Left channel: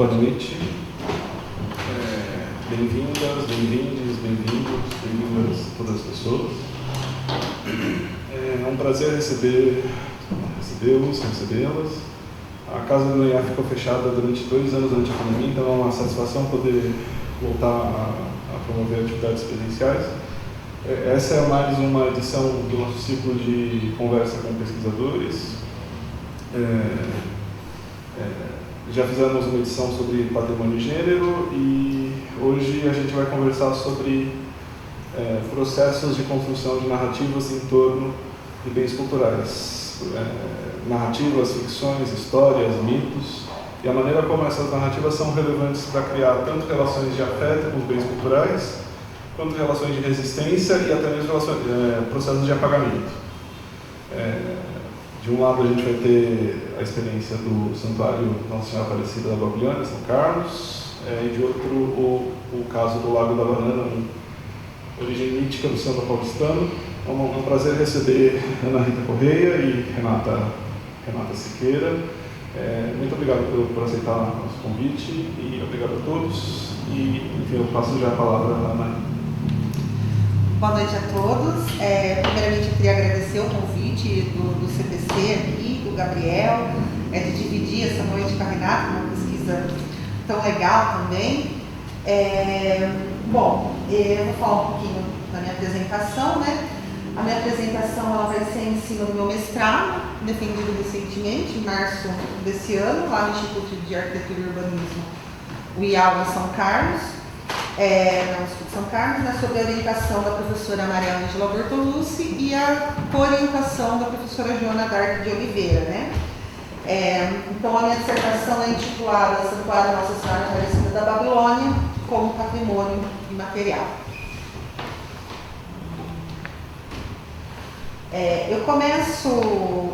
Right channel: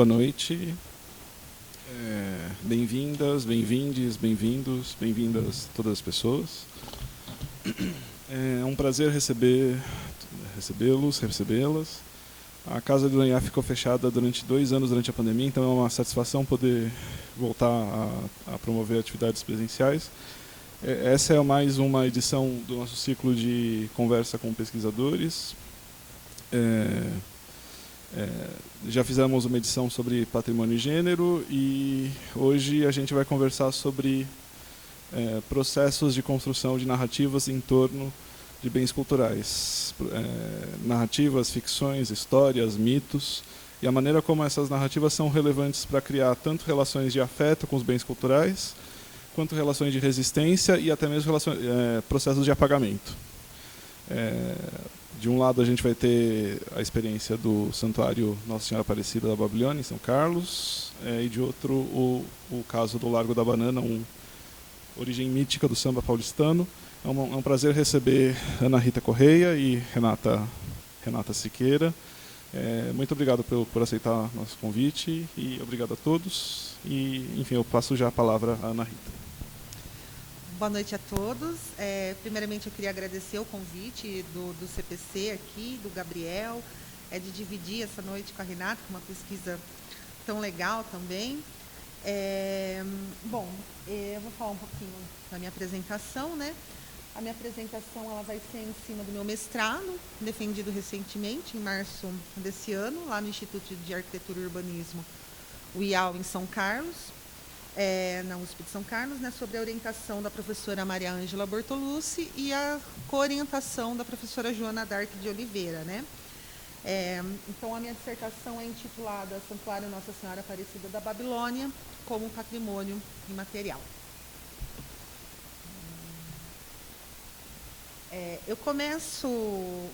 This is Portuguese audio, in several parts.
Boa noite. Bem-vindas, bem-vindes, bem-vindos, bem-vindas todas as pessoas. É um prazer recebê-los, recebê-las. A Casa do Noiá ficou fechada durante 2 anos durante a pandemia, então é uma satisfação poder voltar a promover atividades presenciais. Essa é mais uma edição do nosso ciclo de conversa com pesquisadores. Já fizemos uma edição sobre patrimônio e gênero e hoje a gente vai conversar sobre processos de construção de narrativas em torno de bens culturais. Narrativas, ficções, histórias, mitos e a maneira como essas narrativas são relevantes para criar tanto relações de afeto com os bens culturais, quanto relações de resistência e até mesmo processos de apagamento. De um lado a gente vai ter a experiência do Santuário Nossa Senhora Aparecida da Babilônia, São Carlos, e de outro o caso do Lago da Banana, origem mítica do samba paulistano. É um prazer receber Ana Rita Correia e Renata Siqueira. Muito obrigado por aceitar o nosso convite e obrigado a todos. E, enfim, eu passo já a palavra à Ana Rita. Boa noite a todos. Primeiramente, eu queria agradecer o convite do CPC aqui, do Gabriel, de dividir essa noite com a Renata, uma pesquisa tão legal também. Bom, eu vou falar um pouquinho da minha apresentação, né? A minha apresentação ela vai ser em cima do meu mestrado, defendido recentemente, em março desse ano, lá no Instituto de Arquitetura e Urbanismo, o IAU em São Carlos. No Instituto de São Carlos, né, sob a orientação da professora Maria Ângela Bortolucci e a orientação da professora Joana D'Arc de Oliveira, né? Então, a minha dissertação é intitulada Santuário Nossa Senhora Aparecida da Babilônia como Patrimônio Imaterial.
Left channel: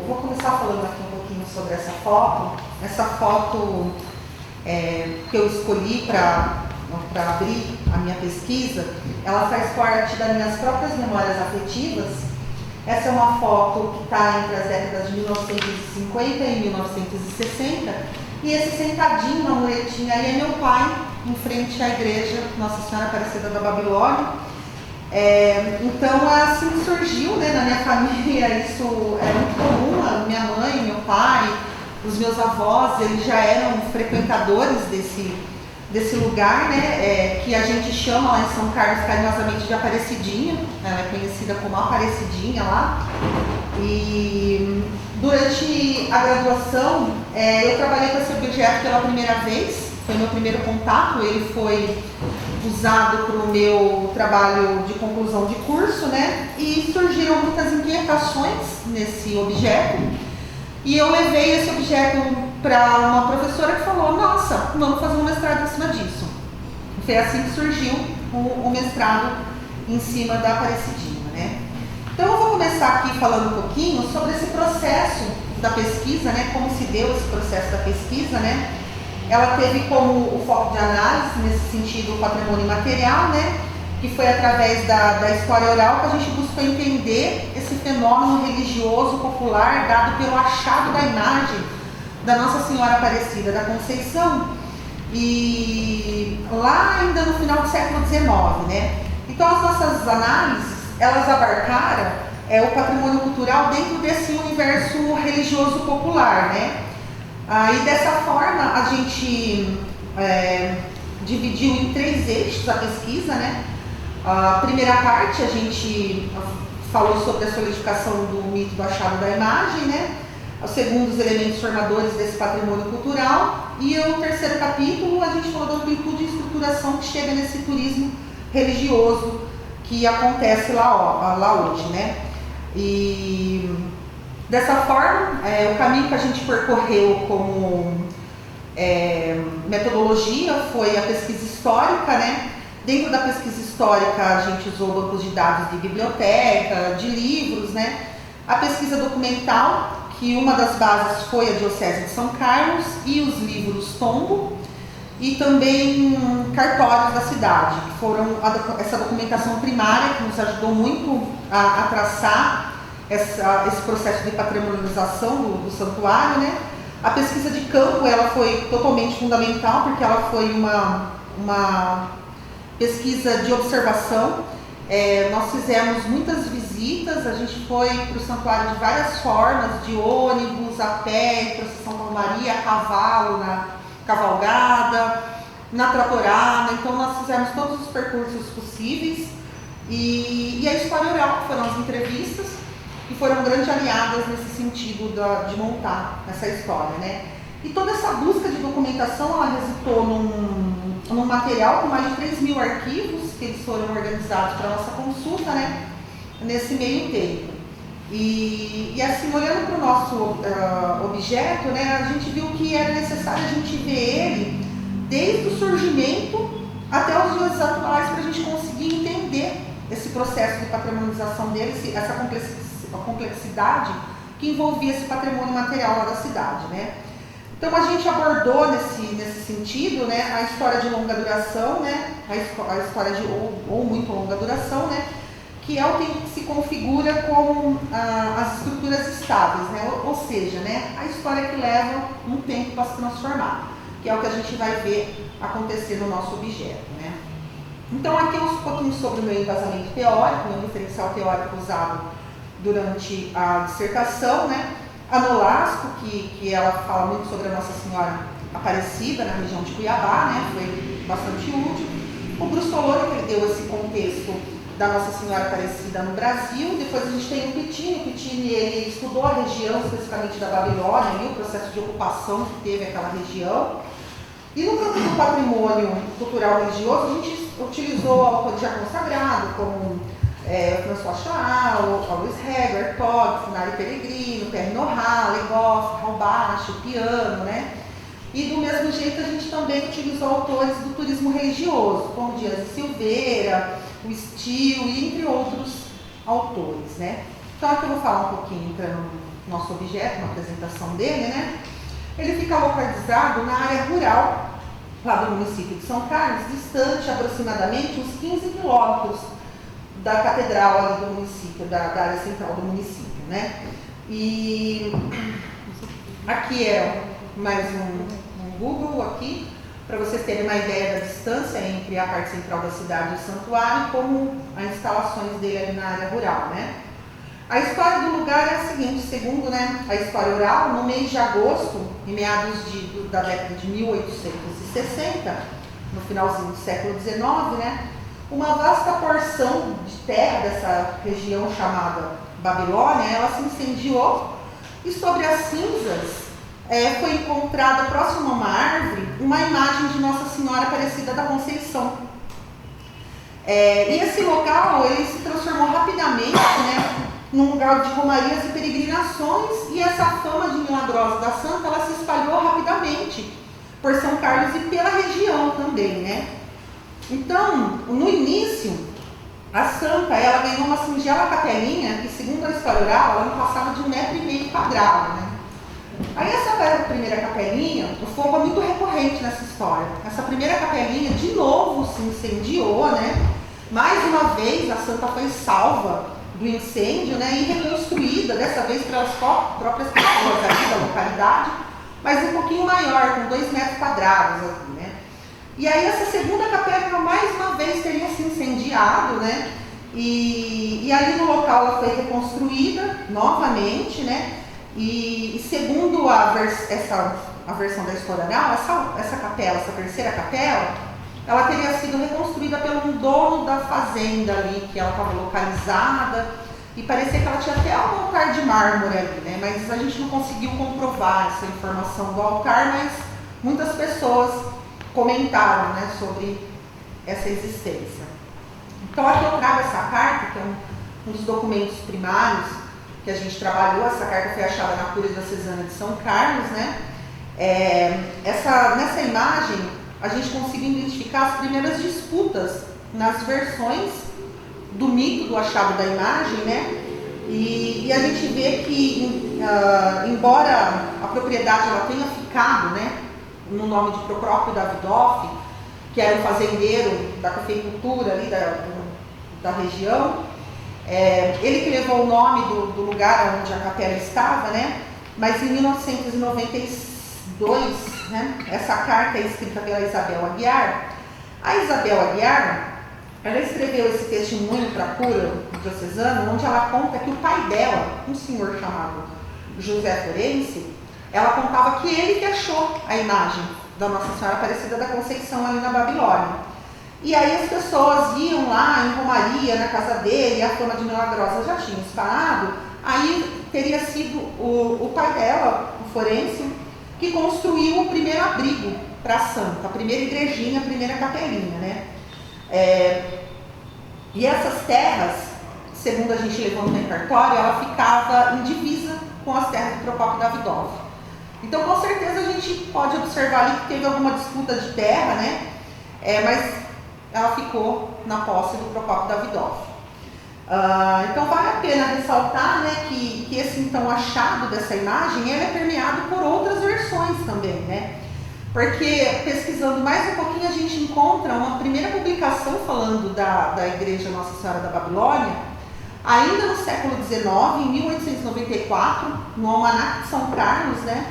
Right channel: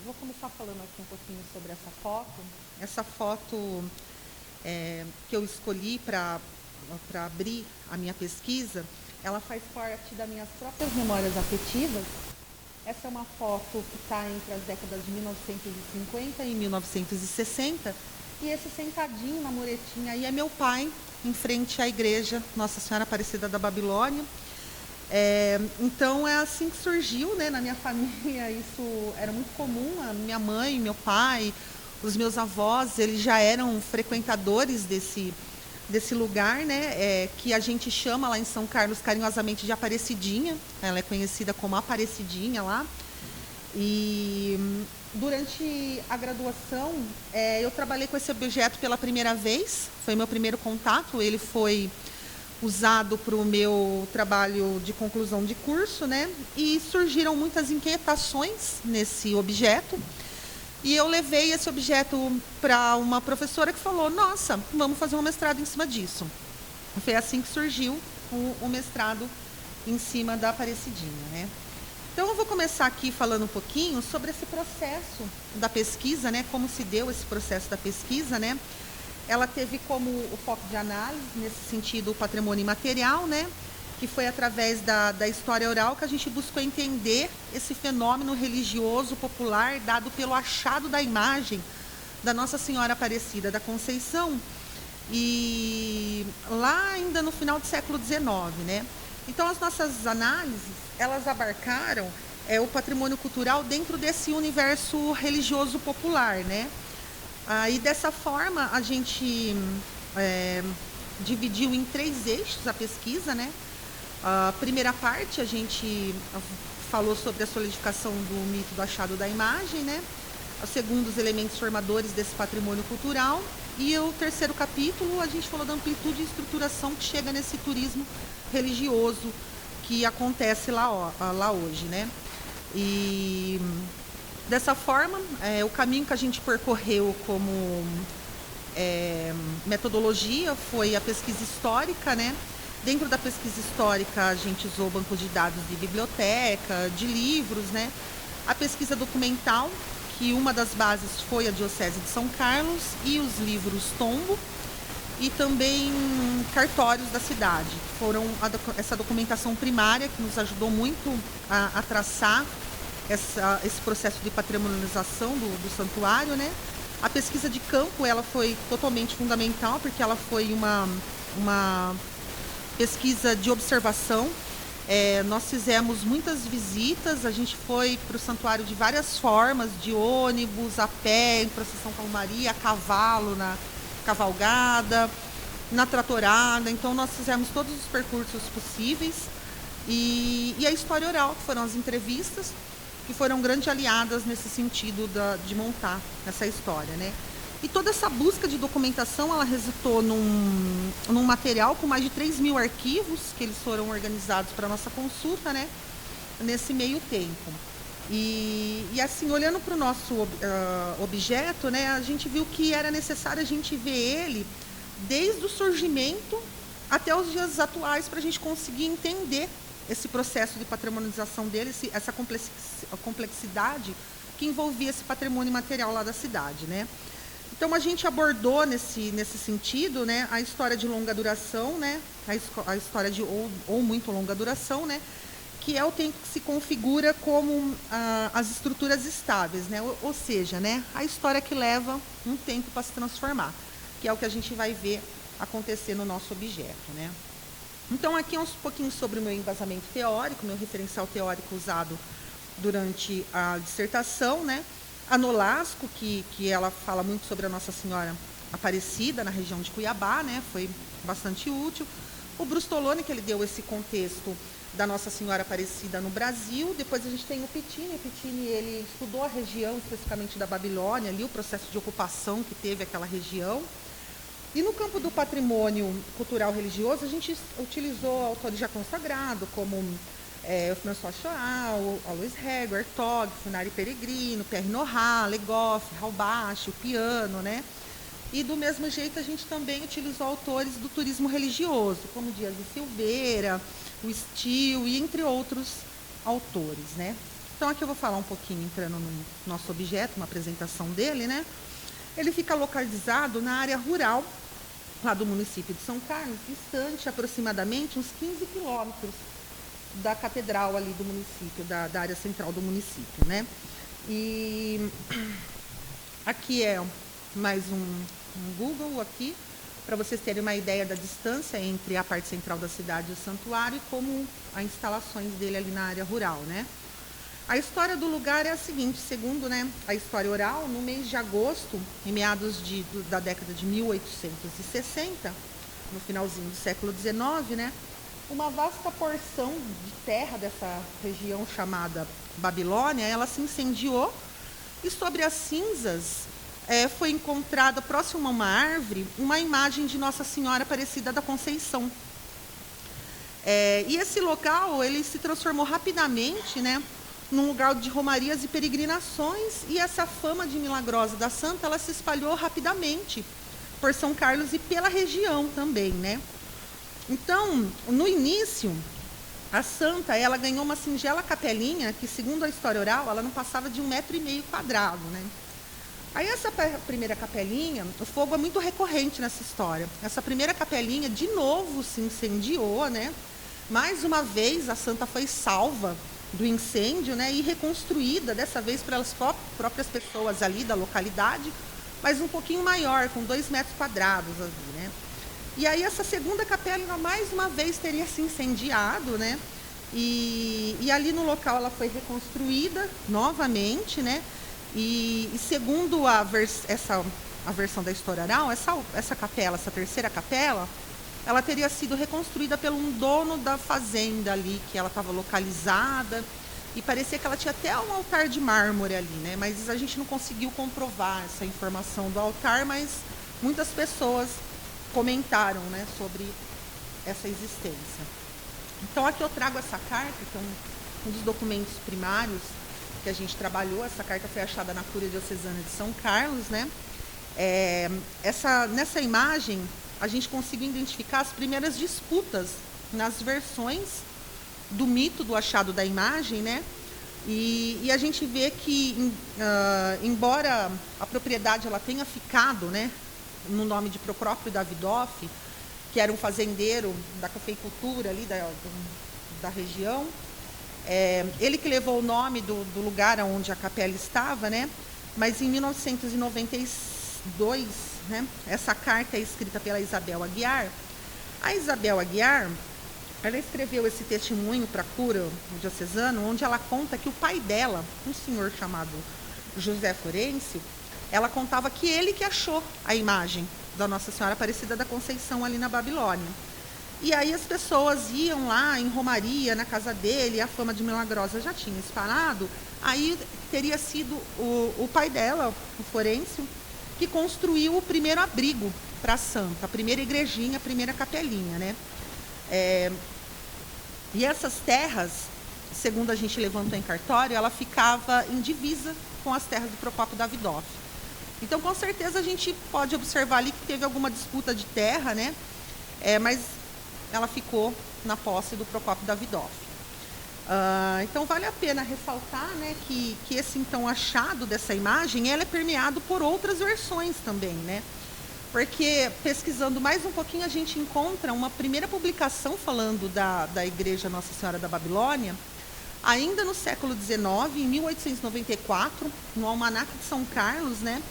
Vou começar falando aqui um pouquinho sobre essa foto. Essa foto que eu escolhi para abrir a minha pesquisa, ela faz parte das minhas próprias memórias afetivas. Essa é uma foto que está entre as décadas de 1950 e 1960, e esse sentadinho na muretinha aí é meu pai, em frente à igreja Nossa Senhora Aparecida da Babilônia. Então, assim que surgiu, né, na minha família, isso é muito comum. A minha mãe, meu pai, os meus avós, eles já eram frequentadores desse lugar, né, que a gente chama lá em São Carlos carinhosamente de Aparecidinha. Ela é conhecida como Aparecidinha lá. E durante a graduação, eu trabalhei com esse objeto pela primeira vez, foi meu primeiro contato. Ele foi usado para o meu trabalho de conclusão de curso, né, e surgiram muitas inquietações nesse objeto. E eu levei esse objeto para uma professora que falou: nossa, vamos fazer um mestrado em cima disso. Foi assim que surgiu o mestrado em cima da Aparecidinha, né? Então eu vou começar aqui falando um pouquinho sobre esse processo da pesquisa, né? Como se deu esse processo da pesquisa, né? Ela teve como o foco de análise, nesse sentido, o patrimônio imaterial, né? Que foi através da história oral que a gente buscou entender esse fenômeno religioso popular dado pelo achado da imagem da Nossa Senhora Aparecida da Conceição, e lá ainda no final do século XIX, né? Então, as nossas análises, elas abarcaram o patrimônio cultural dentro desse universo religioso popular, né? E dessa forma, a gente dividiu em 3 eixos a pesquisa, né? A primeira parte, a gente falou sobre a solidificação do mito do achado da imagem, né? O segundo, os elementos formadores desse patrimônio cultural. E o terceiro capítulo, a gente falou da amplitude e estruturação que chega nesse turismo religioso que acontece lá hoje, né? E dessa forma, o caminho que a gente percorreu como metodologia foi a pesquisa histórica, né? Dentro da pesquisa histórica, a gente usou bancos de dados de biblioteca, de livros, né? A pesquisa documental, que uma das bases foi a Diocese de São Carlos, e os livros Tombo, e também cartórios da cidade, que foram essa documentação primária que nos ajudou muito a traçar esse processo de patrimonialização do santuário, né? A pesquisa de campo, ela foi totalmente fundamental, porque ela foi uma pesquisa de observação. Nós fizemos muitas visitas, a gente foi para o santuário de várias formas, de ônibus, a pé, procissão com Maria, a cavalo, na cavalgada, na tratorada. Então nós fizemos todos os percursos possíveis, e a história oral, que foram as entrevistas, que foram grandes aliadas nesse sentido de montar essa história, né? E toda essa busca de documentação, ela resultou num material com mais de 3.000 arquivos, que eles foram organizados para a nossa consulta, né? Nesse meio tempo. E assim, olhando para o nosso objeto, né, a gente viu que era necessário a gente ver ele desde o surgimento até os dias atuais, para a gente conseguir entender esse processo de patrimonialização dele, essa complexidade que envolvia esse patrimônio material lá da cidade, né? Então a gente abordou nesse sentido, né, a história de longa duração, né, a história de ou muito longa duração, né, que é o tempo que se configura como as estruturas estáveis, né, ou seja, né, a história que leva um tempo para se transformar, que é o que a gente vai ver acontecer no nosso objeto, né. Então aqui um pouquinho sobre o meu embasamento teórico, meu referencial teórico usado durante a dissertação, né. A Nolasco, que ela fala muito sobre a Nossa Senhora Aparecida na região de Cuiabá, né, foi bastante útil. O Brustoloni, que ele deu esse contexto da Nossa Senhora Aparecida no Brasil. Depois a gente tem o Pittini, ele estudou a região, especificamente da Babilônia, ali, o processo de ocupação que teve aquela região. E no campo do patrimônio cultural religioso, a gente utilizou autores já consagrados, como François Chaal, Luiz Heger, Todd, Finale Peregrino, Pierre Nora, Legoff, Halbach, o piano, né? E do mesmo jeito a gente também utilizou autores do turismo religioso, como Dias de Silveira, o Steele, e entre outros autores, né? Então aqui eu vou falar um pouquinho no nosso objeto, uma apresentação dele, né? Ele fica localizado na área rural, lá do município de São Carlos, distante aproximadamente uns 15 quilômetros da catedral ali do município, da área central do município, né? E aqui é mais um Google aqui, para vocês terem uma ideia da distância entre a parte central da cidade e o santuário, como as instalações dele ali na área rural, né? A história do lugar é a seguinte, segundo, né, a história oral, no mês de agosto, em meados da década de 1860, no finalzinho do século XIX, né, uma vasta porção de terra dessa região chamada Babilônia, ela se incendiou, e sobre as cinzas foi encontrada próximo a uma árvore uma imagem de Nossa Senhora Aparecida da Conceição. E esse local ele se transformou rapidamente, né, num lugar de romarias e peregrinações, e essa fama de milagrosa da santa ela se espalhou rapidamente por São Carlos e pela região também, né? Então, no início, a santa ela ganhou uma singela capelinha que, segundo a história oral, ela não passava de 1,5 metro quadrado, né? Aí essa primeira capelinha, o fogo é muito recorrente nessa história. Essa primeira capelinha de novo se incendiou, né? Mais uma vez a santa foi salva do incêndio, né? E reconstruída, dessa vez pelas próprias pessoas ali da localidade, mas um pouquinho maior, com 2 metros quadrados, assim, né? E aí essa segunda capela mais uma vez teria se incendiado, né? E ali no local ela foi reconstruída novamente, né? E segundo a versão da história oral, essa capela, essa terceira capela, ela teria sido reconstruída pelo dono da fazenda ali, que ela estava localizada, e parecia que ela tinha até um altar de mármore ali, né? Mas a gente não conseguiu comprovar essa informação do altar, mas muitas pessoas comentaram, né, sobre essa existência. Então aqui eu trago essa carta, que é um dos documentos primários que a gente trabalhou. Essa carta foi achada na Cúria Diocesana de São Carlos, né? Nessa imagem a gente conseguiu identificar as primeiras disputas nas versões do mito do achado da imagem, né? E a gente vê que, embora a propriedade ela tenha ficado, né, no nome de Procópio Davidoff, que era um fazendeiro da cafeicultura ali da região, ele que levou o nome do lugar onde a capela estava, né? Mas em 1996 2, né? Essa carta é escrita pela Isabel Aguiar. A Isabel Aguiar, ela escreveu esse testemunho para a cura diocesano, onde ela conta que o pai dela, um senhor chamado José Florencio, ela contava que ele que achou a imagem da Nossa Senhora Aparecida da Conceição ali na Babilônia. E aí as pessoas iam lá em romaria na casa dele, a fama de milagrosa já tinha espalhado. Aí teria sido o pai dela, o Florencio, que construiu o primeiro abrigo para a santa, a primeira igrejinha, a primeira capelinha, né? E essas terras, segundo a gente levantou em cartório, ela ficava em divisa com as terras do Procópio Davidoff. Então, com certeza, a gente pode observar ali que teve alguma disputa de terra, né? Mas ela ficou na posse do Procópio Davidoff. Então, vale a pena ressaltar, né, que esse, então, achado dessa imagem, ele é permeado por outras versões também, né? Porque, pesquisando mais um pouquinho, a gente encontra uma primeira publicação falando da Igreja Nossa Senhora da Babilônia, ainda no século XIX, em 1894, no Almanaque de São Carlos, né?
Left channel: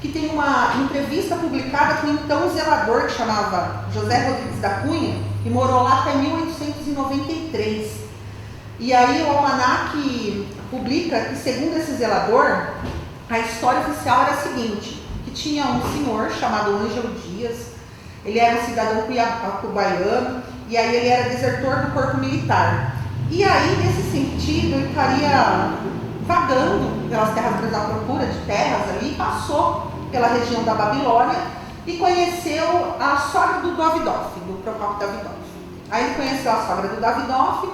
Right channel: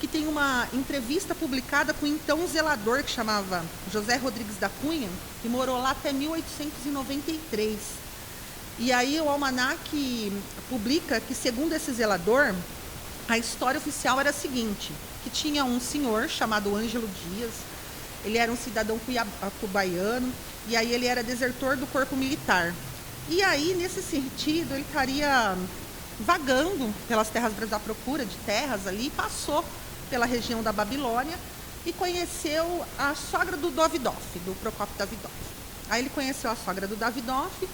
Que tem uma entrevista publicada com então um zelador que chamava José Rodrigues da Cunha, e morou lá até 1893. E aí o Almanaque publica que, segundo esse zelador, a história oficial era a seguinte, que tinha um senhor chamado Ângelo Dias, ele era um cidadão cuiabano, e aí ele era desertor do corpo militar. E aí, nesse sentido, ele estaria vagando pelas terras à procura de terras ali, passou pela região da Babilônia e conheceu a sogra do Davidoff, do Procópio Davidoff. Aí ele conheceu a sogra do Davidoff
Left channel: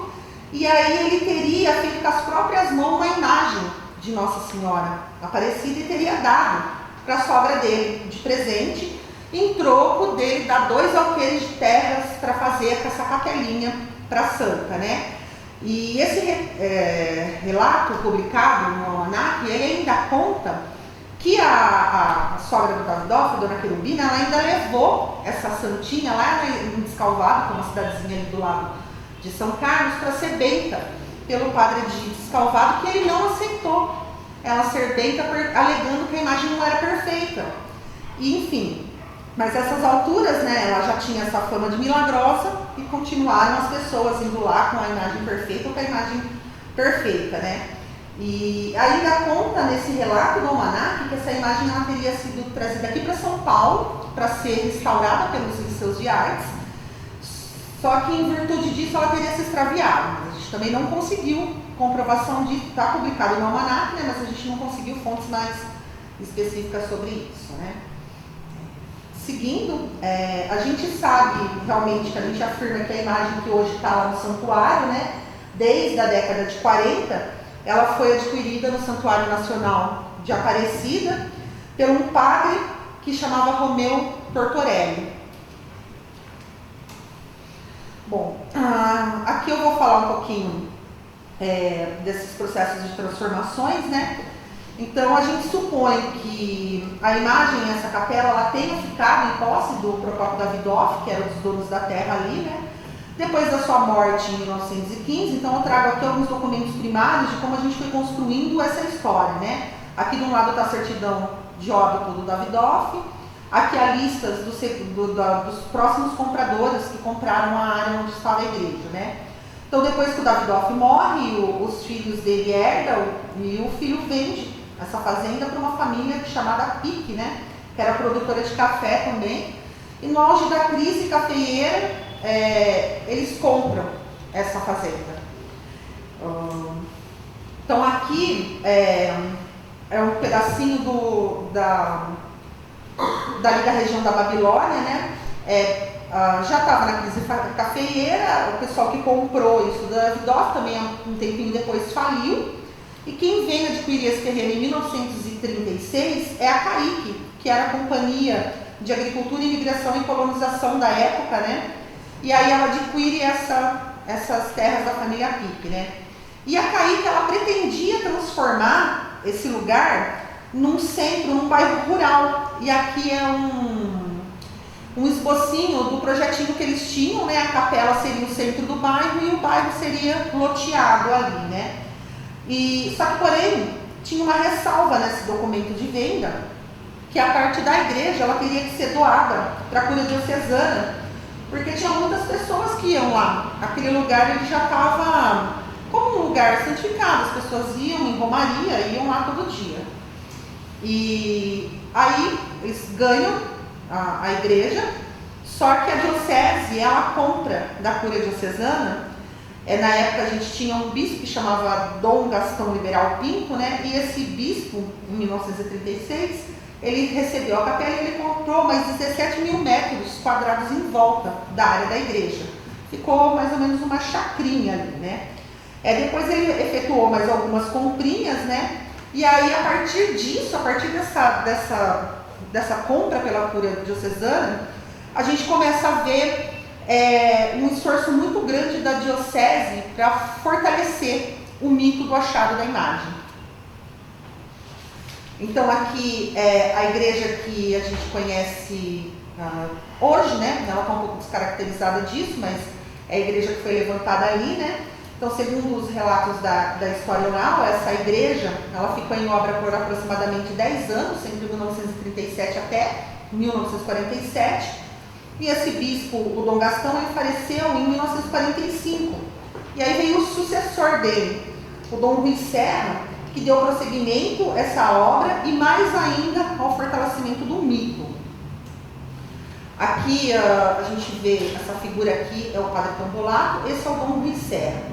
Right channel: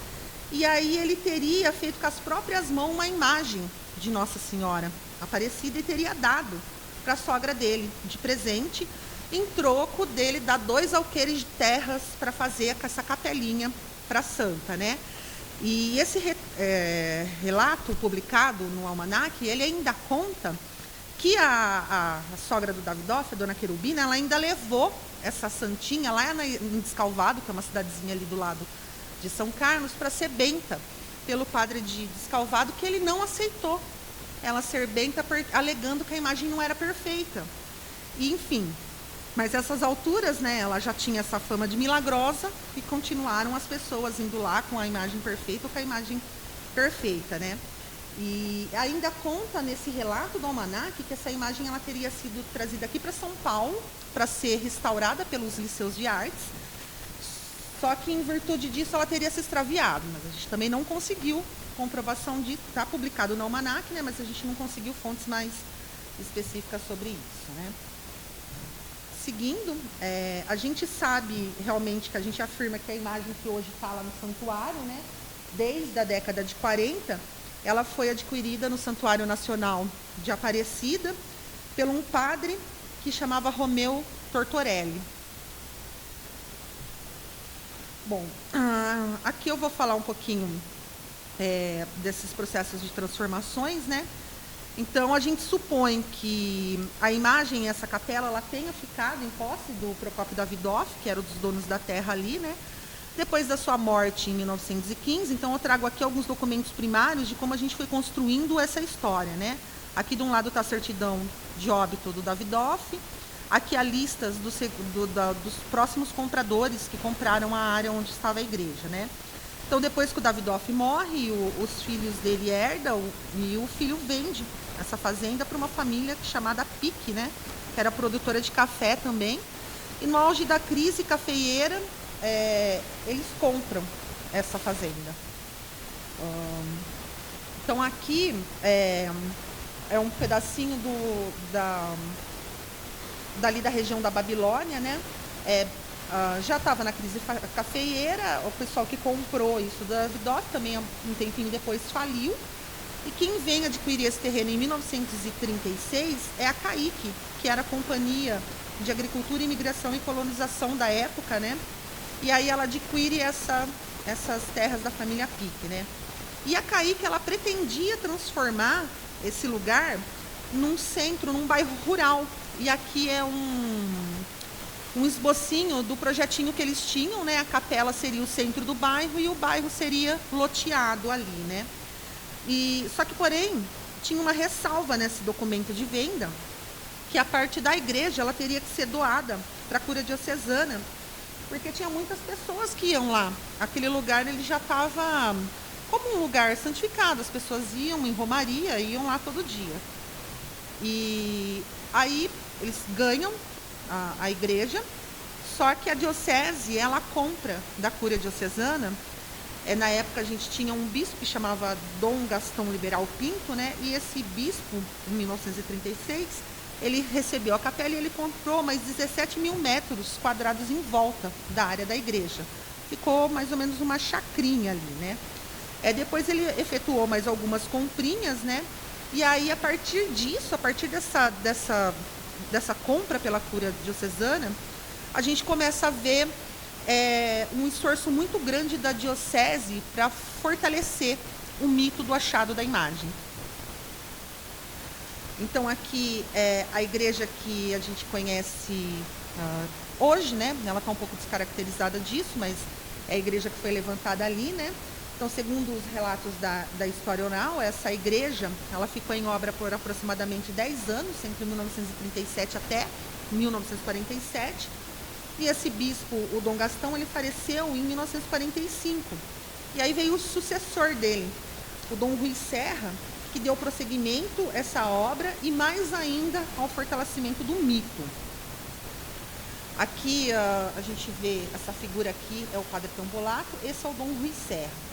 e aí ele teria feito com as próprias mãos uma imagem de Nossa Senhora Aparecida e teria dado para a sogra dele de presente, em troco dele dar 2 alqueires de terras para fazer essa capelinha para a santa, né? E esse relato publicado no Almanaque, ele ainda conta que a sogra do Davidoff, a dona Querubina, ela ainda levou essa santinha lá em Descalvado, que é uma cidadezinha ali do lado de São Carlos, para ser benta pelo padre de Descalvado, que ele não aceitou ela ser benta, alegando que a imagem não era perfeita. E, enfim, mas essas alturas, né, ela já tinha essa fama de milagrosa e continuaram as pessoas indo lá com a imagem perfeita ou com a imagem perfeita, né? E ainda conta nesse relato do Almanaque que essa imagem ela teria sido trazida aqui para São Paulo para ser restaurada pelos liceus de artes, só que em virtude disso ela teria se extraviado. A gente também não conseguiu comprovação de estar publicado no Almanaque, né, mas a gente não conseguiu fontes mais específicas sobre isso, né? Seguindo, a gente sabe realmente que a gente afirma que a imagem que hoje está lá no santuário, né, desde a década de 40, ela foi adquirida no Santuário Nacional de Aparecida por um padre que chamava Romeu Tortorelli. Bom, aqui eu vou falar um pouquinho desses processos de transformações, né? Então, a gente supõe que a imagem, essa capela, ela tenha ficado em posse do Procópio Davidoff, que era um dos donos da terra ali, né? Depois da sua morte em 1915, então eu trago aqui alguns documentos primários de como a gente foi construindo essa história, né? Aqui de um lado está a certidão de óbito do Davidoff, aqui a lista dos próximos compradores que compraram a área onde estava a igreja, né? Então, depois que o Davidoff morre, os filhos dele herdam e o filho vende essa fazenda para uma família chamada Pique, né? Que era produtora de café também. E no auge da crise cafeeira, eles compram essa fazenda. Então, aqui é um pedacinho dali da região da Babilônia, né? Já estava na crise cafeeira, o pessoal que comprou isso da Davidoff também um tempinho depois faliu. E quem vem adquirir esse terreno em 1936 é a CAIC, que era a Companhia de Agricultura, Imigração e Colonização da época, né? E aí ela adquire essas terras da família Pique, né? E a CAIC, ela pretendia transformar esse lugar num centro, num bairro rural. E aqui é um esbocinho do projetinho que eles tinham, né? A capela seria o centro do bairro e o bairro seria loteado ali, né? Só que, porém, tinha uma ressalva nesse documento de venda, que a parte da igreja ela teria que ser doada para a cura diocesana, porque tinha muitas pessoas que iam lá. Aquele lugar ele já estava como um lugar santificado, as pessoas iam em romaria, iam lá todo dia. E aí eles ganham a igreja, só que a diocese ela compra da cura diocesana. Na época a gente tinha um bispo que chamava Dom Gastão Liberal Pinto, né? E esse bispo, em 1936, ele recebeu a capela e ele comprou mais 17 mil metros quadrados em volta da área da igreja. Ficou mais ou menos uma chacrinha ali, né? Depois ele efetuou mais algumas comprinhas, né? E aí, a partir disso, a partir dessa compra pela cura diocesana, a gente começa a ver um esforço muito grande da diocese para fortalecer o mito do achado da imagem. Então, aqui, a igreja que a gente conhece hoje, né? Ela está um pouco descaracterizada disso, mas é a igreja que foi levantada ali, né? Então, segundo os relatos da história oral, essa igreja, ela ficou em obra por aproximadamente 10 anos, entre 1937 até 1947, e esse bispo, o Dom Gastão, ele faleceu em 1945, e aí veio o sucessor dele, o Dom Rui Serra, que deu prosseguimento a essa obra e mais ainda ao fortalecimento do mito. Aqui a gente vê, essa figura aqui é o Padre Tombolato, esse é o Dom Rui Serra.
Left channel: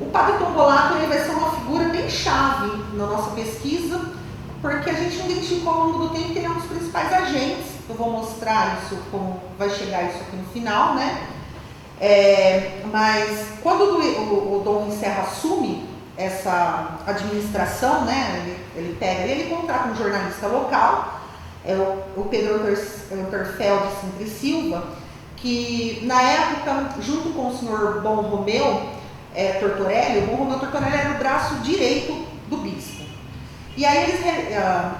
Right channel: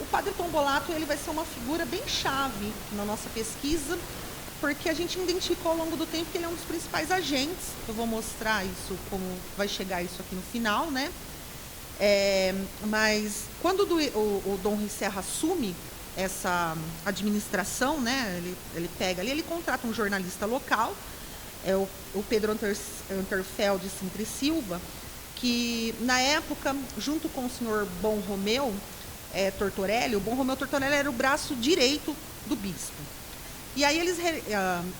O Padre Tombolato ele vai ser uma figura bem chave na nossa pesquisa, porque a gente identificou ao longo do tempo que ele é um dos principais agentes. Eu vou mostrar isso, como vai chegar isso aqui no final, né? Mas quando o Dom Rui Serra assume essa administração, né? Ele pega, ele contrata um jornalista local, o Pedro Terfel de Sintra e Silva, que na época, junto com o senhor Bom Romeu Tortorelli, o Bom Romeu Tortorelli era o braço direito do bispo. E aí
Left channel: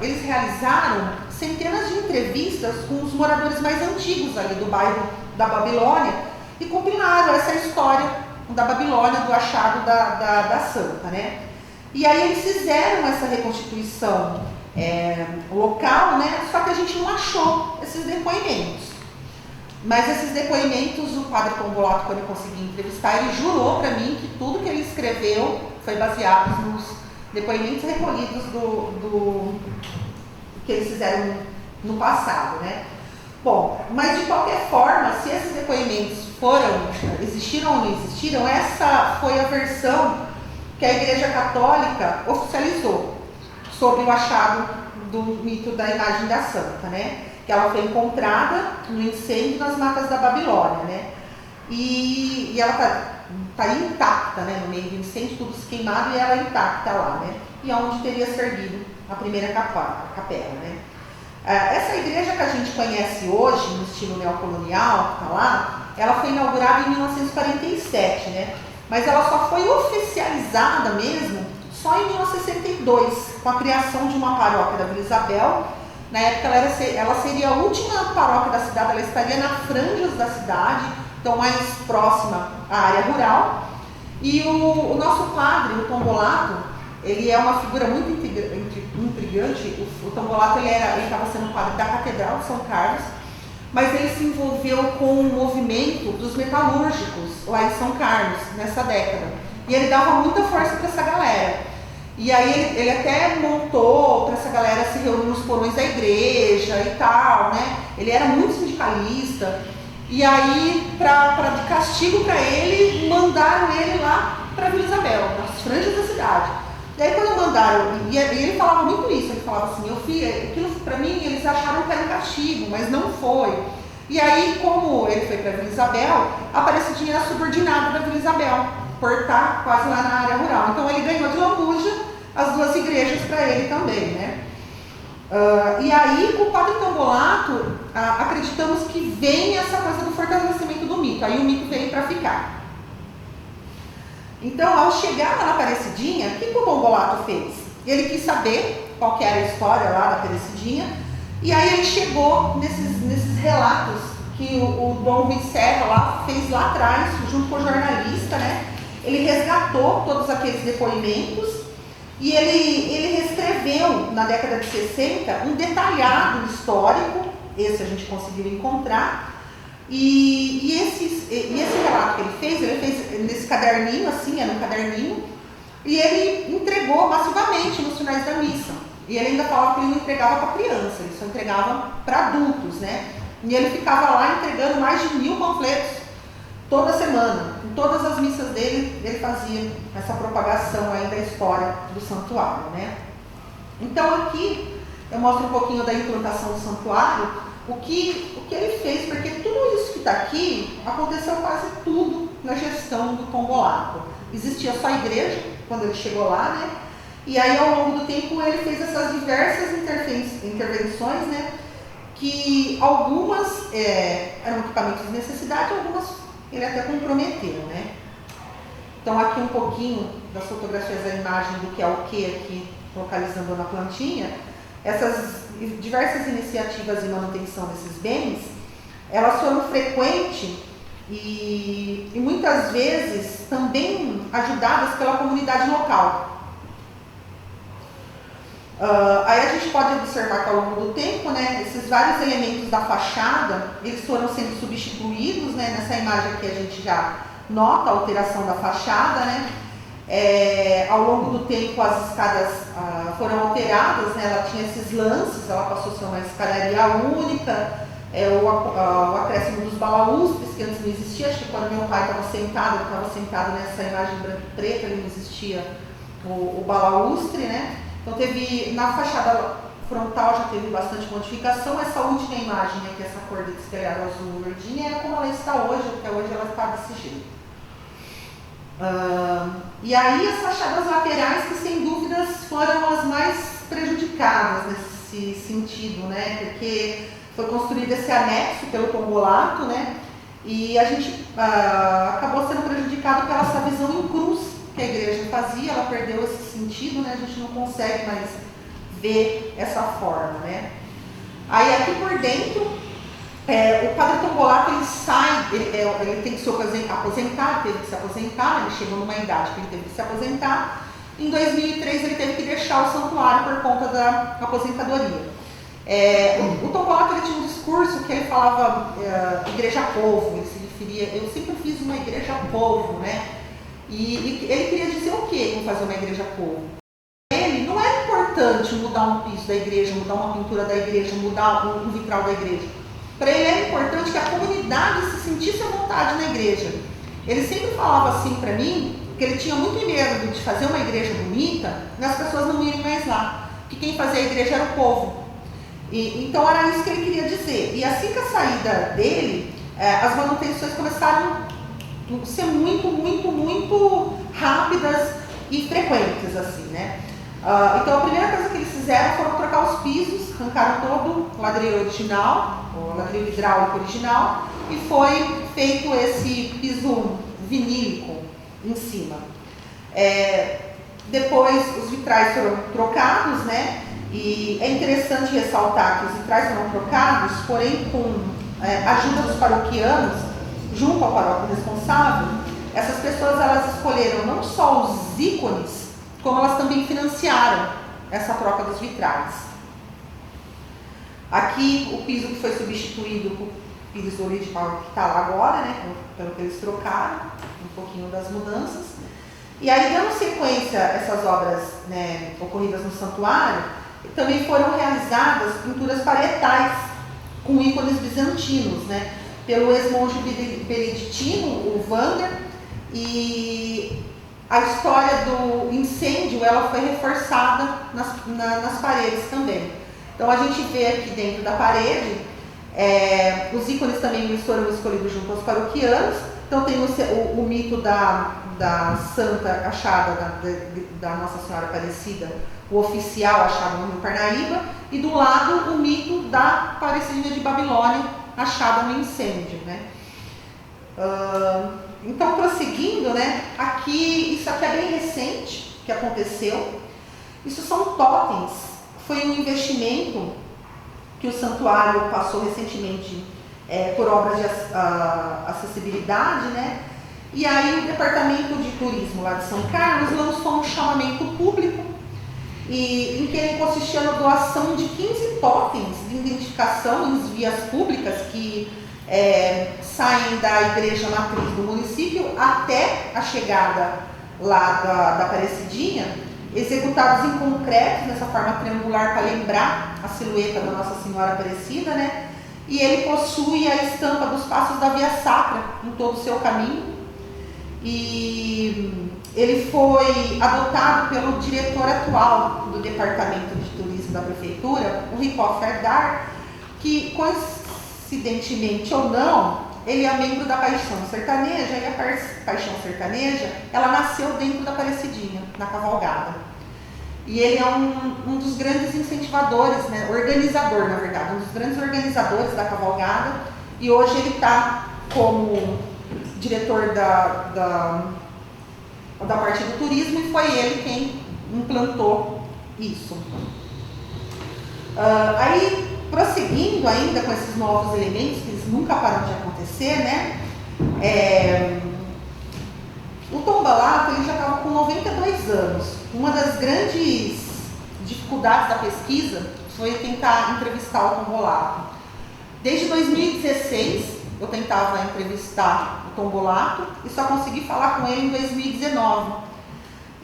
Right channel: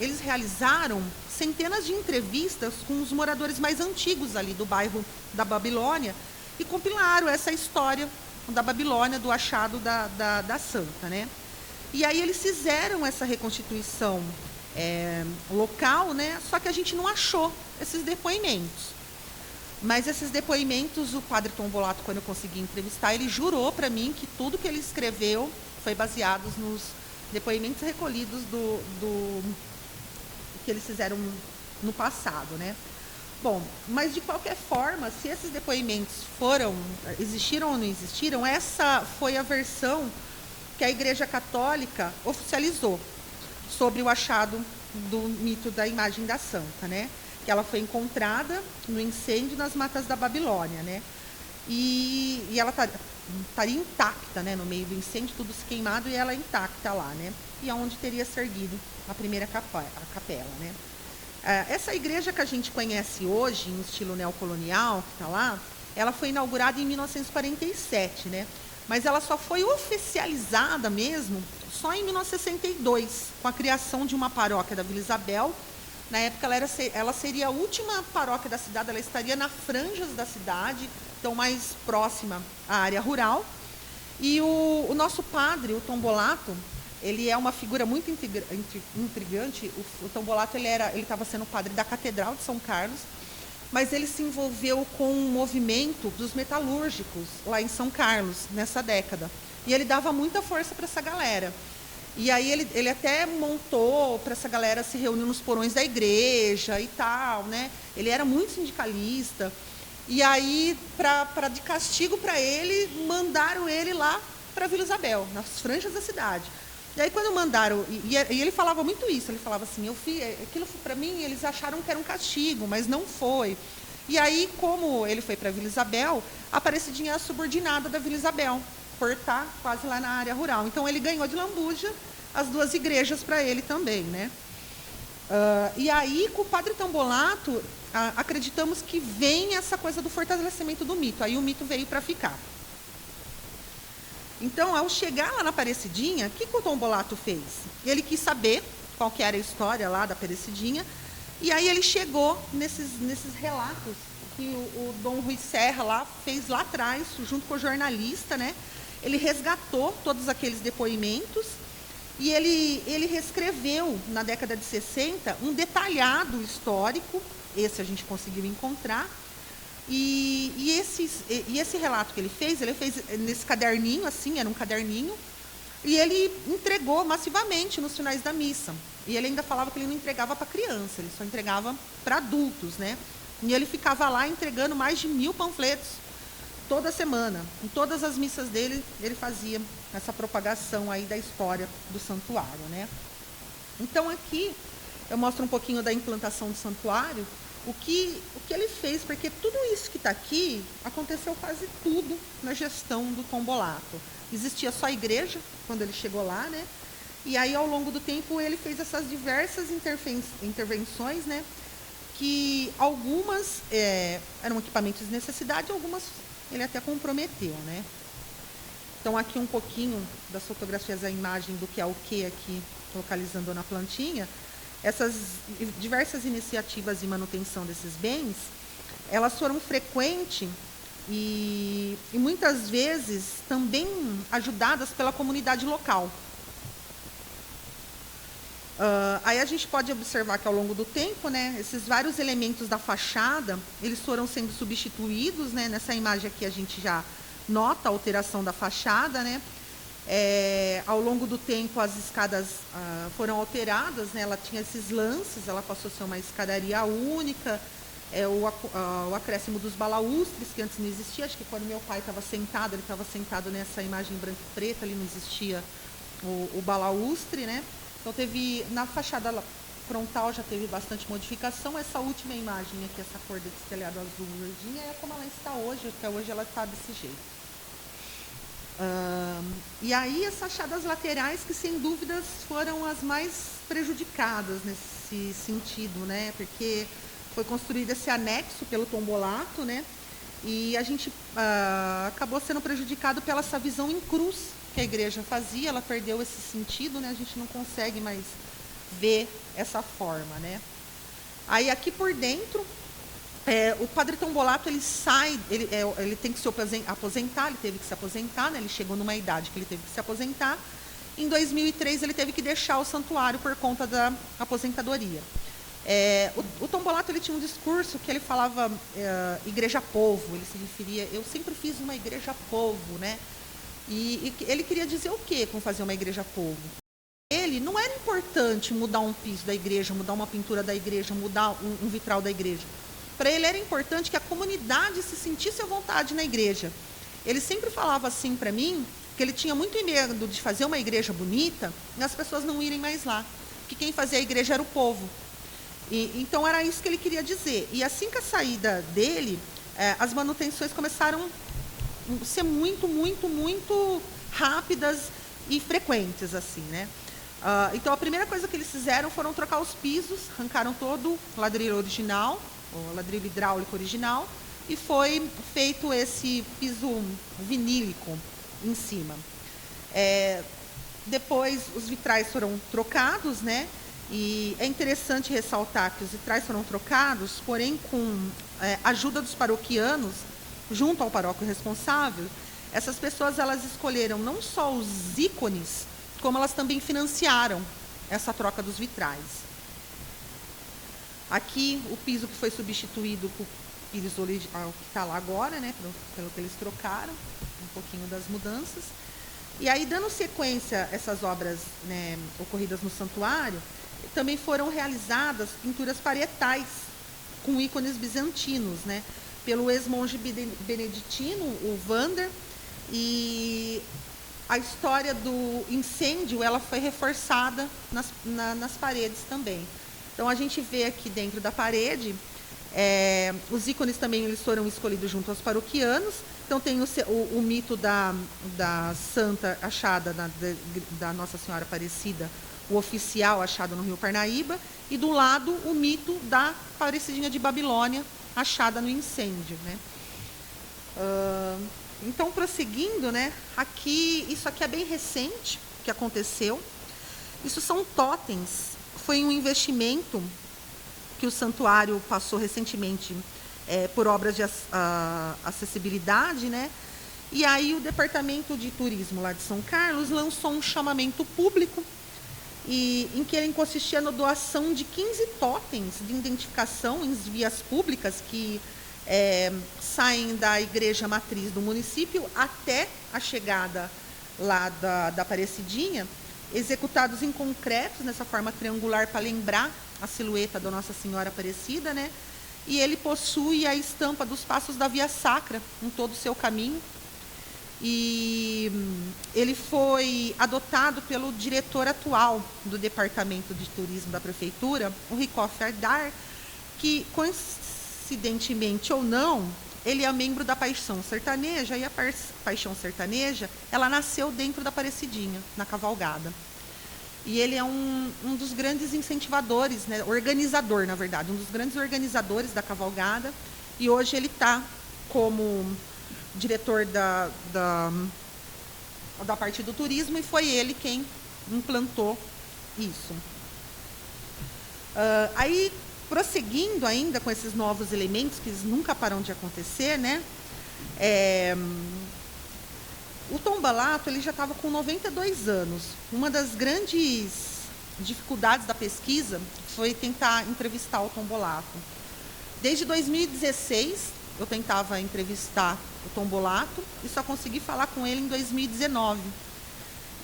eles realizaram centenas de entrevistas com os moradores mais antigos ali do bairro da Babilônia e compilaram essa história da Babilônia, do achado da santa, né? E aí eles fizeram essa reconstituição local, né? Só que a gente não achou esses depoimentos. Mas esses depoimentos, o Padre Tombolato, quando ele conseguiu entrevistar, ele jurou para mim que tudo que ele escreveu foi baseado nos depoimentos recolhidos que eles fizeram no passado, né? Bom, mas de qualquer forma, se esses depoimentos existiram ou não existiram, essa foi a versão que a Igreja Católica oficializou sobre o achado do mito da imagem da santa, né? Que ela foi encontrada no incêndio nas matas da Babilônia, né? E ela estaria intacta, né? No meio do incêndio, tudo se queimado e ela intacta lá, né? E onde teria servido a primeira capela, né? Essa igreja que a gente conhece hoje, no estilo neocolonial, tá lá, ela foi inaugurada em 1947, né? Mas ela só foi oficializada mesmo só em 1962, com a criação de uma paróquia da Vila Isabel. Na época ela seria a última paróquia da cidade, ela estaria na franjas da cidade, então mais próxima à área rural. E o nosso padre, o Tombolato, ele é uma figura muito intrigante. O Tombolato ele estava sendo padre da Catedral de São Carlos, mas ele se envolveu com o movimento dos metalúrgicos lá em São Carlos, nessa década. E ele dava muita força para essa galera. E aí ele até montou para essa galera se reunir nos porões da igreja e tal, né? Ele era muito sindicalista. E aí, de castigo para ele, mandaram ele lá para Vila Isabel, nas franjas da cidade. E aí quando mandaram, e ele falava muito isso, ele falava assim, aquilo para mim, eles acharam que era um castigo, mas não foi. E aí, como ele foi para Vila Isabel, a Aparecidinha era subordinada da Vila Isabel, por estar quase lá na área rural. Então ele ganhou de lambuja as duas igrejas para ele também, né? E aí, com o Padre Tombolato, acreditamos que vem essa coisa do fortalecimento do mito. Aí o mito veio para ficar. Então, ao chegar lá na Aparecidinha, o que o Tombolato fez? Ele quis saber qual que era a história lá da Aparecidinha, e aí ele chegou nesses relatos que o Dom Rui Serra lá fez lá atrás, junto com o jornalista, né? Ele resgatou todos aqueles depoimentos E ele reescreveu, na década de 60, um detalhado histórico, esse a gente conseguiu encontrar, e esse relato que ele fez nesse caderninho, assim, era um caderninho, e ele entregou massivamente nos finais da missa. E ele ainda falava que ele não entregava para criança, ele só entregava para adultos, né? E ele ficava lá entregando mais de 1000 panfletos toda semana. Em todas as missas dele, ele fazia essa propagação aí da história do santuário, né? Então aqui eu mostro um pouquinho da implantação do santuário, o que ele fez, porque tudo isso que está aqui aconteceu quase tudo na gestão do Combolato. Existia só a igreja quando ele chegou lá, né? E aí, ao longo do tempo, ele fez essas diversas intervenções, né? Que algumas eram equipamentos de necessidade, algumas ele até comprometeu, né? Então, aqui um pouquinho das fotografias da imagem do que é o que aqui, localizando na plantinha. Essas diversas iniciativas de manutenção desses bens, elas foram frequentes e muitas vezes também ajudadas pela comunidade local. Aí a gente pode observar que ao longo do tempo, né, esses vários elementos da fachada, eles foram sendo substituídos, né, nessa imagem aqui a gente já nota a alteração da fachada, né, ao longo do tempo as escadas foram alteradas, né, ela tinha esses lances, ela passou a ser uma escadaria única, o acréscimo dos balaústres, que antes não existia, acho que quando meu pai estava sentado nessa imagem branca e preta, ele não existia o balaústre, né. Então teve, na fachada frontal já teve bastante modificação. Essa última imagem, né, que é essa cor desse telhado azul verdinha, é como ela está hoje, até hoje ela está desse jeito. E aí as fachadas laterais, que sem dúvidas foram as mais prejudicadas nesse sentido, né, porque foi construído esse anexo pelo Combolato, né, e a gente acabou sendo prejudicado pela essa visão em cruz que a igreja fazia, ela perdeu esse sentido, né? A gente não consegue mais ver essa forma, né? Aí aqui por dentro, o padre Combolato, ele sai, ele tem que se aposentar, ele teve que se aposentar, ele chegou numa idade que ele teve que se aposentar. Em 2003 ele teve que deixar o santuário por conta da aposentadoria. O Combolato, ele tinha um discurso que ele falava igreja-povo, ele se referia, eu sempre fiz uma igreja-povo, né? E ele queria dizer o quê com fazer uma igreja-povo? Ele não era importante mudar um piso da igreja, mudar uma pintura da igreja, mudar um vitral da igreja. Para ele era importante que a comunidade se sentisse à vontade na igreja. Ele sempre falava assim para mim, que ele tinha muito medo de fazer uma igreja bonita e as pessoas não irem mais lá, que quem fazia a igreja era o povo. Então era isso que ele queria dizer. E assim que a saída dele, as manutenções começaram ser muito rápidas e frequentes, assim, né? Então a primeira coisa que eles fizeram foram trocar os pisos, arrancaram todo o ladrilho original, o ladrilho hidráulico original, e foi feito esse piso vinílico em cima. Depois os vitrais foram trocados, né? E é interessante ressaltar que os vitrais foram trocados, porém com a ajuda dos paroquianos, junto ao paróquio responsável. Essas pessoas, elas escolheram não só os ícones, como elas também financiaram essa troca dos vitrais. Aqui o piso que foi substituído por piso original que está lá agora, né, pelo que eles trocaram, um pouquinho das mudanças. E aí, dando sequência a essas obras, né, ocorridas no santuário, também foram realizadas pinturas parietais com ícones bizantinos, né, pelo ex-monge beneditino, o Wander, e a história do incêndio, ela foi reforçada nas paredes também. Então a gente vê aqui dentro da parede, os ícones também foram escolhidos junto aos paroquianos. Então tem o mito da santa achada da Nossa Senhora Aparecida, o oficial achado no Rio Parnaíba, e do lado o mito da Aparecidinha de Babilônia, achada no incêndio, né? Então, prosseguindo, né? Isso aqui é bem recente, que aconteceu. Isso são totens. Foi um investimento que o santuário passou recentemente por obras de acessibilidade, né? E aí o Departamento de Turismo lá de São Carlos lançou um chamamento público e em que ele consistia na doação de 15 totens de identificação em vias públicas que saem da igreja matriz do município até a chegada lá da Aparecidinha, executados em concreto, nessa forma triangular, para lembrar a silhueta da Nossa Senhora Aparecida, né? E ele possui a estampa dos passos da Via Sacra em todo o seu caminho. E ele foi adotado pelo diretor atual do Departamento de Turismo da Prefeitura, o Ricoff Ardar, que, coincidentemente ou não, ele é membro da Paixão Sertaneja, e a Paixão Sertaneja, ela nasceu dentro da Aparecidinha, na cavalgada. E ele é um dos grandes incentivadores, né, organizador, na verdade, um dos grandes organizadores da cavalgada, e hoje ele está como diretor da parte do turismo, e foi ele quem implantou isso. Aí, prosseguindo ainda com esses novos elementos, que eles nunca param de acontecer, né? O Tombalato, ele já estava com 92 anos. Uma das grandes dificuldades da pesquisa foi tentar entrevistar o Tombalato. Desde 2016, eu tentava entrevistar o Tombalato e só consegui falar com ele em 2019.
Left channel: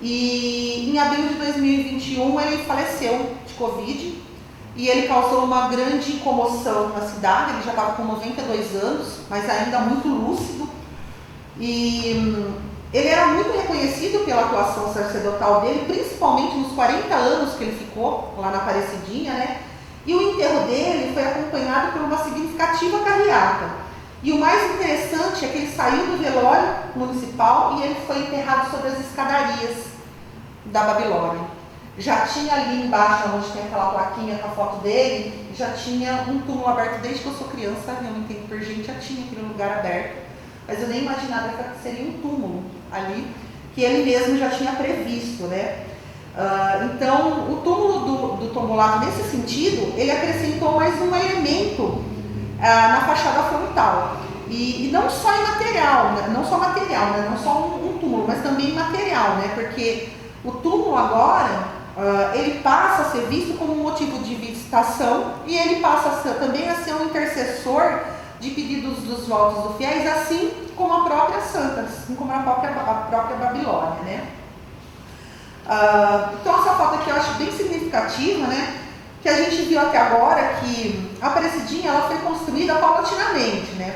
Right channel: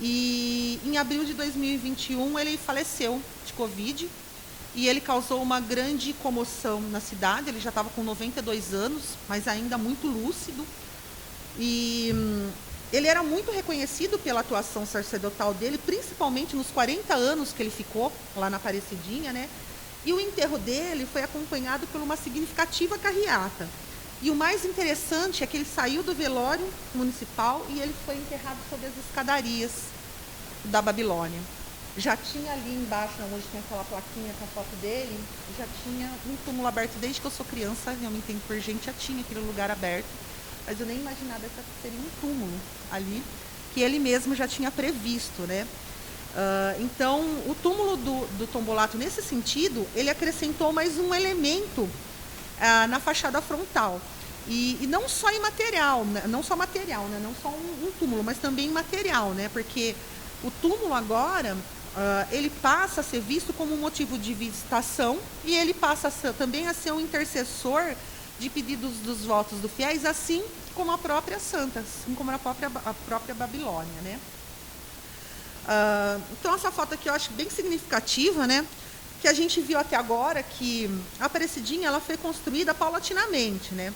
E em abril de 2021 ele faleceu de Covid e ele causou uma grande comoção na cidade. Ele já estava com 92 anos, mas ainda muito lúcido. E ele era muito reconhecido pela atuação sacerdotal dele, principalmente nos 40 anos que ele ficou lá na Aparecidinha, né? E o enterro dele foi acompanhado por uma significativa carreata. E o mais interessante é que ele saiu do velório municipal e ele foi enterrado sobre as escadarias da Babilônia. Já tinha ali embaixo, onde tem aquela plaquinha com a foto dele, já tinha um túmulo aberto desde que eu sou criança, realmente tem por gente, já tinha aquele lugar aberto. Mas eu nem imaginava que seria um túmulo ali, que ele mesmo já tinha previsto, né? Então, o túmulo do Tombolato, nesse sentido, ele acrescentou mais um elemento na fachada frontal. E não só imaterial, né? Não só material, né? Não só um túmulo, mas também material, né? Porque o túmulo agora, ele passa a ser visto como um motivo de visitação e ele passa também a ser um intercessor de pedidos dos votos dos fiéis, assim como a própria santa, assim como a própria Babilônia, né? Então essa foto aqui eu acho bem significativa, né? Que a gente viu até agora que a Aparecidinha ela foi construída paulatinamente, né?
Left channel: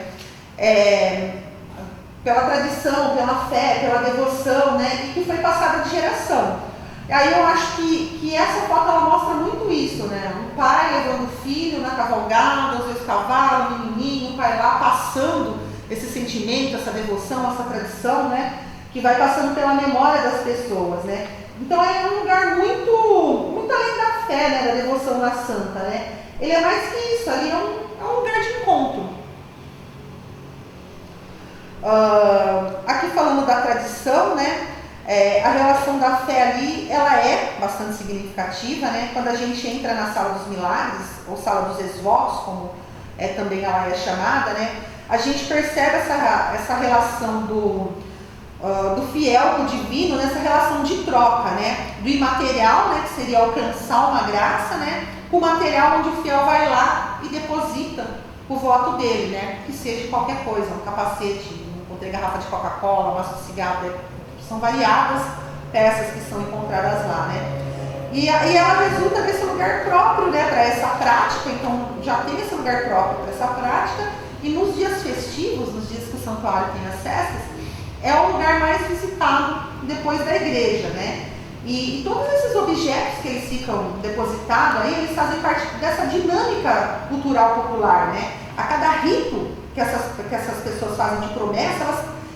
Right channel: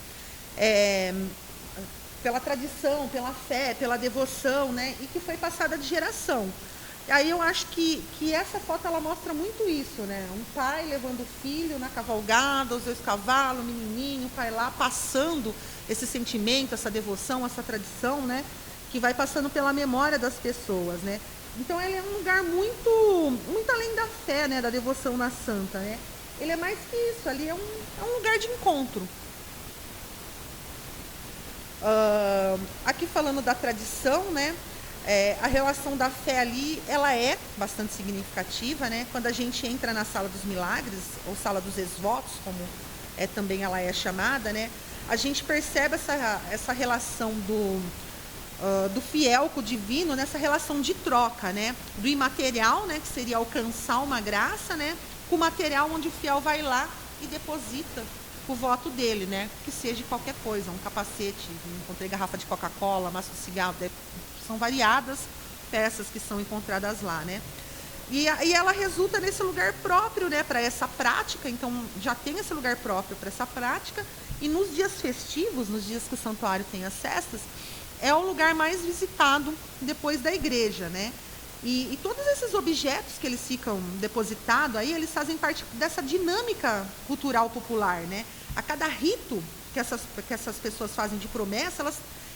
Pela tradição, pela fé, pela devoção, né? E que foi passada de geração. E aí eu acho que essa foto ela mostra muito isso, né? O pai levando o filho na cavalgada, os dois cavalos, o menininho, o pai lá passando esse sentimento, essa devoção, essa tradição, né? Que vai passando pela memória das pessoas, né? Então é um lugar muito além da fé, né? Da devoção na santa, né? Ele é mais que isso, ali é um lugar de encontro. Aqui falando da tradição, né? A relação da fé ali, ela é bastante significativa, né? Quando a gente entra na Sala dos Milagres, ou Sala dos Ex-Votos, como também ela é chamada, né? A gente percebe essa relação do fiel com o divino, nessa relação de troca, né? Do imaterial, né? Que seria alcançar uma graça, né? Com o material onde o fiel vai lá e deposita o voto dele, né? Que seja qualquer coisa, um capacete, encontrei garrafa de Coca-Cola, maço de cigarro, né? São variadas peças que são encontradas lá, né? E ela resulta nesse lugar próprio, né, para essa prática. Então já tem esse lugar próprio para essa prática, e nos dias festivos, nos dias que o santuário tem as festas, é o lugar mais visitado depois da igreja, né? E todos esses objetos que eles ficam depositados aí, eles fazem parte dessa dinâmica cultural popular, né? A cada rito que essas pessoas fazem de promessa,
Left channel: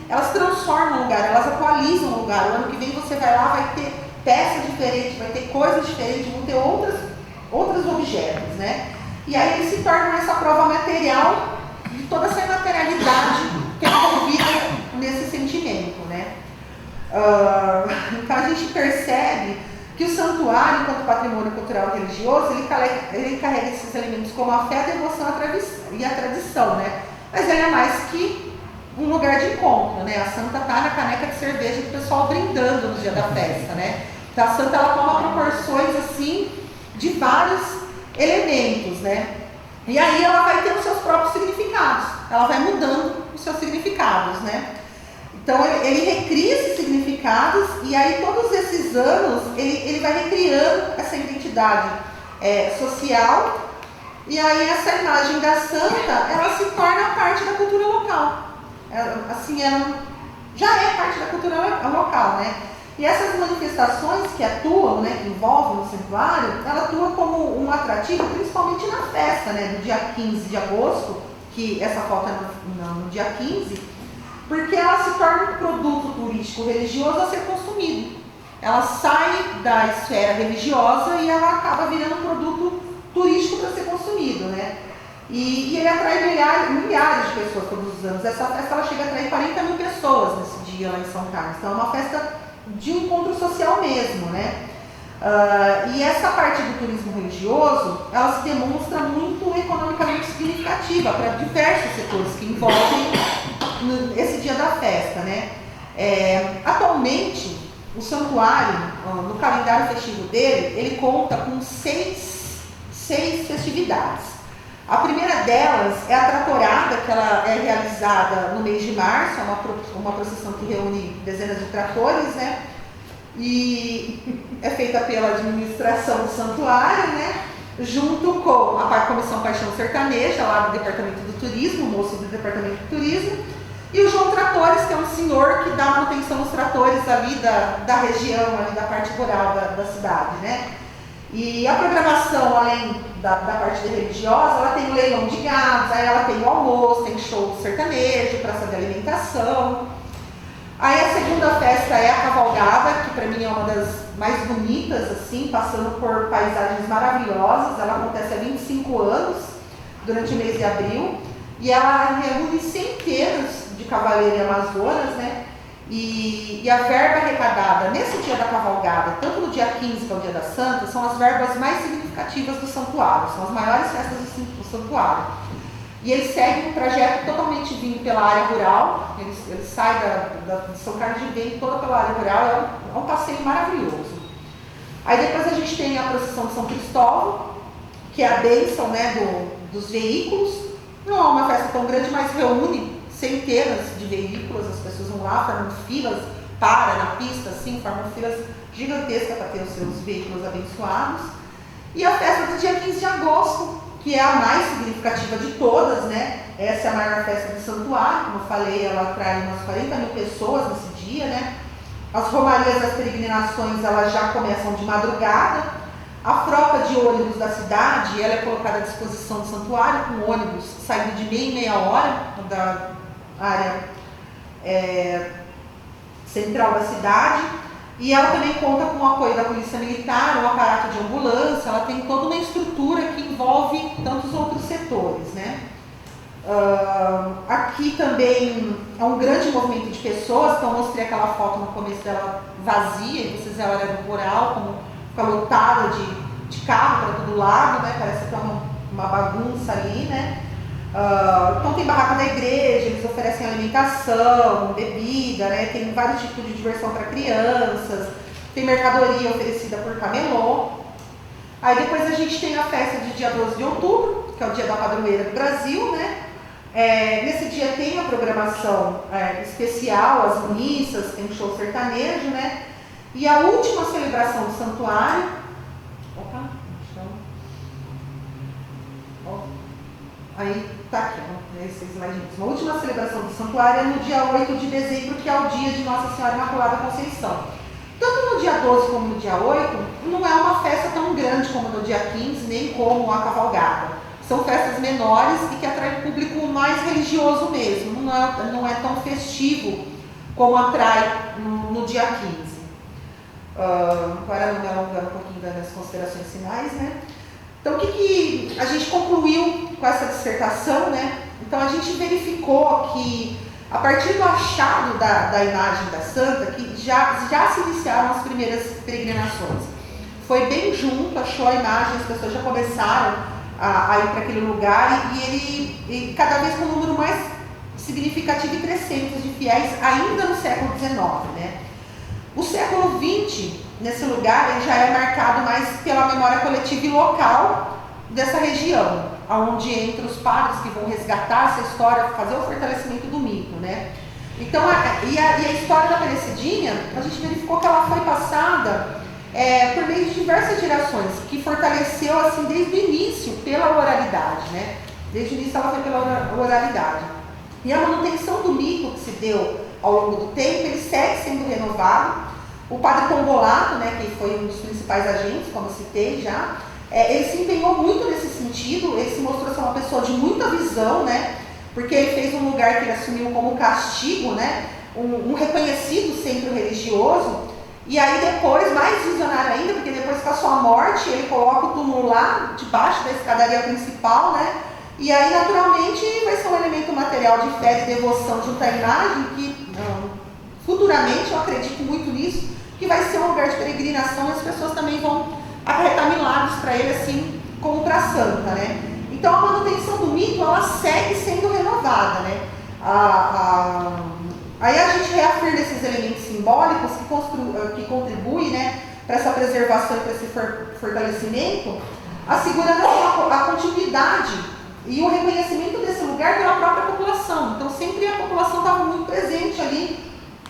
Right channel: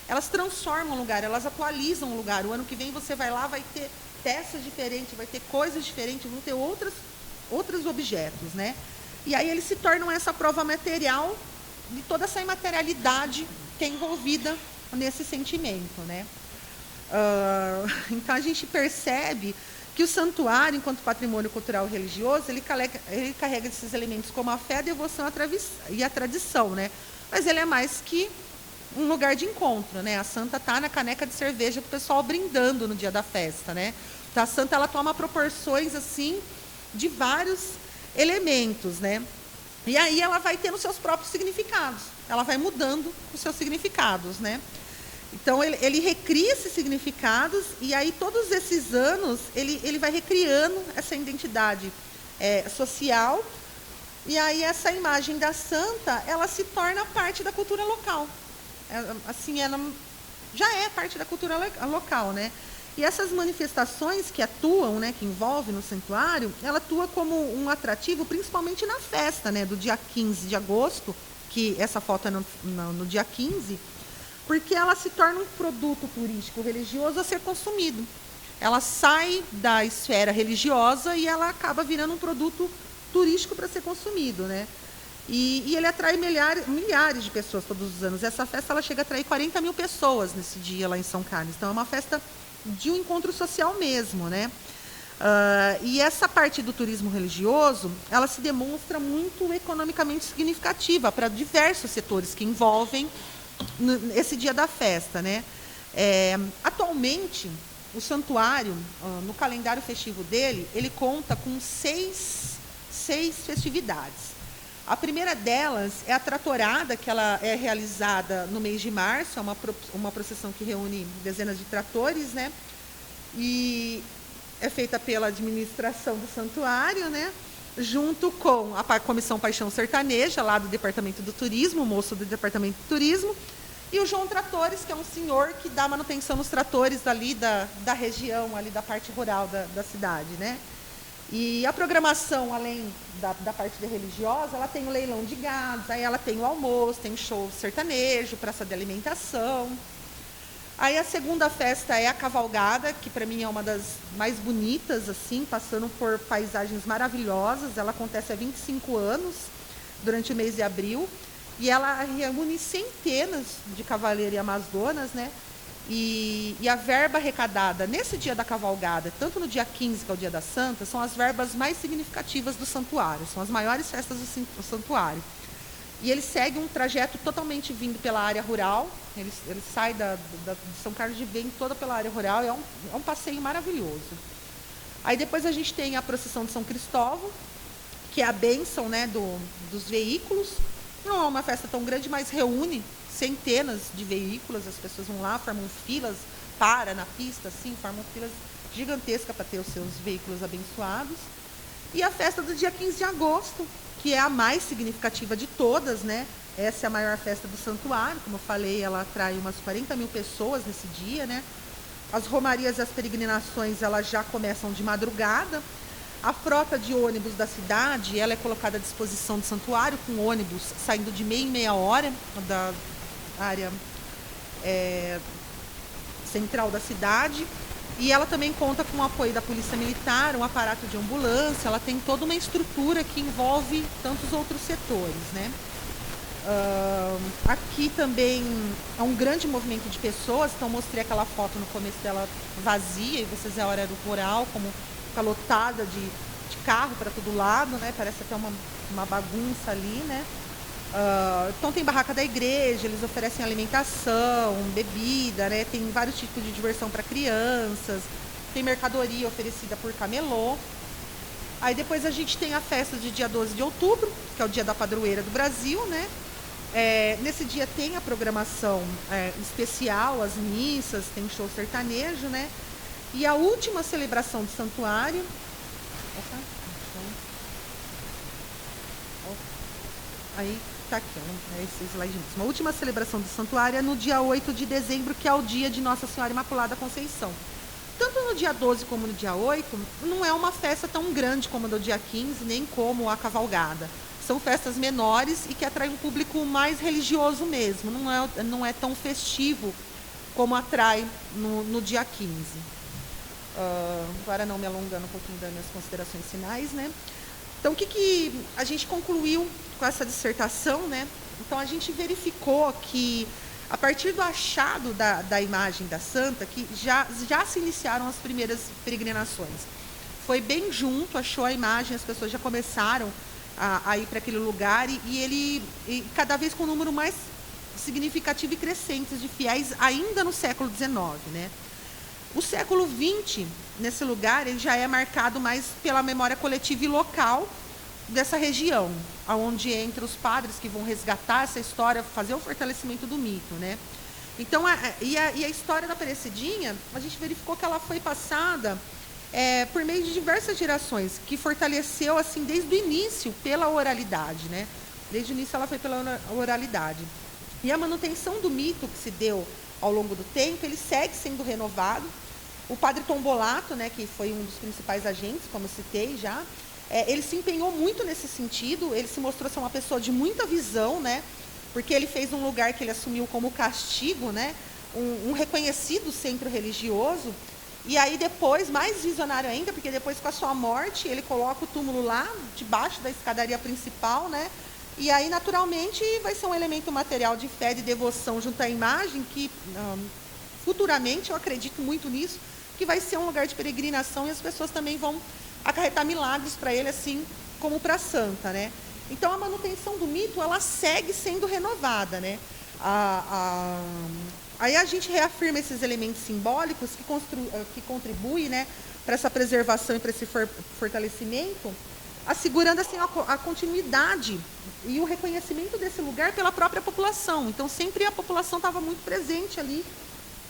elas transformam o lugar, elas atualizam o lugar. O ano que vem você vai lá, vai ter peças diferentes, vai ter coisas diferentes, vão ter outros objetos, né? E aí eles se tornam essa prova material de toda essa imaterialidade que é envolvida nesse sentimento, né? Então a gente percebe que o santuário, enquanto patrimônio cultural e religioso, ele carrega esses elementos como a fé, a devoção e a tradição, né? Mas ele é mais que um lugar de encontro, né? A santa tá na caneca de cerveja do pessoal brindando no dia da festa, né? da santa, ela toma proporções assim de vários elementos, né? E aí ela vai ter os seus próprios significados, ela vai mudando os seus significados, né? Então ele recria esses significados e aí todos esses anos ele vai recriando essa identidade social, e aí essa imagem da santa, ela se torna parte da cultura local. Ela já é parte da cultura local, né? E essas manifestações que atuam, né, que envolvem o santuário, ela atua como um atrativo, principalmente na festa, né, do dia 15 de agosto, que essa foto é no dia 15, porque ela se torna um produto turístico religioso a ser consumido. Ela sai da esfera religiosa e ela acaba virando um produto turístico para ser consumido, né? E ele atrai milhares de pessoas todos os anos. Essa festa ela chega a atrair 40 mil pessoas nesse dia lá em São Carlos. Então é uma festa de um encontro social mesmo, né? E essa parte do turismo religioso, ela se demonstra muito economicamente significativa para diversos setores que envolvem esse dia da festa, né? Atualmente, o santuário, no calendário festivo dele, ele conta com seis festividades. A primeira delas é a tratorada, que ela é realizada no mês de março, é uma procissão que reúne dezenas de tratores, né? E é feita pela administração do santuário, né? Junto com a Comissão Paixão Sertaneja, lá do Departamento do Turismo, o moço do Departamento do Turismo, e o João Tratores, que é um senhor que dá manutenção nos tratores ali da região, ali da parte rural da cidade, né? E a programação, além da parte religiosa, ela tem o leilão de gados, aí ela tem o almoço, tem show sertanejo, praça de alimentação. Aí a segunda festa é a cavalgada, que para mim é uma das mais bonitas, assim, passando por paisagens maravilhosas. Ela acontece há 25 anos, durante o mês de abril, e ela reúne centenas de cavaleiros e amazonas, né? E a verba arrecadada nesse dia da cavalgada, tanto no dia 15 que é o dia da Santa, são as verbas mais significativas do santuário, são as maiores festas do santuário. E ele segue um trajeto totalmente vindo pela área rural, ele sai de São Carlos de vem toda pela área rural, é um passeio maravilhoso. Aí depois a gente tem a procissão de São Cristóvão, que é a bênção, né, dos veículos. Não é uma festa tão grande, mas reúne centenas de veículos, as pessoas vão lá, formam filas, param na pista, assim, formam filas gigantescas para ter os seus veículos abençoados. E a festa do dia 15 de agosto, que é a mais significativa de todas, né? Essa é a maior festa do santuário, como eu falei, ela atrai umas 40 mil pessoas nesse dia, né? As romarias das peregrinações, elas já começam de madrugada. A frota de ônibus da cidade, ela é colocada à disposição do santuário, com ônibus saindo de meia em meia hora da área central da cidade. E ela também conta com o apoio da Polícia Militar, um aparato de ambulância, ela tem toda uma estrutura que envolve tantos outros setores, né? Aqui também há um grande movimento de pessoas, então eu mostrei aquela foto no começo dela vazia, que vocês olham no mural, como fica lotada de carro para todo lado, né? Parece que é uma bagunça ali, né? Então tem barraca da igreja, eles oferecem alimentação, bebida, né? Tem vários tipos de diversão para crianças, tem mercadoria oferecida por camelô. Aí depois a gente tem a festa de dia 12 de outubro, que é o dia da padroeira do Brasil, né? Nesse dia tem a programação especial, as missas, tem show sertanejo, né? E a última celebração do santuário, aí tá aqui, esse slide. A última celebração do santuário é no dia 8 de dezembro, que é o dia de Nossa Senhora Imaculada Conceição. Tanto no dia 12 como no dia 8, não é uma festa tão grande como no dia 15, nem como a cavalgada. São festas menores e que atraem o público mais religioso mesmo, não é tão festivo como atrai no dia 15. Agora não me alongar um pouquinho das considerações finais, né? Então, o que a gente concluiu com essa dissertação, né? Então, a gente verificou que, a partir do achado da imagem da santa, que já se iniciaram as primeiras peregrinações. Foi bem junto, achou a imagem, as pessoas já começaram a ir para aquele lugar e cada vez com um número mais significativo e crescente de fiéis, ainda no século XIX, né? O século XX, nesse lugar, ele já é marcado mais pela memória coletiva e local dessa região, onde entram os padres que vão resgatar essa história, fazer o fortalecimento do mito, né? Então, a história da Aparecidinha, a gente verificou que ela foi passada por meio de diversas gerações, que fortaleceu, assim, desde o início, pela oralidade, né? Desde o início ela foi pela oralidade. E a manutenção do mito que se deu ao longo do tempo, ele segue sendo renovado. O padre Tombolato, né, que foi um dos principais agentes, como citei já, ele se empenhou muito nesse sentido, ele se mostrou ser uma pessoa de muita visão, né? Porque ele fez um lugar que ele assumiu como castigo, né? Um reconhecido centro religioso, e aí depois, mais visionário ainda, porque depois com a sua morte, ele coloca o túmulo lá, debaixo da escadaria principal, né? E aí, naturalmente, vai ser um elemento material de fé e devoção junto à imagem, que futuramente, eu acredito muito nisso, que vai ser um lugar de peregrinação e as pessoas também vão acarretar milagres para ele, assim como para a santa, né? Então, a manutenção do mito, ela segue sendo renovada, né? Aí a gente reafirma esses elementos simbólicos que contribuem, né, para essa preservação e para esse fortalecimento, assegurando a continuidade e o reconhecimento desse lugar pela própria população. Então, sempre a população estava muito presente ali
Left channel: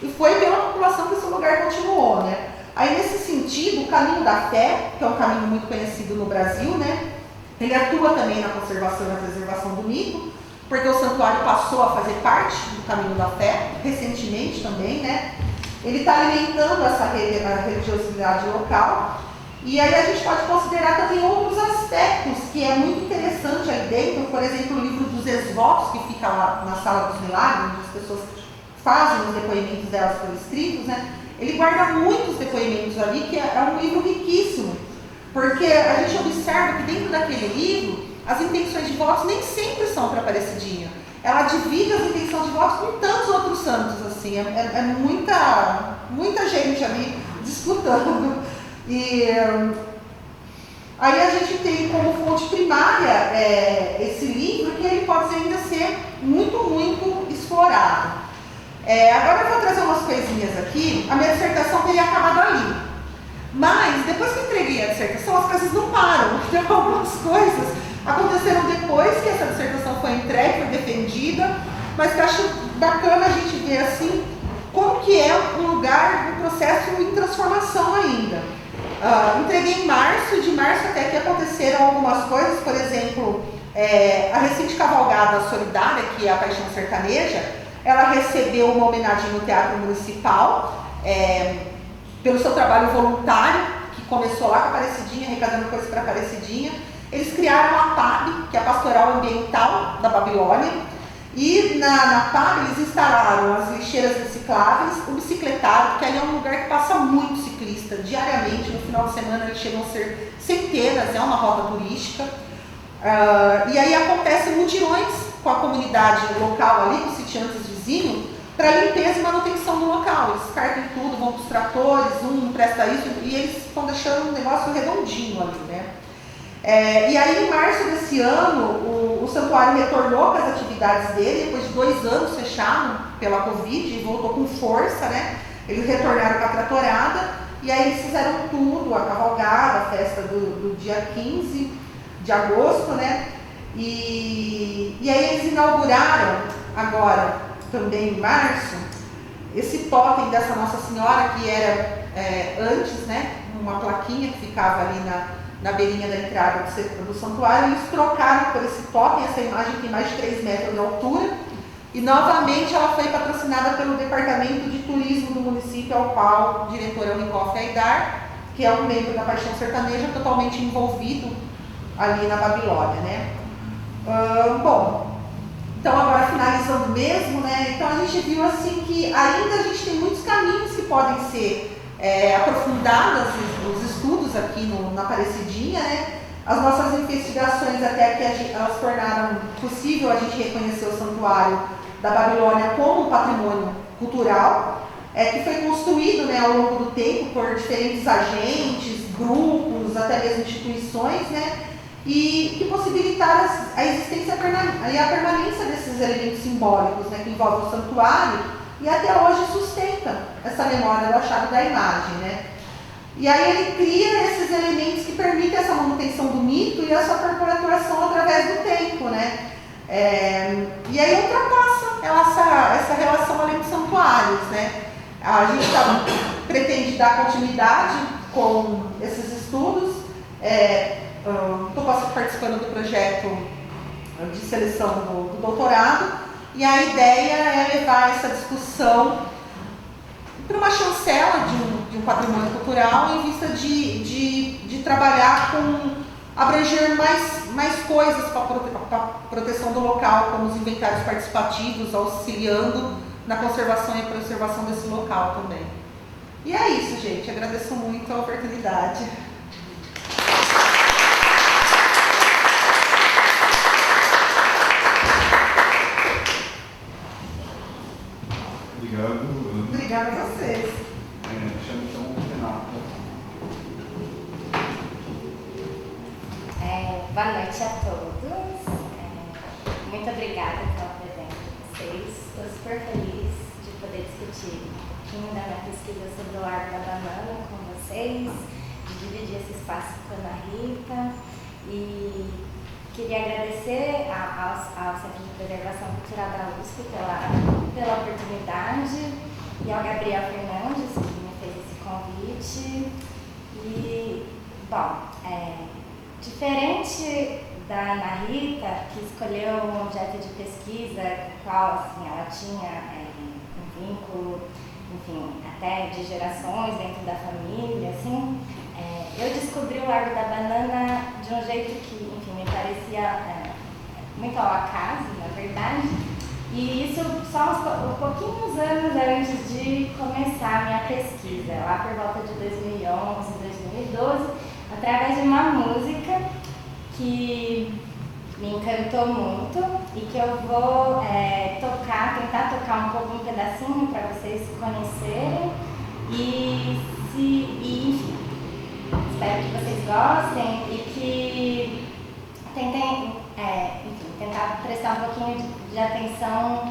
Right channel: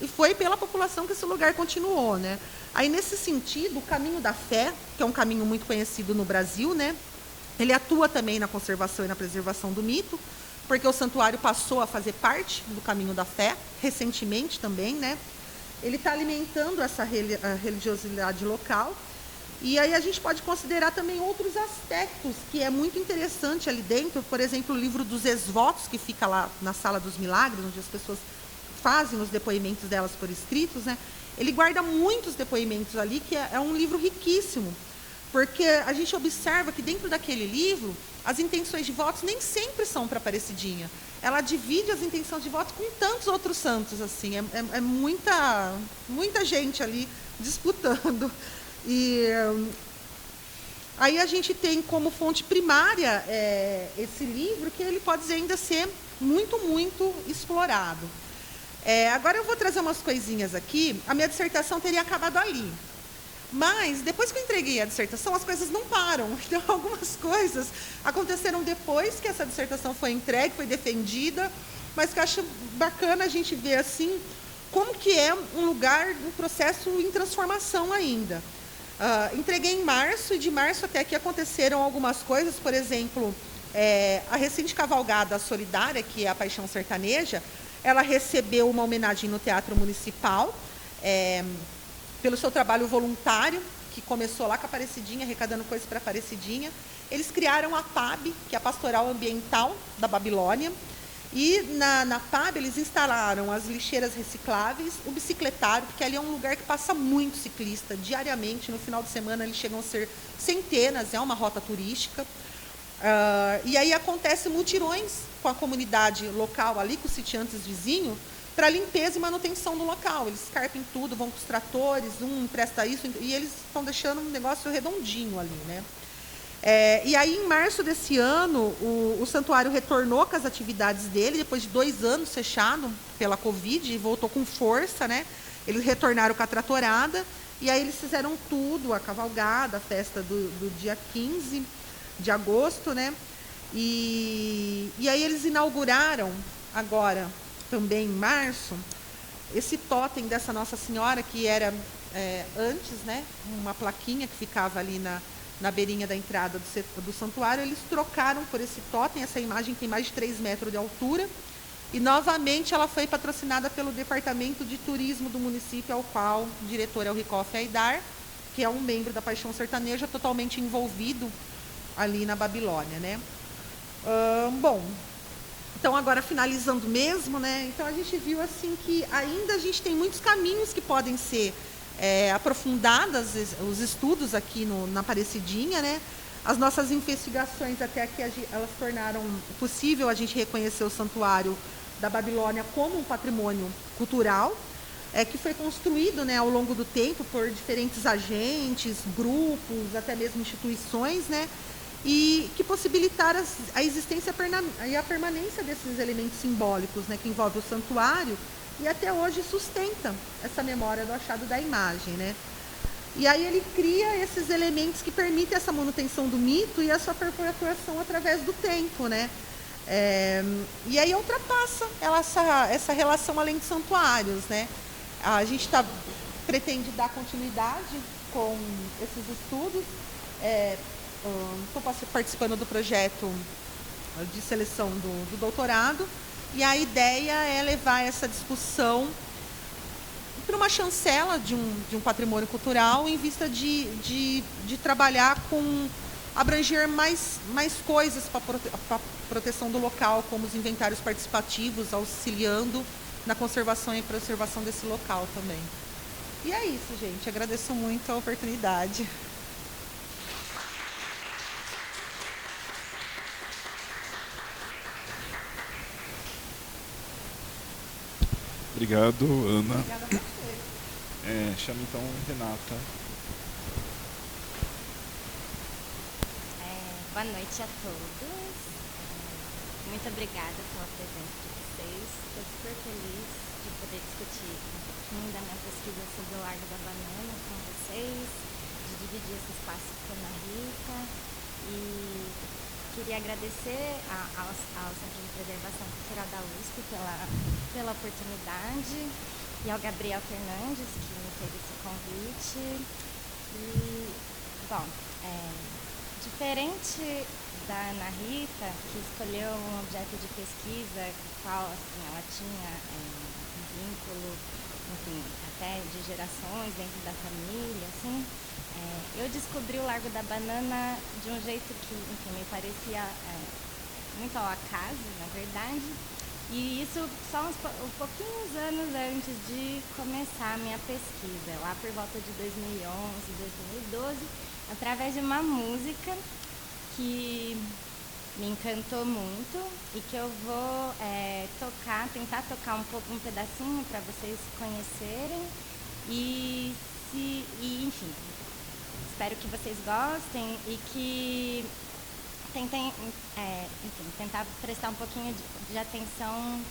e foi pela população que esse lugar continuou, né? Aí, nesse sentido, o caminho da fé, que é um caminho muito conhecido no Brasil, né? Ele atua também na conservação e na preservação do mito, porque o santuário passou a fazer parte do caminho da fé, recentemente também, né? Ele está alimentando essa religiosidade local. E aí a gente pode considerar também outros aspectos que é muito interessante aí dentro, por exemplo, o livro dos ex-votos, que fica lá na Sala dos Milagres, onde as pessoas fazem os depoimentos delas por escritos, né? Ele guarda muitos depoimentos ali, que é um livro riquíssimo, porque a gente observa que dentro daquele livro, as intenções de votos nem sempre são para a Aparecidinha. Ela divide as intenções de votos com tantos outros santos, assim, é muita gente ali disputando. E aí a gente tem como fonte primária esse livro, que ele pode ainda ser muito explorado. Agora eu vou trazer umas coisinhas aqui. A minha dissertação teria acabado ali, mas depois que eu entreguei a dissertação, as coisas não param. Então, algumas coisas aconteceram depois que essa dissertação foi entregue, foi defendida, mas que eu acho bacana a gente ver assim como que é um lugar, um processo em transformação ainda. Entreguei em março, de março até que aconteceram algumas coisas, por exemplo, a recente cavalgada solidária, que é a Paixão Sertaneja, ela recebeu uma homenagem no Teatro Municipal, pelo seu trabalho voluntário, que começou lá com a Aparecidinha, arrecadando coisas para a Aparecidinha. Eles criaram a PAB, que é a Pastoral Ambiental da Babilônia, e na PAB eles instalaram as lixeiras recicláveis, o bicicletário, porque ali é um lugar que passa muito ciclista diariamente, no final de semana eles chegam a ser centenas, é uma rota turística. E aí acontecem mutirões com a comunidade local ali, com os sitiantes vizinhos, para limpeza e manutenção do local. Eles carpem tudo, vão para os tratores, um presta isso, e eles estão deixando um negócio redondinho ali, né? E aí, em março desse ano, o santuário retornou com as atividades dele, depois de 2 anos fechado pela Covid, e voltou com força, né? Eles retornaram com a tratorada, e aí eles fizeram tudo, a cavalgada, a festa do dia 15 de agosto, né? E aí eles inauguraram agora, também em março, esse totem dessa Nossa Senhora, que era antes, né? Uma plaquinha que ficava ali na beirinha da entrada do santuário. Eles trocaram por esse totem, essa imagem tem mais de 3 metros de altura, e novamente ela foi patrocinada pelo Departamento de Turismo do município, ao qual o diretor é o Ricoff Aidar, que é um membro da Paixão Sertaneja, totalmente envolvido ali na Babilônia, né? Bom, então agora finalizando mesmo, né? Então a gente viu assim que ainda a gente tem muitos caminhos que podem ser aprofundados, os estudos aqui na Aparecidinha, né? As nossas investigações até que elas tornaram possível a gente reconhecer o santuário da Babilônia como um patrimônio cultural, que foi construído, né, ao longo do tempo por diferentes agentes, grupos, até mesmo instituições, né? E que possibilitaram a existência e a permanência desses elementos simbólicos, né, que envolvem o santuário, e até hoje sustenta essa memória do achado da imagem, né? E aí ele cria esses elementos que permitem essa manutenção do mito e a sua perpetuação através do tempo, né? E aí ultrapassa essa relação além dos santuários, né? A gente pretende dar continuidade com esses estudos. Estou participando do projeto de seleção do doutorado, e a ideia é levar essa discussão para uma chancela de um patrimônio cultural em vista de trabalhar abranger mais coisas para a proteção do local, como os inventários participativos, auxiliando na conservação e preservação desse local também. E é isso, gente. Agradeço muito a oportunidade. Obrigado, Ana. Obrigada a vocês. Chamo então o Renato. Boa noite a todos. Muito obrigada pela presença de vocês. Estou super feliz de poder discutir um pouquinho da minha pesquisa sobre o Largo da Banana com vocês, de dividir esse espaço com a Ana Rita. E queria agradecer ao Centro de Preservação Cultural da USP pela oportunidade, e ao Gabriel Fernandes, que me fez esse convite. E, bom, diferente da Ana Rita, que escolheu um objeto de pesquisa com o qual assim, ela tinha um vínculo, enfim, até de gerações dentro da família, assim, eu descobri o Largo da Banana de um jeito que, enfim, me parecia muito ao acaso, na verdade, e isso só uns pouquinhos anos antes de começar a minha pesquisa, lá por volta de 2011, 2012, através de uma música que me encantou muito e que eu vou tentar tocar um pedacinho para vocês conhecerem e enfim, espero que vocês gostem e que tentem, tentar prestar um pouquinho de atenção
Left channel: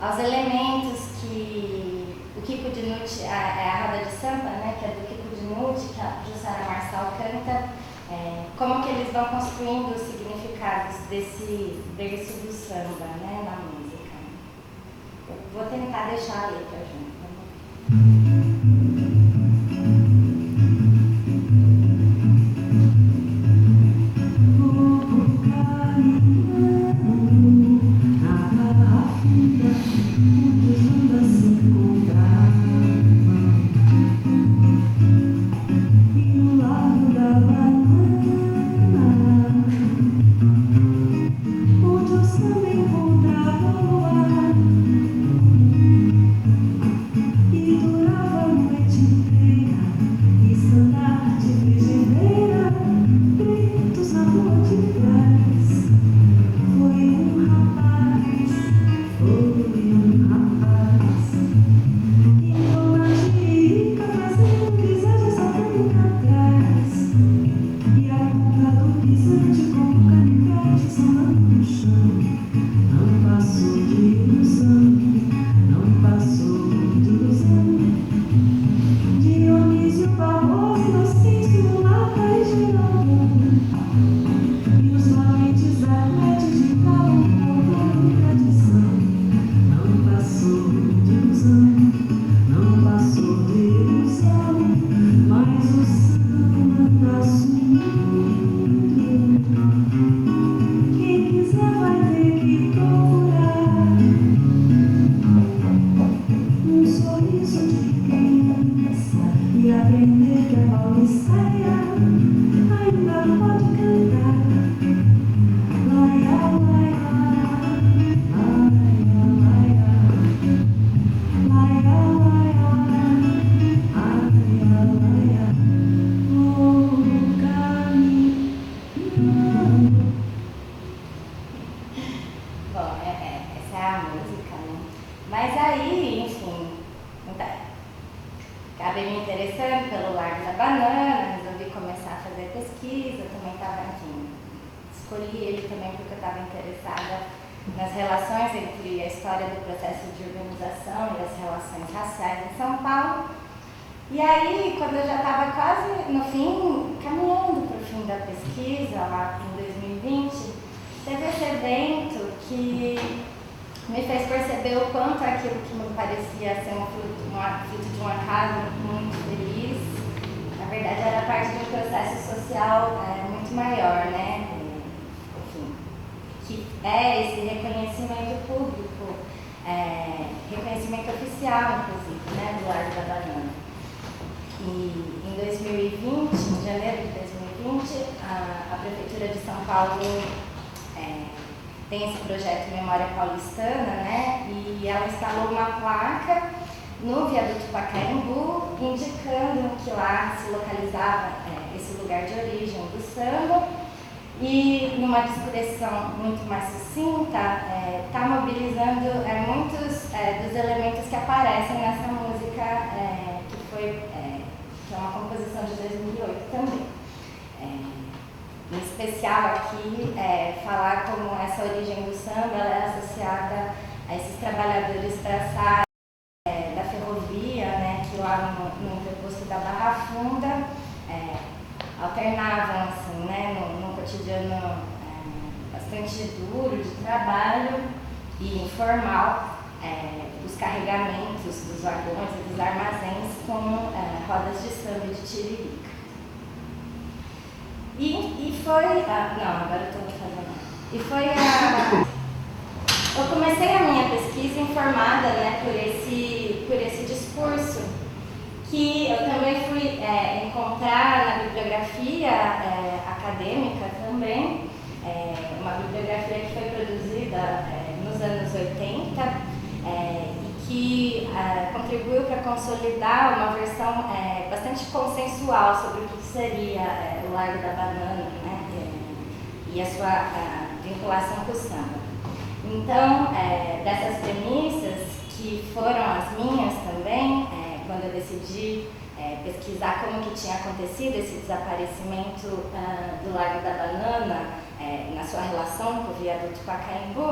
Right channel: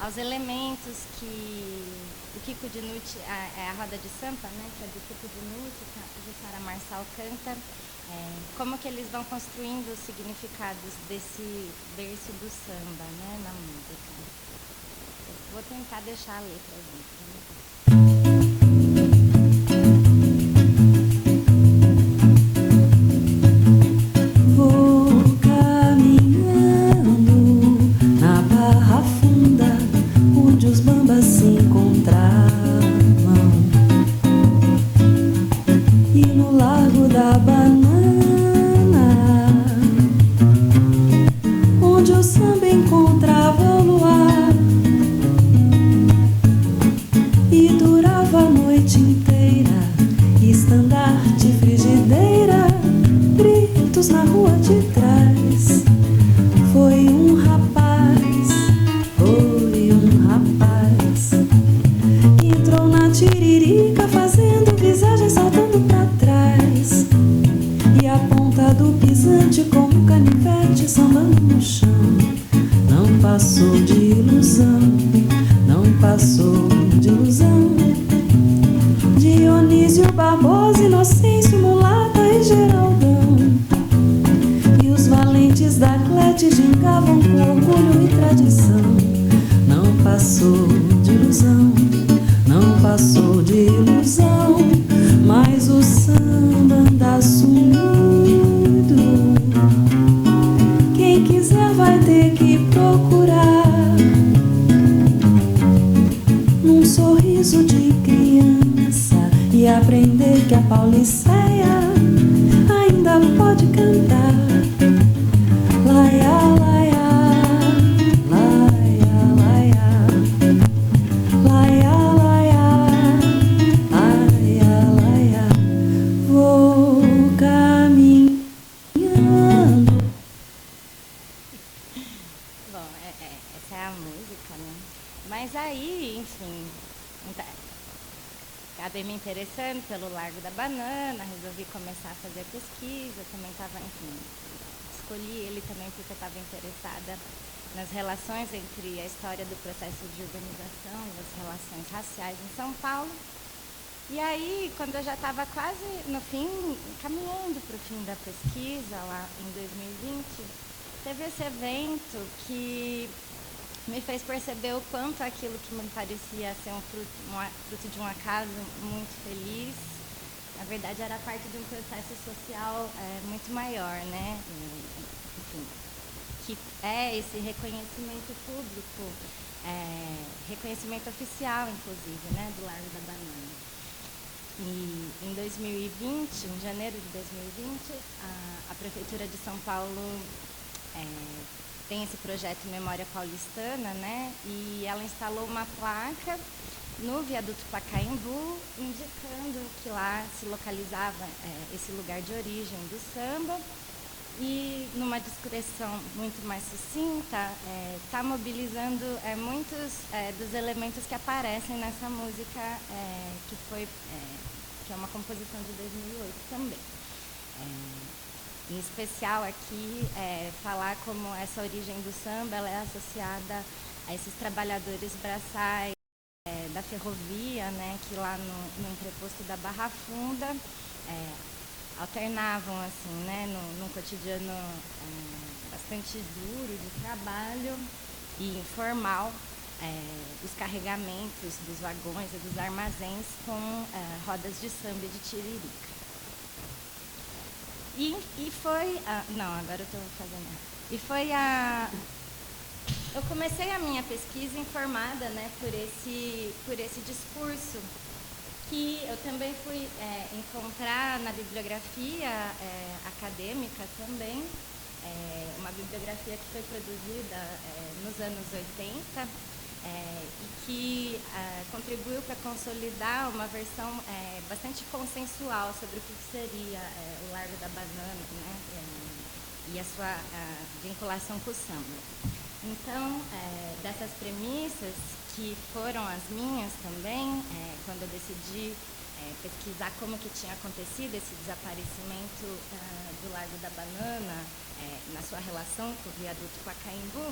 aos elementos que o Kiko Dinucci, a roda de samba, né, que é do Kiko Dinucci, que a Jussara Marçal canta, como que eles vão construindo os significados desse verso do samba, né, na música. Eu vou tentar deixar a letra junto. E aí, quando eu já estava quase no fim, caminhando para o fim da pesquisa, lá em 2020, teve esse evento que me fez perceber o quanto aquilo que me parecia ser um ato de um acaso muito feliz, na verdade era parte de um processo social muito maior, né? Enfim, que é esse reconhecimento público, reconhecimento oficial, inclusive, né, do Largo da Banana. E em 2020, em janeiro de 2020, a Prefeitura de São Paulo tem esse projeto Memória Paulistana, né? E ela instalou uma placa no viaduto Pacaembu, indicando que lá se localizava esse lugar de origem do samba. E numa descrição muito mais sucinta, está mobilizando muitos dos elementos que aparecem nessa música, que é uma composição de 2008 também. Em especial aqui, falar como essa origem do samba ela é associada a esses trabalhadores braçais da ferrovia, né, que lá no interposto da Barra Funda alternavam assim, né, num cotidiano bastante duro de trabalho e informal, os carregamentos dos vagões e dos armazéns com rodas de samba e de tiririca. E foi agora eu estou fazendo. E foi eu comecei a minha pesquisa informada, né, por esse discurso, que eu também fui encontrar na bibliografia acadêmica também, uma bibliografia que foi produzida nos anos 80 e que contribuiu para consolidar uma versão bastante consensual sobre o que seria o Largo da Banana, né, e a sua vinculação com o samba. Então, dessas premissas, que foram as minhas também, quando eu decidi pesquisar como que tinha acontecido esse desaparecimento do Largo da Banana na sua relação com o viaduto Pacaembu,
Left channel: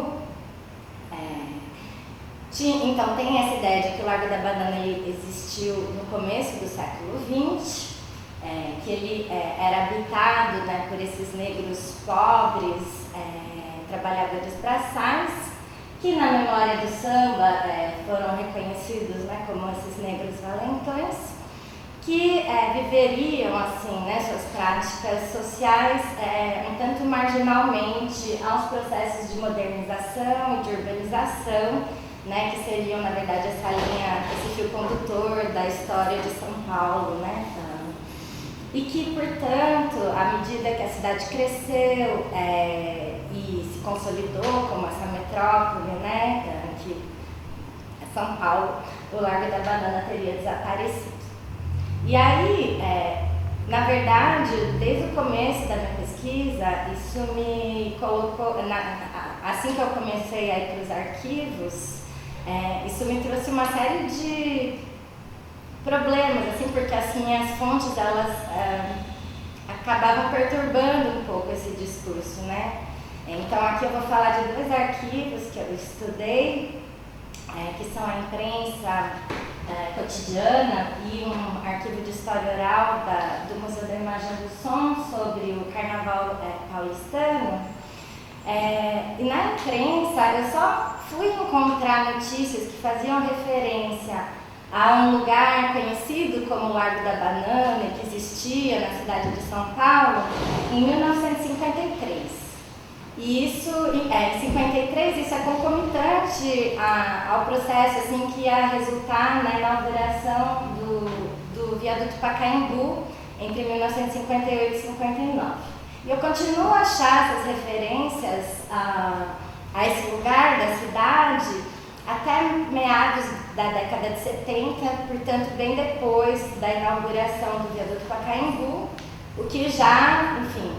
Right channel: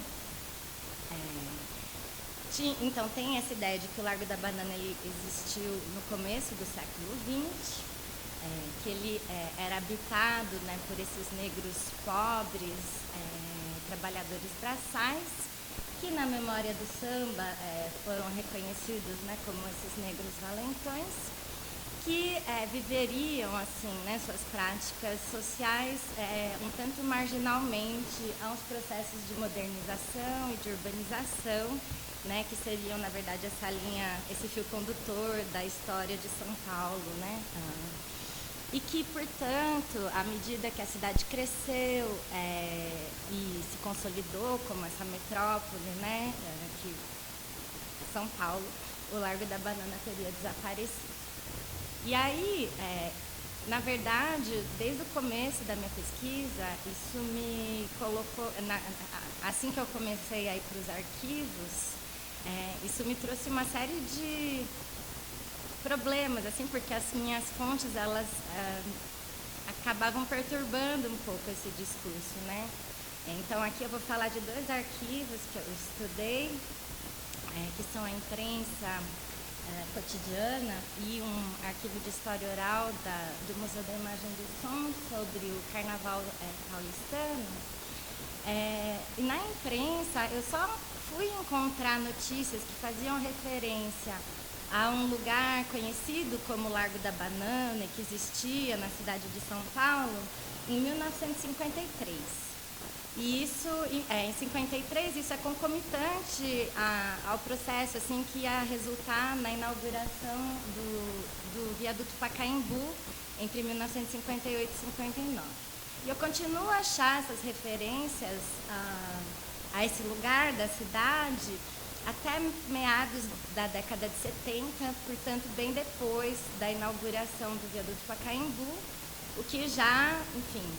então tem essa ideia de que o Largo da Banana existiu no começo do século XX, que ele era habitado, né, por esses negros pobres, trabalhadores braçais, que na memória do samba foram reconhecidos, né, como esses negros valentões, que viveriam assim, né, suas práticas sociais um tanto marginalmente aos processos de modernização e de urbanização, né, que seriam, na verdade, esse fio condutor da história de São Paulo, né, e que, portanto, à medida que a cidade cresceu e se consolidou como essa metrópole, né, que é São Paulo, o Largo da Banana teria desaparecido. E aí, na verdade, desde o começo da minha pesquisa, isso me colocou, assim que eu comecei a ir para os arquivos, isso me trouxe uma série de problemas, assim, porque as minhas fontes, elas acabavam perturbando um pouco esse discurso, né? Então, aqui eu vou falar de dois arquivos que eu estudei, que são a imprensa cotidiana e um arquivo de história oral do Museu da Imagem do Som sobre o Carnaval paulistano. E na imprensa, eu só fui encontrar notícias que faziam referência a um lugar conhecido como Largo da Banana, que existia na cidade de São Paulo, em 1953. E isso, em 53, isso é concomitante ao processo assim, que ia resultar na inauguração do viaduto Pacaembu entre 1958 e 59. E eu continuo a achar essas referências a esse lugar da cidade até meados da década de 70, portanto, bem depois da inauguração do viaduto Pacaembu, o que já, enfim,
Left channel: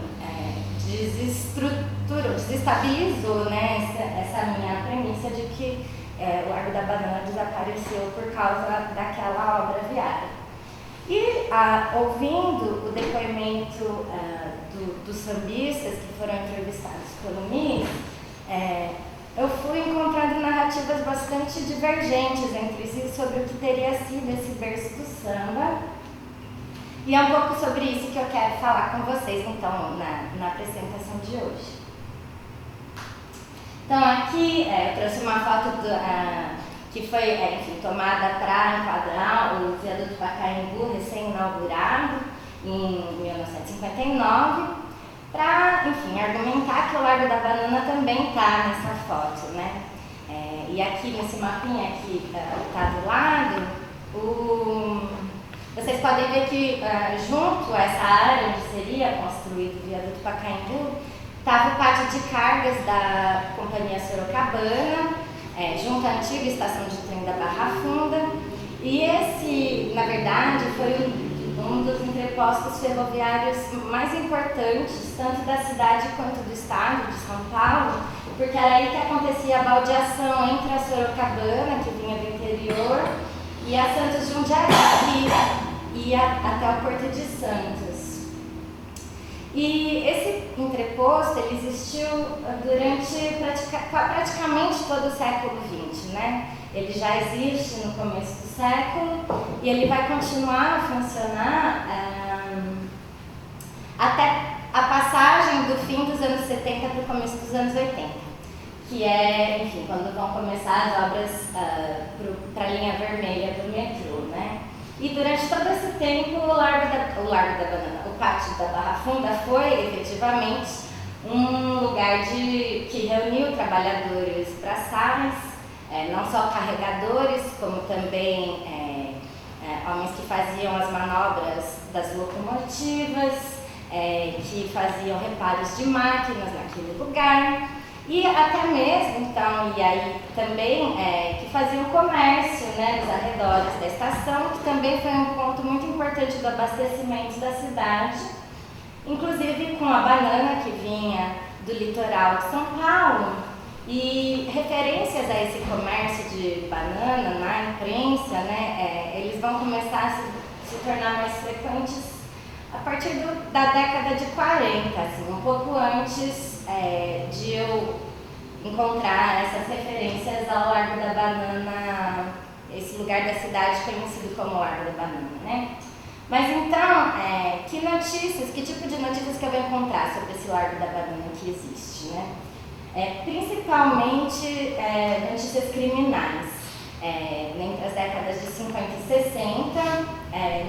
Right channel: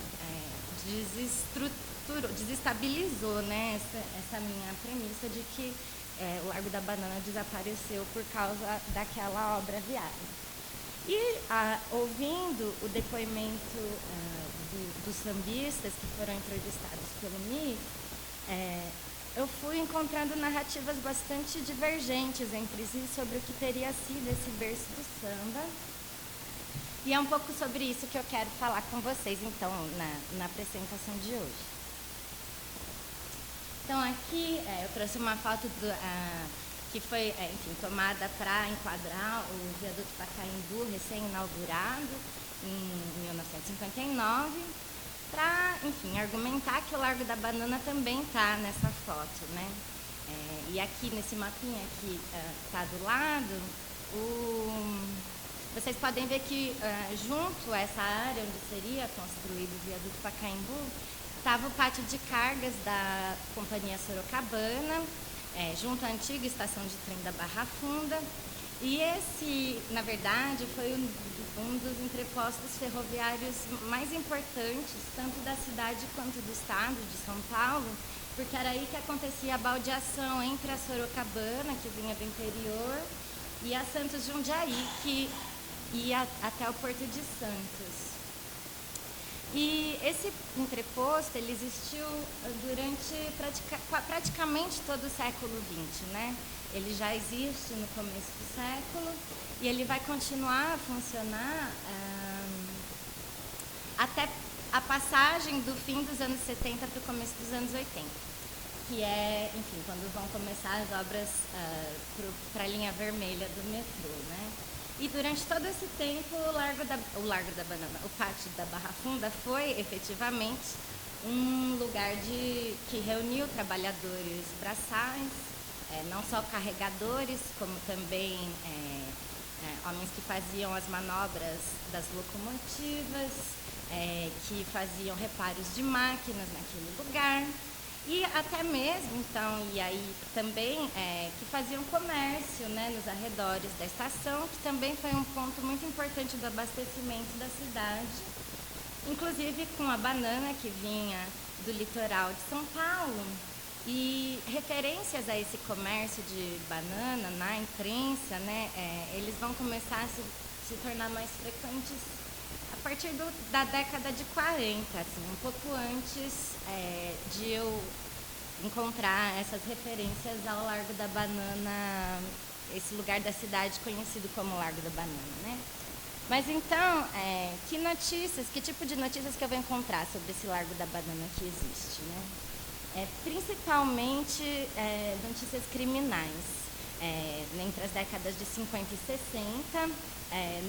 desestabilizou, né, essa minha premissa de que o Largo da Banana desapareceu por causa daquela obra viária. E ouvindo o depoimento dos sambistas que foram entrevistados pelo MIS, eu fui encontrando narrativas bastante divergentes entre si sobre o que teria sido esse berço do samba. E é um pouco sobre isso que eu quero falar com vocês, então, na apresentação de hoje. Então, aqui eu trouxe uma foto que foi enfim, tomada para enquadrar o viaduto Pacaembu, recém-inaugurado, em 1959, para, enfim, argumentar que o Largo da Banana também está nessa foto, né? E aqui nesse mapinha que está do lado, vocês podem ver que junto a essa área onde seria construído o viaduto Pacaembu, estava o pátio de cargas da Companhia Sorocabana, junto à antiga estação de trem da Barra Funda, e esse, na verdade, foi um dos entrepostos ferroviários mais importantes, tanto da cidade quanto do estado de São Paulo, porque era aí que acontecia a baldeação entre a Sorocabana, que vinha do interior, e a Santos Jundiaí, que ia até o Porto de Santos. E esse entreposto ele existiu durante praticamente todo o século XX, né? Ele já existe no começo do século e ele vai continuar a funcionar até a passagem do fim dos anos 70 para o começo dos anos 80, que é, enfim, quando vão começar as obras para a linha vermelha do metrô, né? E durante todo esse tempo o Largo da Banana, o Pátio da Barra Funda foi efetivamente um lugar que reuniu trabalhadores braçais, não só carregadores, como também homens que faziam as manobras das locomotivas, que faziam reparos de máquinas naquele lugar. E até mesmo, então, e aí também que faziam comércio, né, nos arredores da estação, que também foi um ponto muito importante do abastecimento da cidade, inclusive com a banana que vinha do litoral de São Paulo, e referências a esse comércio de banana na imprensa, né, eles vão começar a se tornar mais frequentes a partir da década de 40, assim, um pouco antes de eu encontrar essas referências ao Largo da Banana, esse lugar da cidade conhecido como Largo da Banana, né? Mas então, que tipo de notícias que eu vou encontrar sobre esse Largo da Banana que existe, né? Principalmente notícias criminais. Entre as décadas de 50 e 60,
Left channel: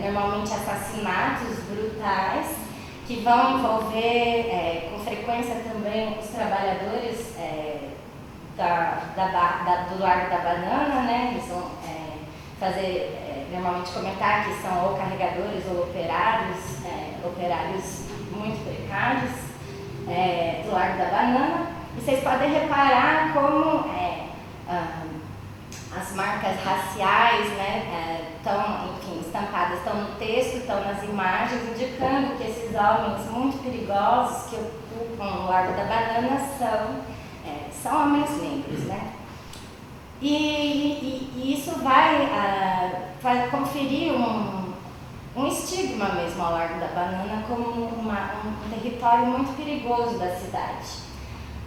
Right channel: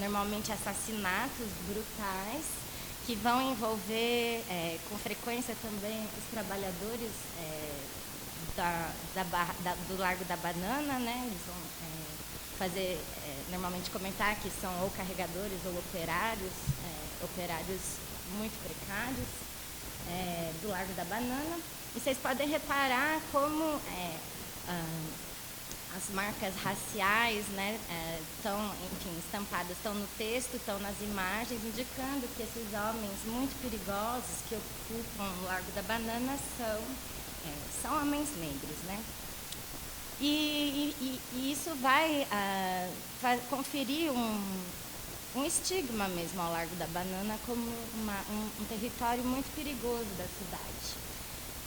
normalmente assassinatos brutais, que vão envolver com frequência também os trabalhadores do Largo da Banana, né? Eles vão normalmente comentar que são ou carregadores ou operários muito precários do Largo da Banana. E vocês podem reparar como as marcas raciais, né, estão, enfim, estampadas, estão no texto, estão nas imagens, indicando que esses homens muito perigosos que ocupam o Largo da Banana são homens negros, né? E isso vai conferir um estigma mesmo ao Largo da Banana como um território muito perigoso da cidade.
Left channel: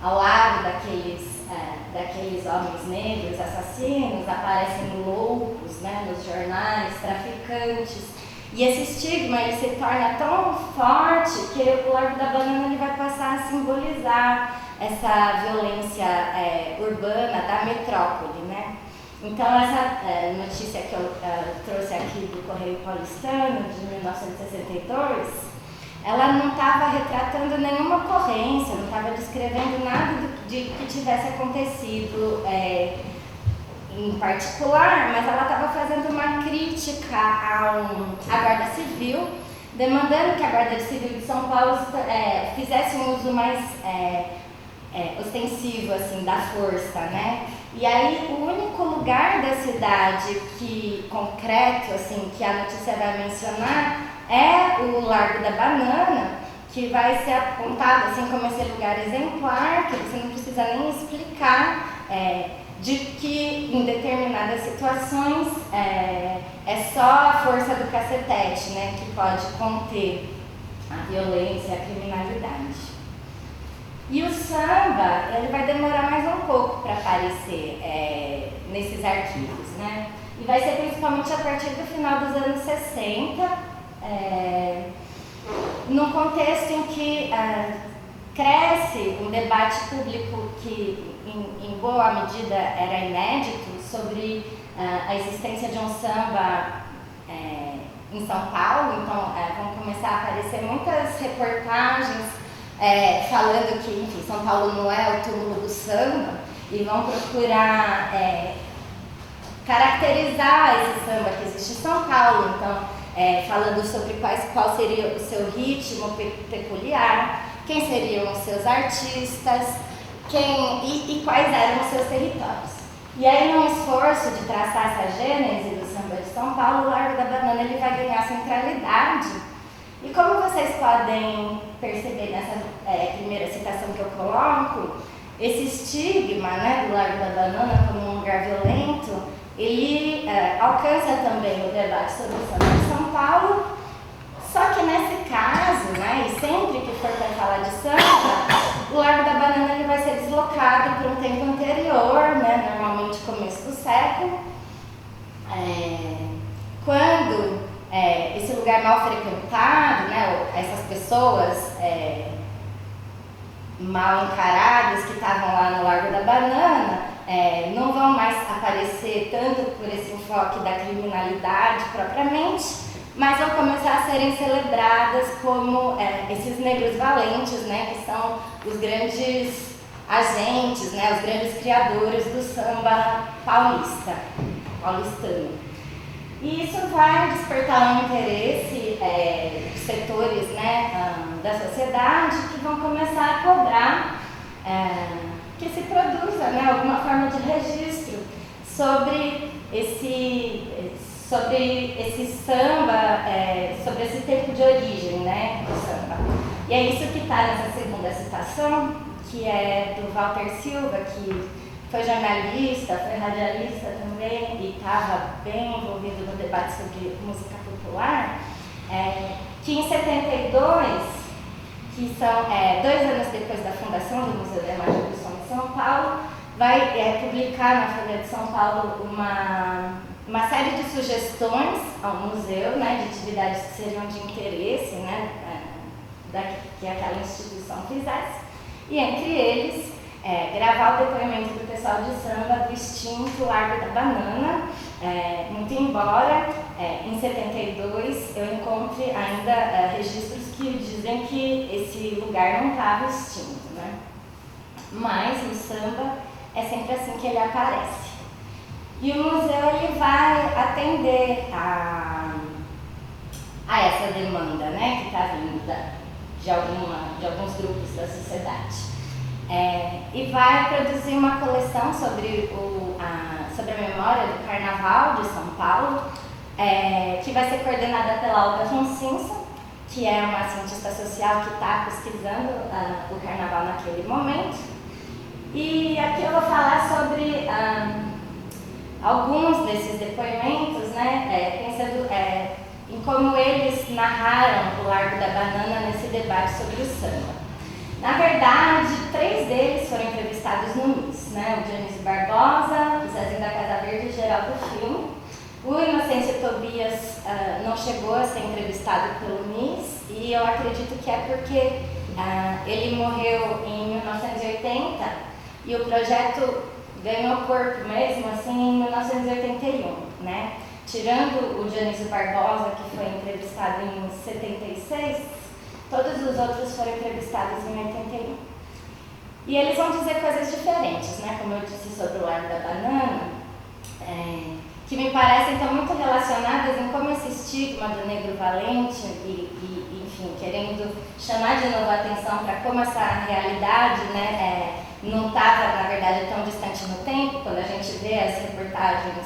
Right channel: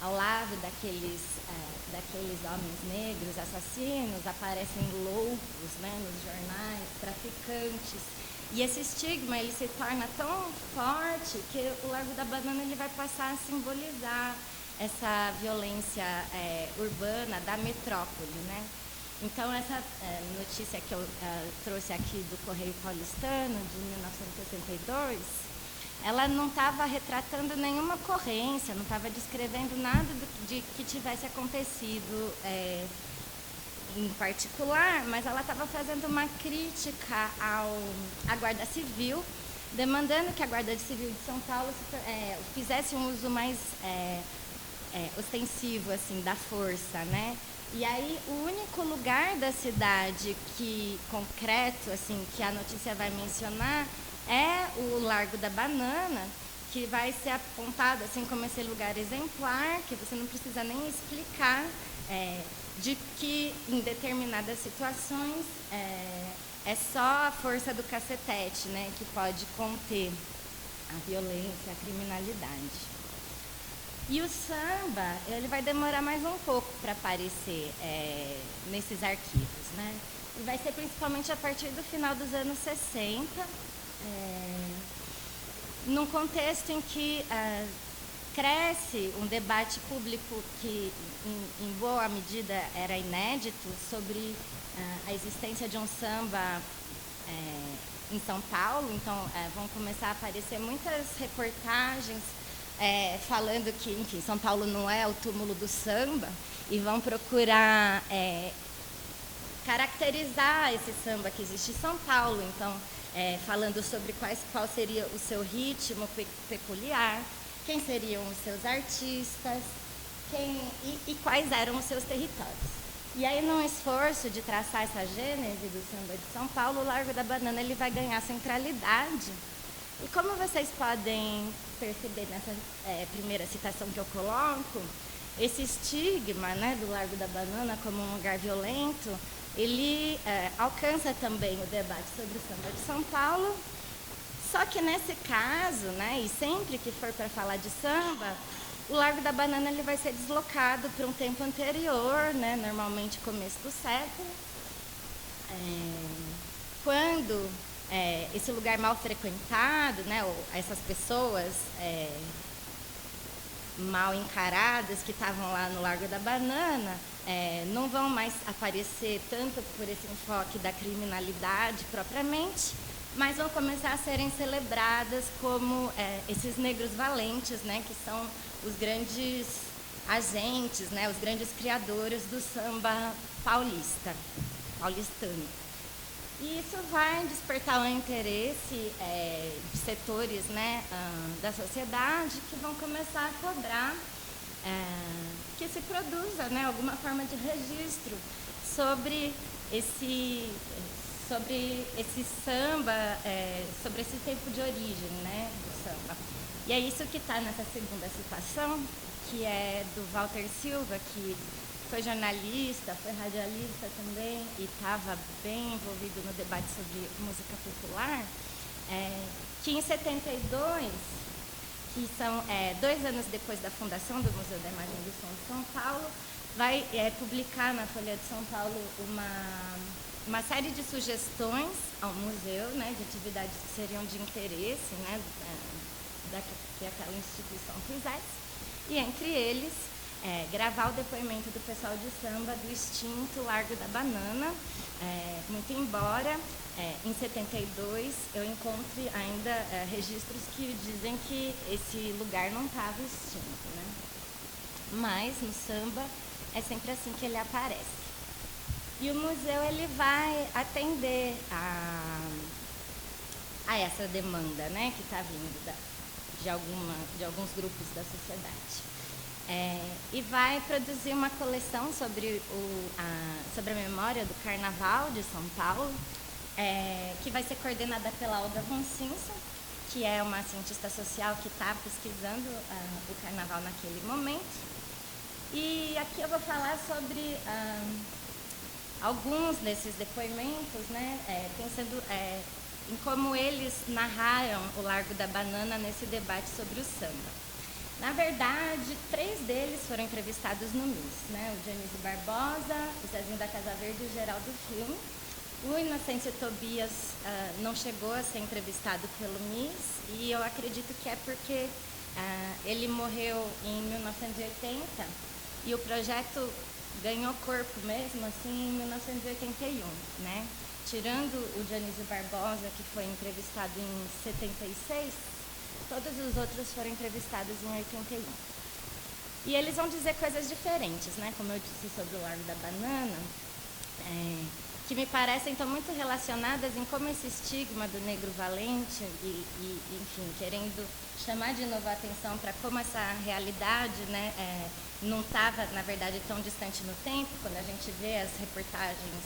Ao lado daqueles homens negros assassinos, aparecem loucos, né, nos jornais, traficantes. E esse estigma ele se torna tão forte que o Largo da Banana ele vai passar a simbolizar essa violência urbana da metrópole, né? Então, essa notícia que eu trouxe aqui do Correio Paulistano, de 1962, ela não estava retratando nenhuma ocorrência, não estava descrevendo nada de que tivesse acontecido em particular, mas ela estava fazendo uma crítica à Guarda Civil, demandando que a Guarda Civil de São Paulo fizesse um uso mais ostensivo assim, da força, né? E aí o único lugar da cidade concreto assim, que a notícia vai mencionar é o Largo da Banana, que vai ser apontado assim, como esse lugar exemplar, que você não precisa nem explicar, de que em determinadas situações é só a força do cacetete, né, que pode conter a violência, a criminalidade. E o samba, ele vai demorar mais um pouco para aparecer esses arquivos, né? E vai ser principalmente a partir do final dos anos 60, num contexto em que cresce um debate público que, em boa medida, era inédito sobre a existência de um samba em São Paulo. Então, vão começar a aparecer muitas reportagens falando que, enfim, São Paulo não é o túmulo do samba, e vão procurar caracterizar esse samba que existe em São Paulo. Então, falando sobre qual seria o seu ritmo peculiar, quem seriam os seus artistas, e quais eram os seus territórios. E aí, num esforço de traçar essa gênese do samba de São Paulo, o Largo da Banana ele vai ganhar centralidade. E como vocês podem perceber nessa primeira citação que eu coloco, esse estigma, né, do Largo da Banana como um lugar violento, ele alcança também o debate sobre o samba de São Paulo. Só que nesse caso, né, e sempre que for para falar de samba, o Largo da Banana ele vai ser deslocado para um tempo anterior, né, normalmente começo do século, quando esse lugar mal frequentado, né, essas pessoas mal encaradas que estavam lá no Largo da Banana não vão mais aparecer tanto por esse enfoque da criminalidade propriamente, mas vão começar a serem celebradas como esses negros valentes, né, que são os grandes agentes, né, os grandes criadores do samba paulistano. E isso vai despertar um interesse de setores, né, da sociedade que vão começar a cobrar que se produza, né, alguma forma de registro sobre esse samba, sobre esse tempo de origem, né, do samba. E é isso que está nessa segunda citação, que é do Walter Silva, que foi jornalista, foi radialista também e estava bem envolvido no debate sobre música popular, que em 72, que são 2 anos depois da fundação do Museu da Imagem do Som de São Paulo, vai publicar na Folha de São Paulo uma série de sugestões ao museu, né, de atividades que seriam de interesse, né, que aquela instituição fizesse, e entre eles gravar o depoimento do pessoal de samba do extinto Largo da Banana, muito embora em 72 eu encontre ainda registros que dizem que esse lugar não estava extinto, né? Mas no samba é sempre assim que ele aparece. E o museu ele vai atender a essa demanda, né, que está vinda de alguns grupos da sociedade. E vai produzir uma coleção sobre a memória do Carnaval de São Paulo, que vai ser coordenada pela Olga Roncinsa, que é uma cientista social que está pesquisando o Carnaval naquele momento. E aqui eu vou falar sobre alguns desses depoimentos, né, pensando em como eles narraram o Largo da Banana nesse debate sobre o samba. Na verdade, 3 deles foram entrevistados no MIS, né? O Dionísio Barbosa, o Zezinho da Casa Verde e o Geraldo Filme. O Inocêncio Tobias não chegou a ser entrevistado pelo MIS, e eu acredito que é porque ele morreu em 1980 e o projeto ganhou corpo mesmo assim em 1981, né? Tirando o Dionísio Barbosa, que foi entrevistado em 76, todos os outros foram entrevistados em 81. E eles vão dizer coisas diferentes, né? Como eu disse sobre o Largo da Banana, que me parecem então muito relacionadas em como esse estigma do negro valente enfim, querendo chamar de novo a atenção para como essa realidade, né, não estava, na verdade, tão distante no tempo. Quando a gente vê as reportagens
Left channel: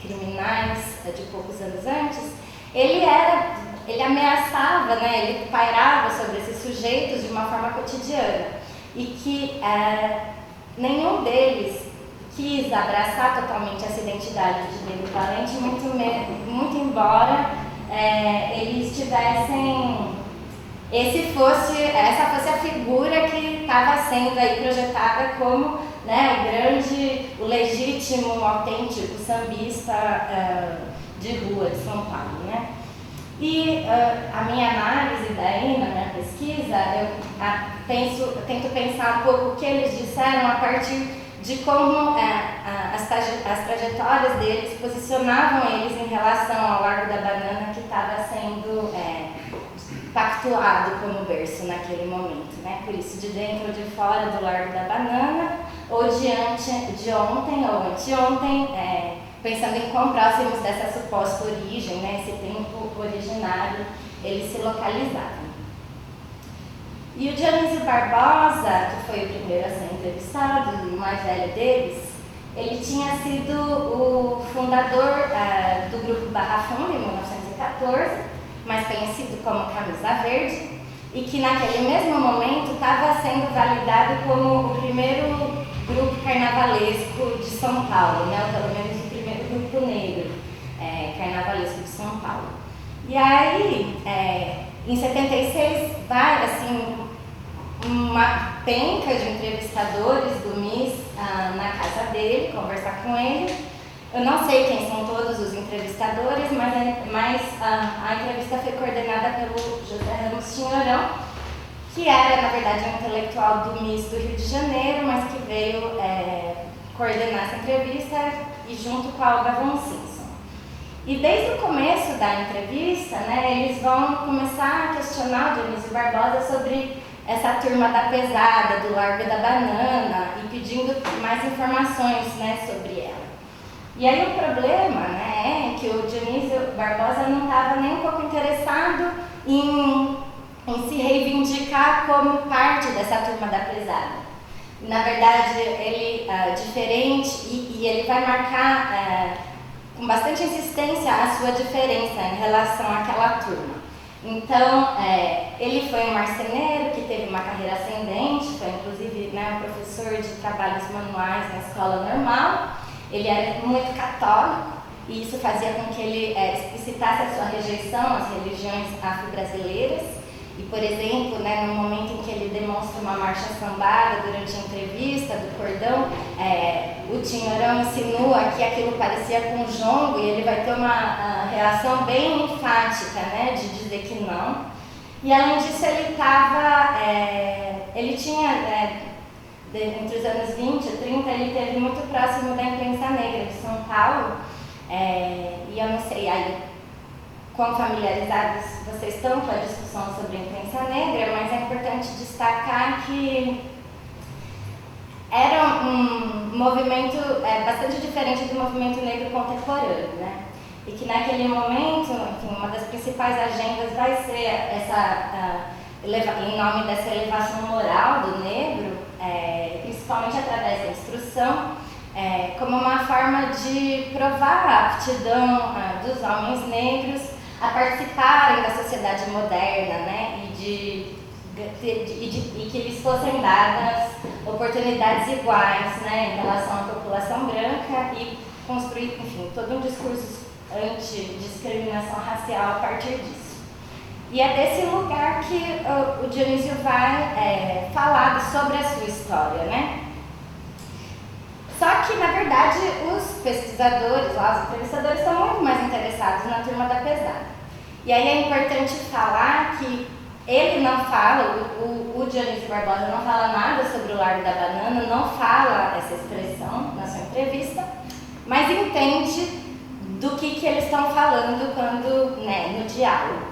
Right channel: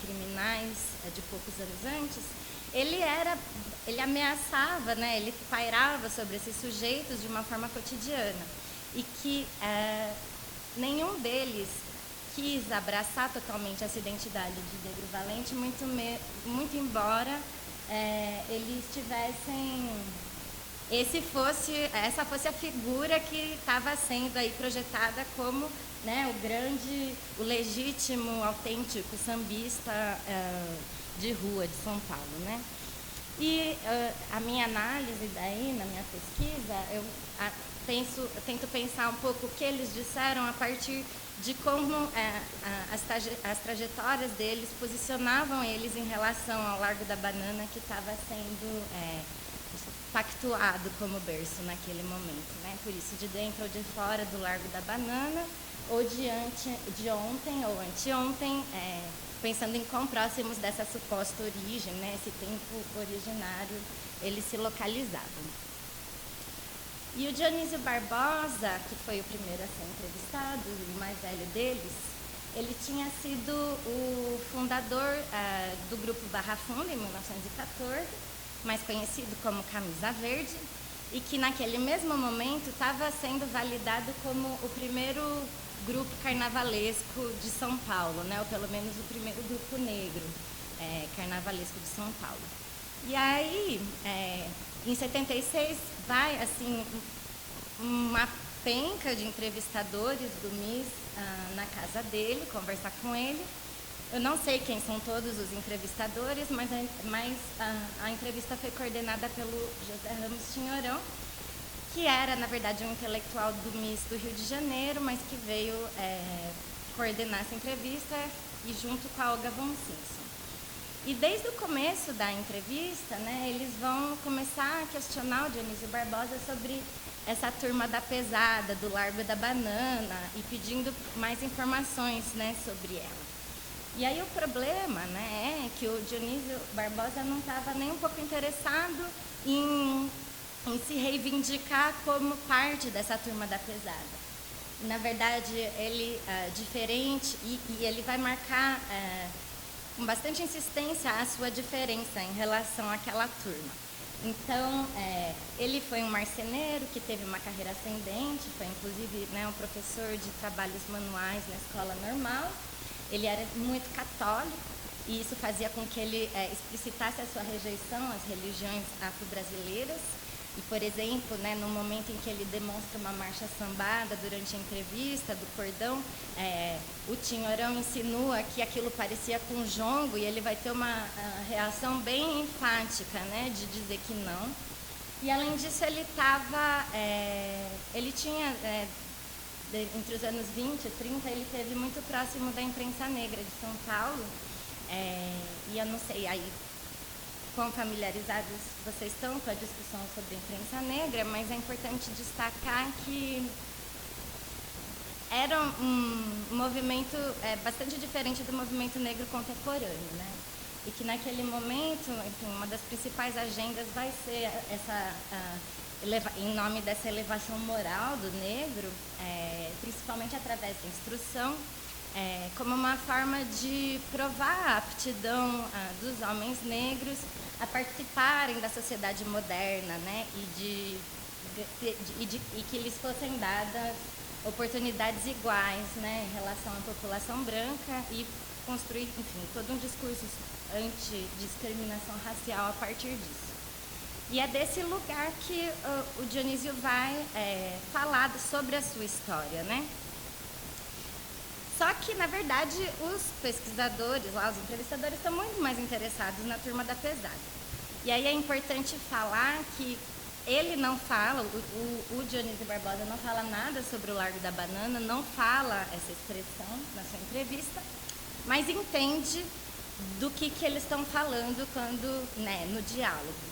criminais de poucos anos antes, ele ameaçava, né, ele pairava sobre esses sujeitos de uma forma cotidiana, e que nenhum deles quis abraçar totalmente essa identidade de negro valente, muito embora eles tivessem, essa fosse a figura que estava sendo aí projetada como né, o legítimo, autêntico sambista de rua de São Paulo, né? E a minha análise daí, na minha pesquisa, eu tento pensar um pouco o que eles disseram a partir de como as trajetórias deles posicionavam eles em relação ao Largo da Banana, que estava sendo pactuado como berço naquele momento, né? Por isso, de dentro ou de fora do Largo da Banana, ou de ontem ou anteontem, pensando em quão próximos dessa suposta origem, né, esse tempo originário, eles se localizaram. E o Dionísio Barbosa, que foi o primeiro a ser entrevistado, o mais velho deles, ele tinha sido o fundador do grupo Barra Funda, em 1914, mais conhecido como Camisa Verde, e que naquele mesmo momento estava sendo validado como o primeiro grupo carnavalesco de São Paulo, né, ou pelo menos o primeiro grupo negro carnavalesco de São Paulo. E aí, em 76, vai assim, uma penca de entrevistadores do MIS na casa dele, conversar com ele. Eu não sei quem são todos os entrevistadores, mas a entrevista foi coordenada pelo José Ramos Tinhorão, que era, na verdade, um intelectual do MIS do Rio de Janeiro, mas que veio coordenar essa entrevista e junto com a Olga von Simpson. E desde o começo da entrevista, né, eles vão começar a questionar o Dionísio Barbosa sobre essa turma da pesada, do Largo da Banana, e pedindo mais informações, né, sobre ela. E aí o problema, né, é que o Dionísio Barbosa não estava nem um pouco interessado em se reivindicar como parte dessa turma da pesada. Na verdade, ele diferente, e ele vai marcar com bastante insistência a sua diferença em relação àquela turma. Então, ele foi um marceneiro que teve uma carreira ascendente, foi inclusive, né, um professor de trabalhos manuais na escola normal. Ele era muito católico e isso fazia com que ele explicitasse a sua rejeição às religiões afro-brasileiras. E, por exemplo, né, no momento em que ele demonstra uma marcha sambada durante a entrevista do cordão, o Tinhorão insinua que aquilo parecia com jongo e ele vai ter uma reação bem enfática, né, de dizer que não. E, além disso, ele tinha, entre os anos 20 e 30, ele esteve muito próximo da imprensa negra de São Paulo, e eu não sei aí quão familiarizados vocês estão com a discussão sobre a imprensa negra, mas é importante destacar que era um movimento bastante diferente do movimento negro contemporâneo, né? E que naquele momento, enfim, uma das principais agendas vai ser em nome dessa elevação moral do negro, principalmente através da instrução, como uma forma de provar a aptidão dos homens negros a participarem da sociedade moderna, né, e que lhes fossem dadas oportunidades iguais, né, em relação à população branca e construir, enfim, todo um discurso anti-discriminação racial a partir disso. E é desse lugar que o Dionísio vai falar sobre a sua história, né? Só que, na verdade, os pesquisadores, os entrevistadores, estão muito mais interessados na turma da pesada. E aí é importante falar que ele não fala, o Dionísio Barbosa não fala nada sobre o Largo da Banana, não fala essa expressão na sua entrevista, mas entende do que eles estão falando quando, né, no diálogo.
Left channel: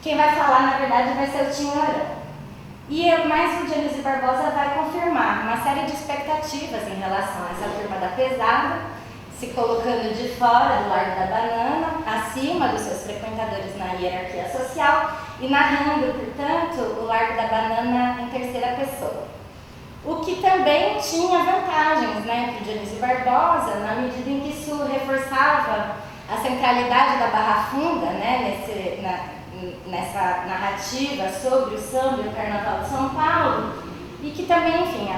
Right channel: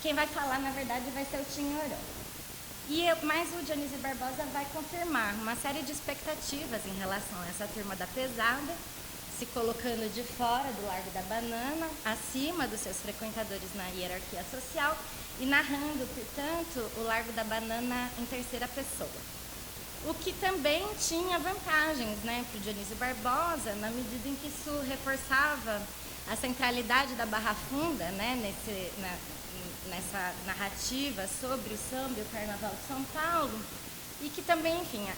Quem vai falar, na verdade, vai ser o Tinhorão. Mas o Dionísio Barbosa vai confirmar uma série de expectativas em relação a essa turma da pesada, se colocando de fora do Largo da Banana, acima dos seus frequentadores na hierarquia social e narrando, portanto, o Largo da Banana em terceira pessoa. O que também tinha vantagens, né, para o Dionísio Barbosa, na medida em que isso reforçava a centralidade da Barra Funda, né, nessa narrativa sobre o samba e o Carnaval de São Paulo, e que também, enfim,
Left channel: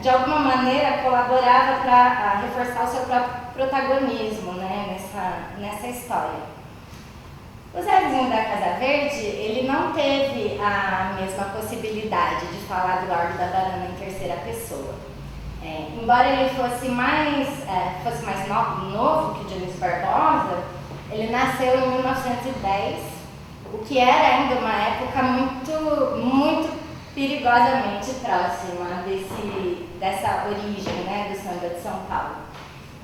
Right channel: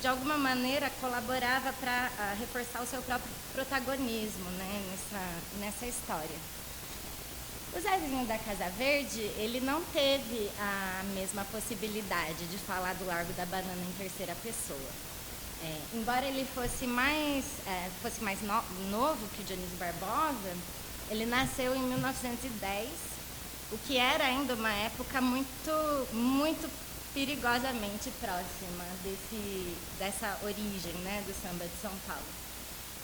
de alguma maneira colaborava para reforçar o seu próprio protagonismo, né, nessa história. O Zezinho da Casa Verde, ele não teve a mesma possibilidade de falar do Largo da Banana em terceira pessoa. Embora ele fosse mais novo que o Dionísio Barbosa, ele nasceu em 1910, o que era ainda uma época muito perigosamente próxima dessa origem, né, do samba de São Paulo.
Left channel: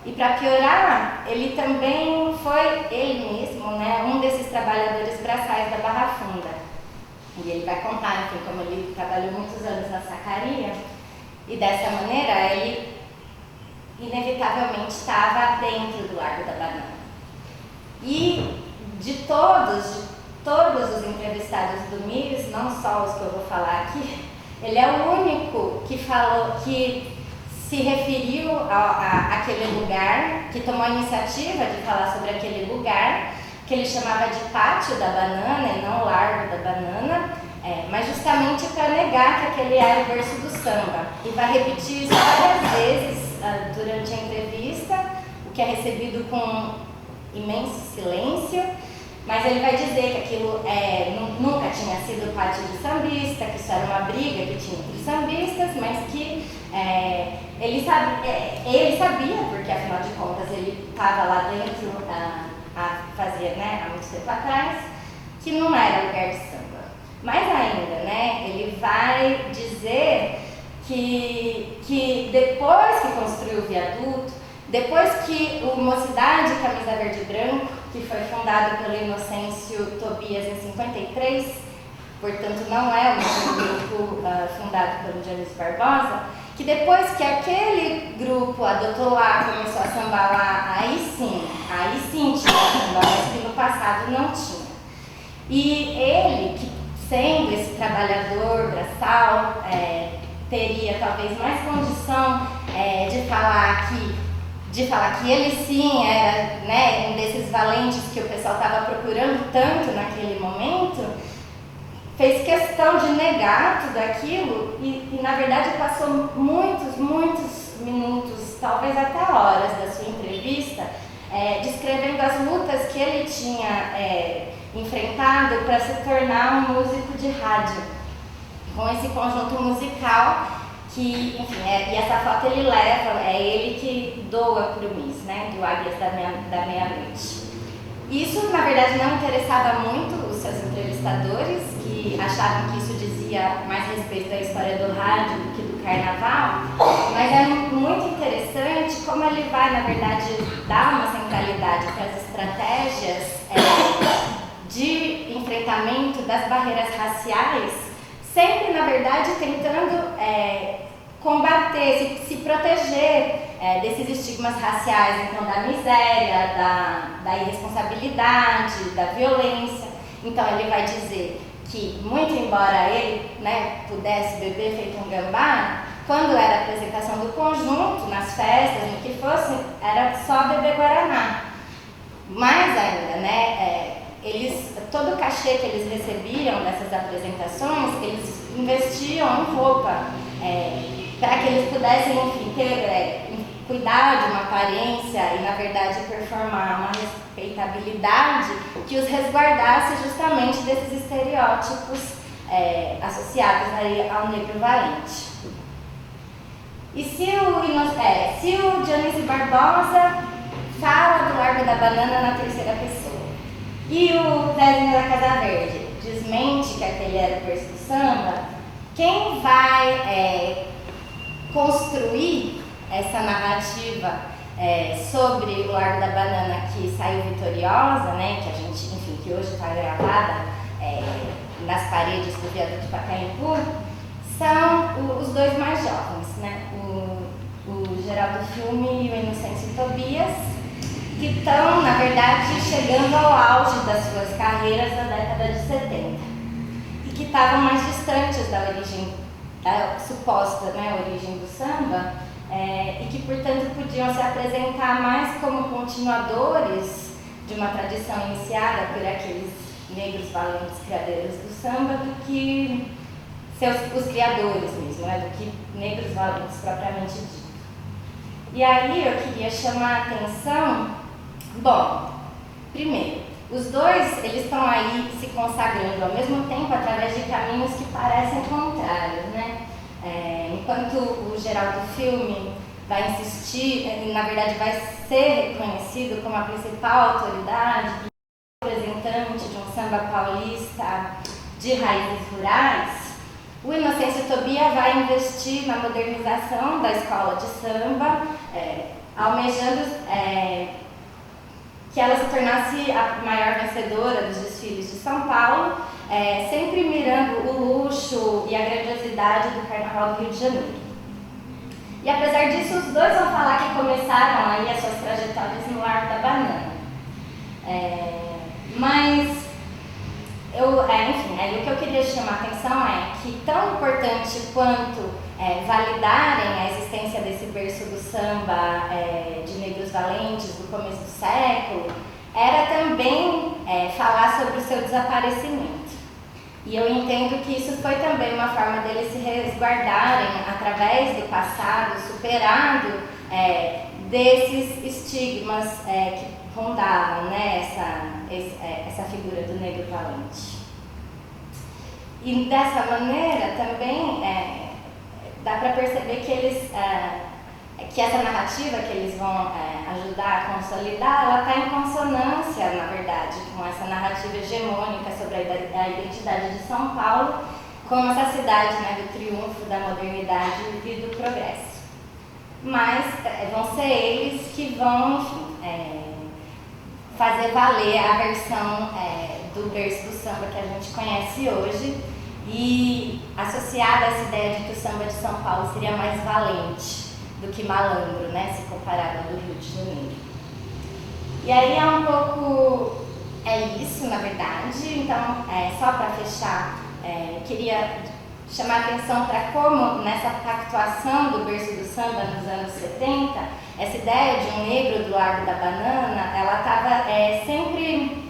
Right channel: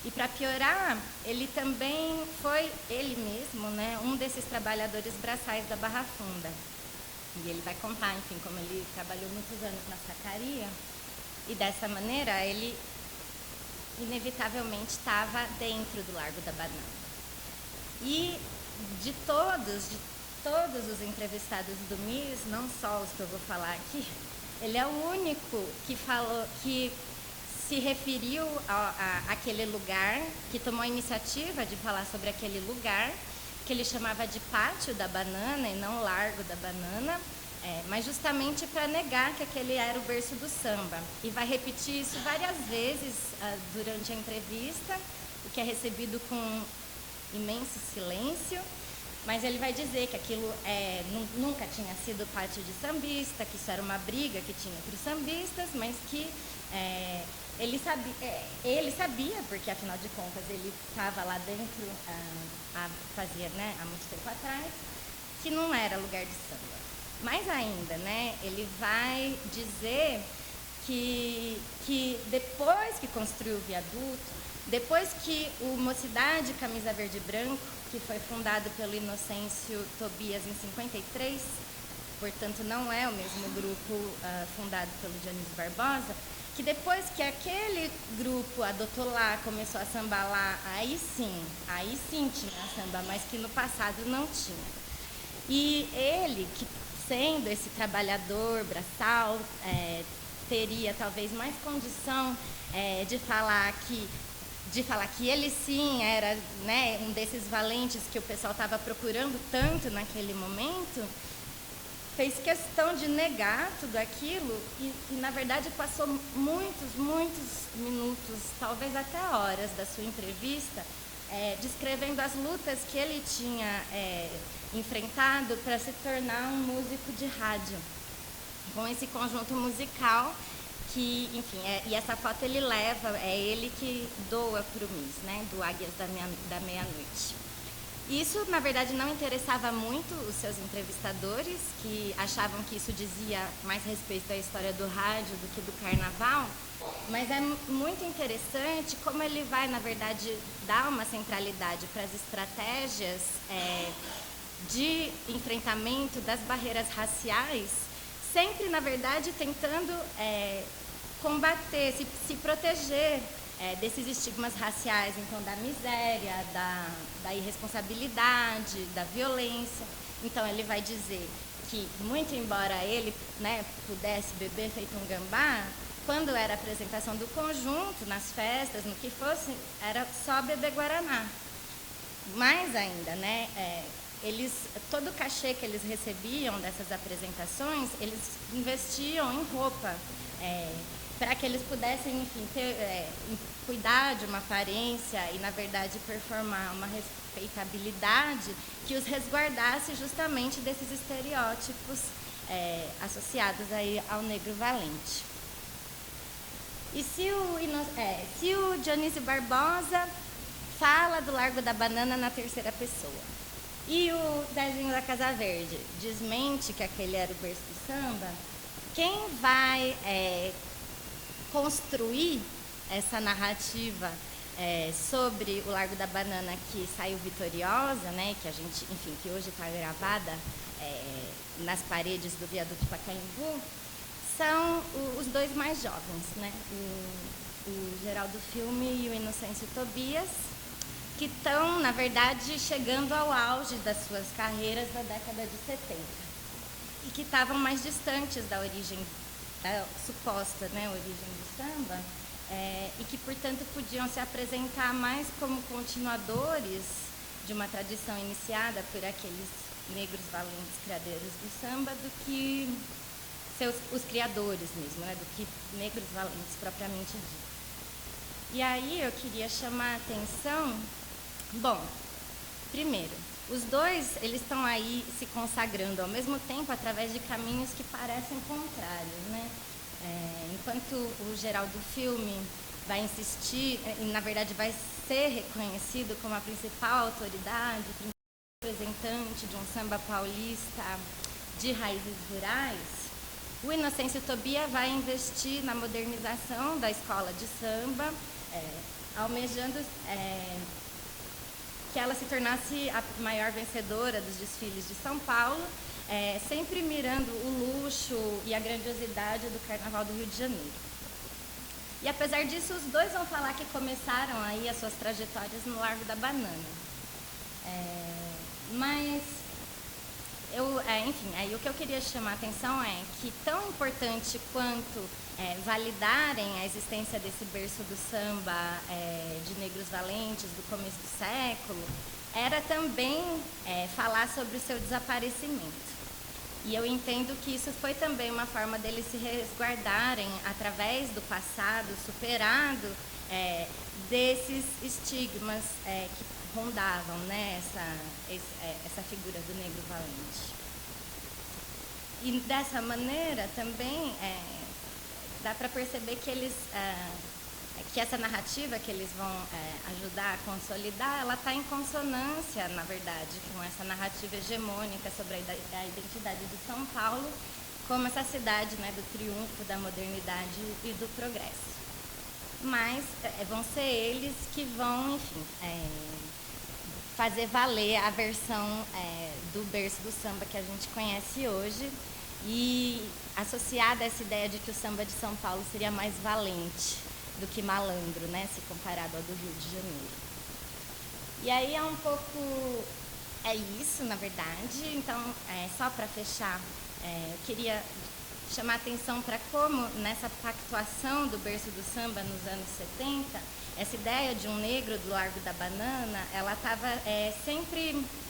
E para piorar, ele também foi, ele mesmo, né, um desses trabalhadores braçais da Barra Funda. E ele vai contar, enfim, como ele trabalhou muitos anos na sacaria, e dessa maneira ele inevitavelmente estava dentro do Largo da Banana. E de todos os entrevistados do MIS, não só os que eu vou falar aqui, ele é o único que se referiu àquele lugar, que tomou a iniciativa de falar sobre aquele lugar, que ele chamava de Pátio da Banana e não Largo da Banana, mas justamente para negar que aquele era o berço do samba. E vai repetir isso várias vezes durante a entrevista, o que é recebido com imenso silêncio, mas ele vai dizer que aquilo nunca tinha sido pátio de sambista, que isso era uma briga que tinha entre os sambistas, mas que ele sabia, porque afinal de contas ele estava lá dentro há muito tempo atrás, que não era lugar de samba. Mais ainda, né, ele vai dizer que depois que construiu o viaduto, depois que o Mocidade Camisa Verde e Branco, que foi fundado pelo Inocêncio Tobias em 53, portanto não é o mesmo grupo fundado pelo Dionísio Barbosa, que depois que aquele grupo adotou lá, começou a sambar lá, aí sim tinha samba, mas que no passado não tinha. E ele, que sendo esse trabalhador braçal, teria talvez mais condição de falar que ele sim era, né, um desses valentes que o pessoal estava procurando tanto naquele momento, fez questão de negar tudo aquilo e na verdade passou muitos minutos, talvez até horas da sua entrevista, descrevendo as lutas que ele tinha enfrentado para se tornar um músico de rádio, com esse conjunto musical que, enfim, e essa foto ele leva, é ele que doa para o MIS, né, do Águias da Meia-Noite. Isso, na verdade, não interessava muito os seus entrevistadores, que achavam que isso dizia mais respeito à história do rádio do que do carnaval, mas é muito interessante como ele vai, na verdade, dar uma centralidade para as estratégias de enfrentamento das barreiras raciais, sempre, na verdade, tentando combater, se proteger desses estigmas raciais, então da miséria, da irresponsabilidade, da violência. Então ele vai dizer que, muito embora ele, né, pudesse beber feito um gambá, quando era a apresentação do conjunto, nas festas, no que fosse, era só beber guaraná. Mais ainda, né, todo o cachê que eles recebiam dessas apresentações, eles investiam em roupa, para que eles pudessem, enfim, cuidar de uma aparência e, na verdade, performar uma respeitabilidade que os resguardasse justamente desses estereótipos associados aí ao negro valente. E se o Dionísio Barbosa fala do Largo da Banana na terceira pessoa e o Zezinho da Casa Verde desmente que aquele era o berço do samba, quem vai construir essa narrativa sobre o Largo da Banana que saiu vitoriosa, né, que a gente, enfim, que hoje está gravada nas paredes do viaduto Pacaembu, são os dois mais jovens, né, o Geraldo Filme e o Inocêncio Tobias, que estão, na verdade, chegando ao auge das suas carreiras na década de 70 e que estavam mais distantes da origem, da suposta, né, origem do samba, e que, portanto, podiam se apresentar mais como continuadores de uma tradição iniciada por aqueles negros valentes criadores do samba do que os criadores mesmo, né, do que negros valentes propriamente dito. E aí eu queria chamar a atenção, bom, primeiro, os dois, eles estão aí se consagrando ao mesmo tempo através de caminhos que parecem contrários, né? enquanto o geral do filme vai insistir, na verdade vai ser reconhecido como a principal autoridade e representante de um samba paulista de raízes rurais, o Inocêncio Tobia vai investir na modernização da escola de samba, almejando que ela se tornasse a maior vencedora dos desfiles de São Paulo, sempre mirando o luxo e a grandiosidade do Carnaval do Rio de Janeiro. E apesar disso, os dois vão falar que começaram aí as suas trajetórias no Largo da Banana. Mas, enfim, aí o que eu queria chamar a atenção é que tão importante quanto validarem a existência desse berço do samba de negros valentes do começo do século, era também falar sobre o seu desaparecimento. E eu entendo que isso foi também uma forma deles se resguardarem através do passado superado desses estigmas que rondavam, né, essa figura do negro valente. E dessa maneira também dá para perceber que que essa narrativa que eles vão ajudar a consolidar, ela está em consonância, na verdade, com essa narrativa hegemônica sobre a identidade de São Paulo, como essa cidade, né, do triunfo, da modernidade e do progresso. Mas vão ser eles que vão, enfim, fazer valer a versão do berço do samba que a gente conhece hoje e associada a essa ideia de que o samba de São Paulo seria mais valente do que malandro, né, se comparado ao do Rio de Janeiro. E aí é um pouco isso, na verdade. Então, só para fechar, queria chamar a atenção para como nessa pactuação do berço do samba nos anos 70, essa ideia de um negro do Largo da Banana, ela estava sempre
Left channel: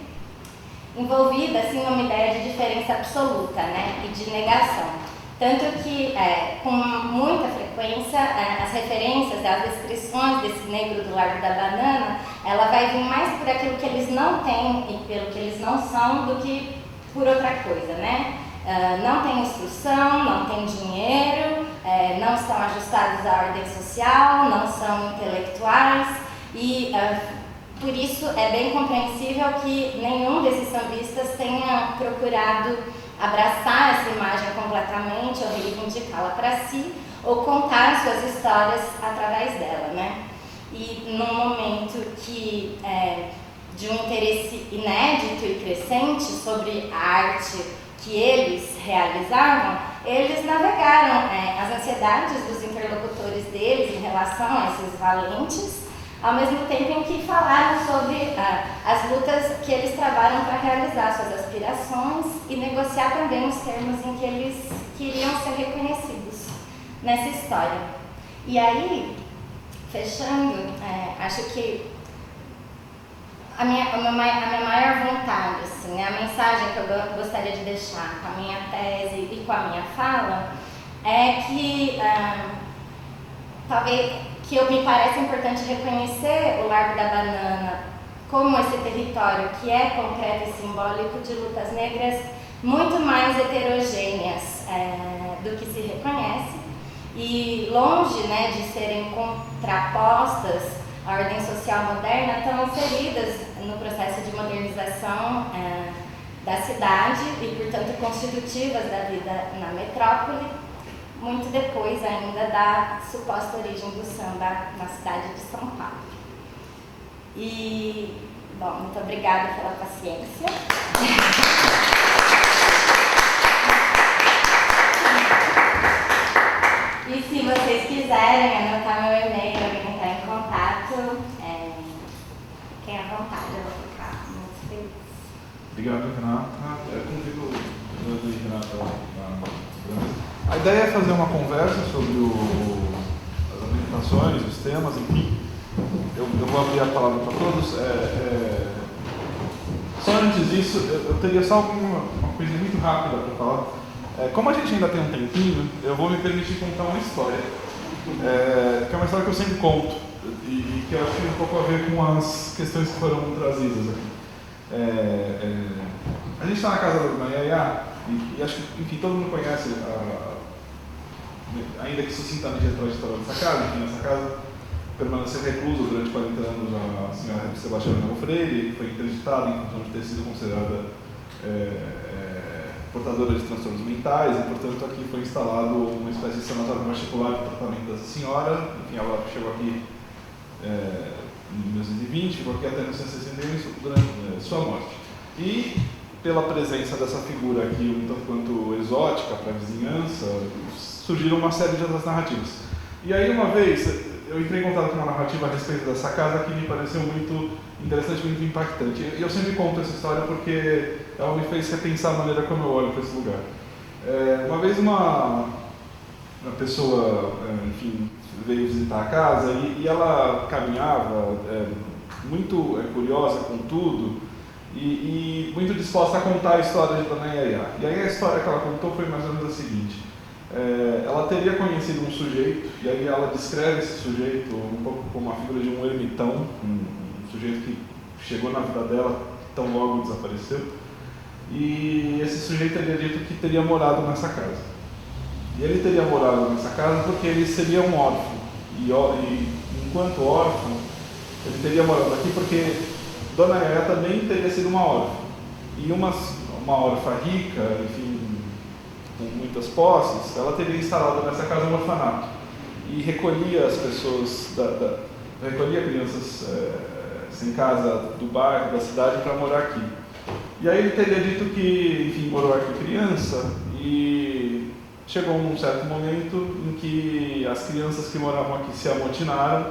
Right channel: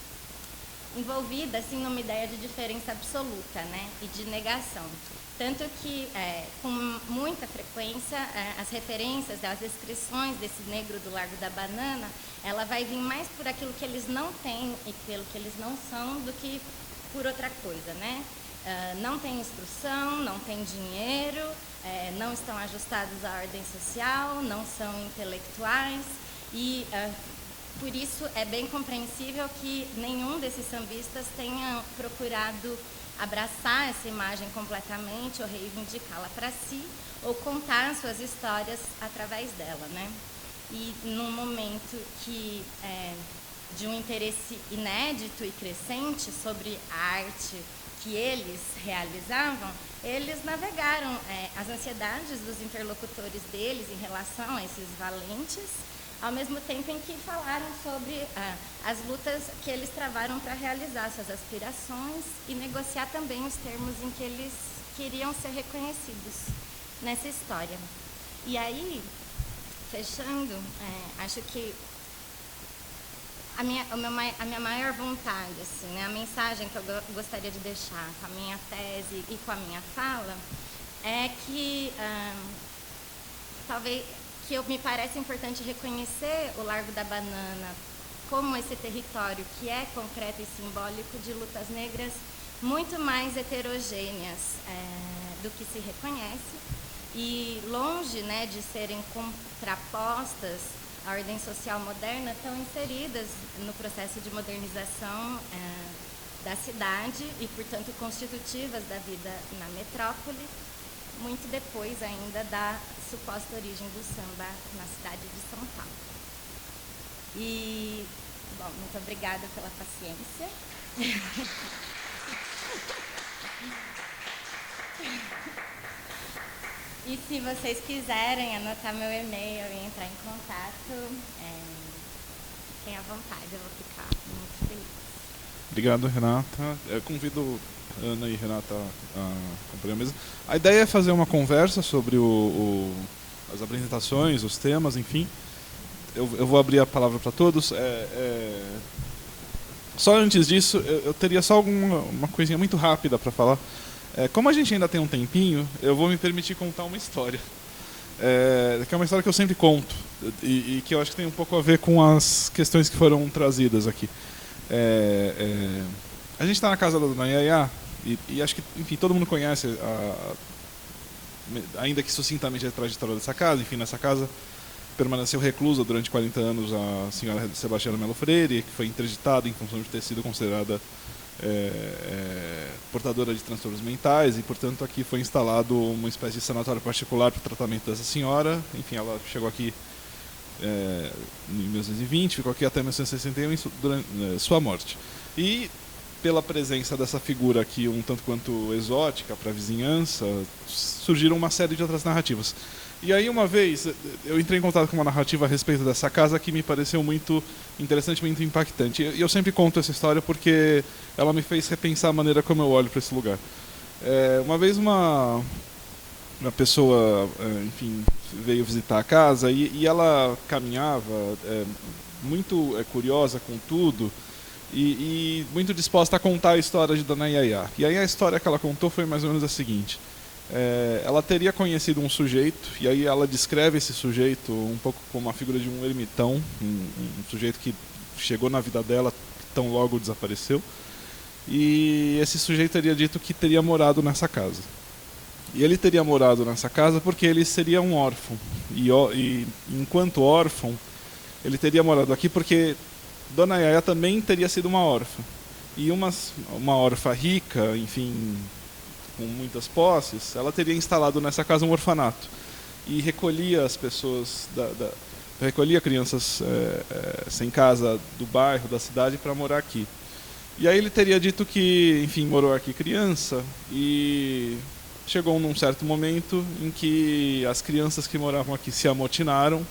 envolvida assim, numa ideia de diferença absoluta, né, e de negação. Tanto que, com muita frequência, as referências, as descrições desse negro do Largo da Banana, ela vai vir mais por aquilo que eles não têm e pelo que eles não são do que por outra coisa, né? Não tem instrução, não tem dinheiro, não estão ajustados à ordem social, não são intelectuais e, por isso, é bem compreensível que nenhum desses sambistas tenha procurado abraçar essa imagem completamente ou reivindicá-la para si ou contar suas histórias através dela, né? E num momento de um interesse inédito e crescente sobre a arte que eles realizavam, eles navegaram as ansiedades dos interlocutores deles em relação a esses valentes, ao mesmo tempo em que falaram sobre as lutas que eles trabalham para realizar suas aspirações e negociar também os termos em que eles queriam ser reconhecidos nessa história. E aí, fechando, acho que a minha maior vontade, assim, a mensagem que eu gostaria de deixar com a minha tese e com a minha fala é que talvez que me parece importante reconhecer o Largo da Banana como esse território que é concreto e simbólico de lutas negras muito mais heterogêneas do que se reconhece e longe, né, de serem contrapostas à ordem social moderna, estão inseridas no processo de modernização da cidade e, portanto, constitutivas da vida na metrópole, muito depois ainda da suposta origem do samba na cidade de São Paulo. E, bom, muito obrigada pela paciência. E se vocês quiserem anotar meu e-mail ou entrar em contato, fiquem à vontade, eu vou ficar muito feliz. Obrigado, Renata. Eu convido Ana e Renata para a mesa. A ideia é fazer uma conversa sobre as apresentações, os temas, enfim. Eu vou abrir a palavra para todos. Só antes disso, eu teria só uma coisinha muito rápida para falar. Como a gente ainda tem um tempinho, eu vou me permitir contar uma história. Que é uma história que eu sempre conto e que eu acho que tem um pouco a ver com as questões que foram trazidas aqui. A gente está na casa da Dona Yaya e acho que, enfim, todo mundo conhece ainda que sucintamente, a trajetória dessa casa. Enfim, nessa casa permaneceu reclusa durante 40 anos a senhora Sebastiana Melo Freire, que foi interditada em função de ter sido considerada portadora de transtornos mentais, e, portanto, aqui foi instalado uma espécie de sanatório particular para o tratamento dessa senhora. Enfim, ela chegou aqui em 1920, ficou aqui até 1961, durante sua morte. E, pela presença dessa figura aqui, um tanto quanto exótica para a vizinhança, surgiram uma série de outras narrativas. E aí, uma vez, eu entrei em contato com uma narrativa a respeito dessa casa que me pareceu muito interessante, muito impactante. E eu sempre conto essa história porque ela me fez repensar a maneira como eu olho para esse lugar. Uma vez uma pessoa, enfim, veio visitar a casa e ela caminhava muito curiosa com tudo e muito disposta a contar a história de Dona Yaya. E aí a história que ela contou foi mais ou menos a seguinte. Ela teria conhecido um sujeito, e aí ela descreve esse sujeito um pouco como a figura de um ermitão, um sujeito que chegou na vida dela, tão logo desapareceu, e esse sujeito teria dito que teria morado nessa casa. E ele teria morado nessa casa porque ele seria um órfão, e enquanto órfão, ele teria morado aqui porque Dona Yaya também teria sido uma órfã, e uma órfã rica, enfim, com muitas posses, ela teria instalado nessa casa um orfanato e recolhia as pessoas, recolhia crianças sem casa do bairro, da cidade, para morar aqui. E aí ele teria dito que, enfim, morou aqui criança, e chegou num certo momento em que as crianças que moravam aqui se amotinaram,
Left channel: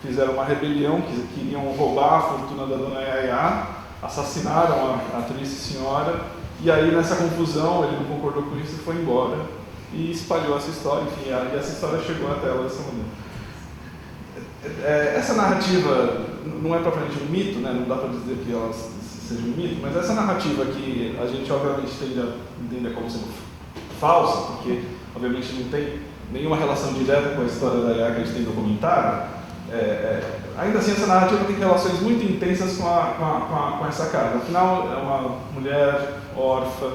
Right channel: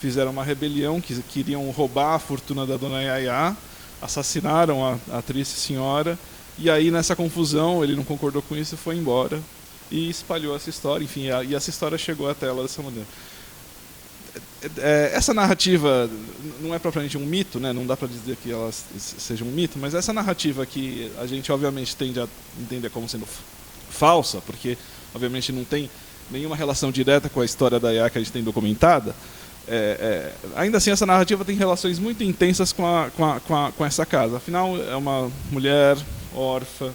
fizeram uma rebelião, que queriam roubar a fortuna da Dona Yaya, assassinaram a triste senhora. E aí, nessa confusão, ele não concordou com isso, foi embora e espalhou essa história. Enfim, e essa história chegou até ela dessa maneira. Essa narrativa não é propriamente um mito, né? Não dá para dizer que ela seja um mito, mas essa narrativa que a gente, obviamente, tende a entender como sendo falsa, porque, obviamente, não tem nenhuma relação direta com a história da Yaya que a gente tem documentada, ainda assim, essa narrativa tem relações muito intensas com essa casa. Afinal, é uma mulher órfã,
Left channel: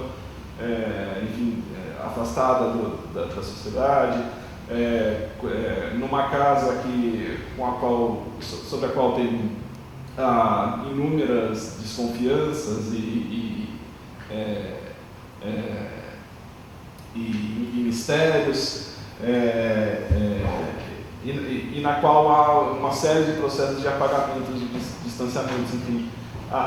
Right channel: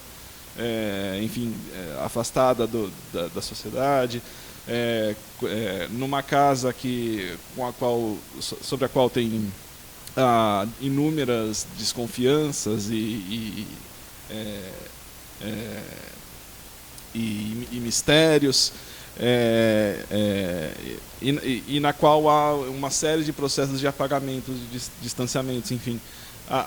enfim, afastada da sociedade, numa casa sobre a qual tem inúmeras desconfianças e mistérios, e na qual há uma série de processos de apagamento, de distanciamentos, enfim.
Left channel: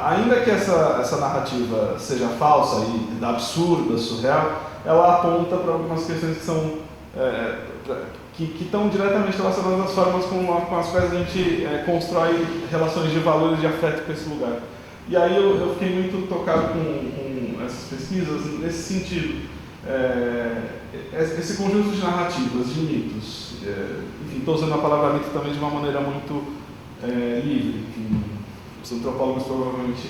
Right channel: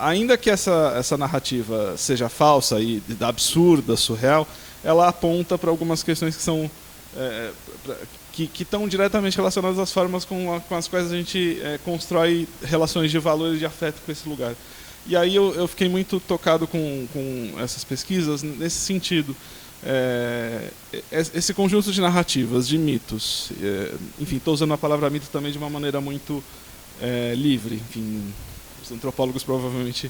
Ainda que essa narrativa seja falsa e absurda, surreal, ela aponta para algumas questões que são que estão diretamente relacionadas às formas com as quais a gente constrói relações de valor e de afeto com esse lugar. E aí eu fiquei muito tocado com essas pesquisas nesse sentido. Esse conjunto de narrativas, de mitos, enfim, estou usando a palavra mito também de uma maneira muito livre. Enfim, os antropólogos provavelmente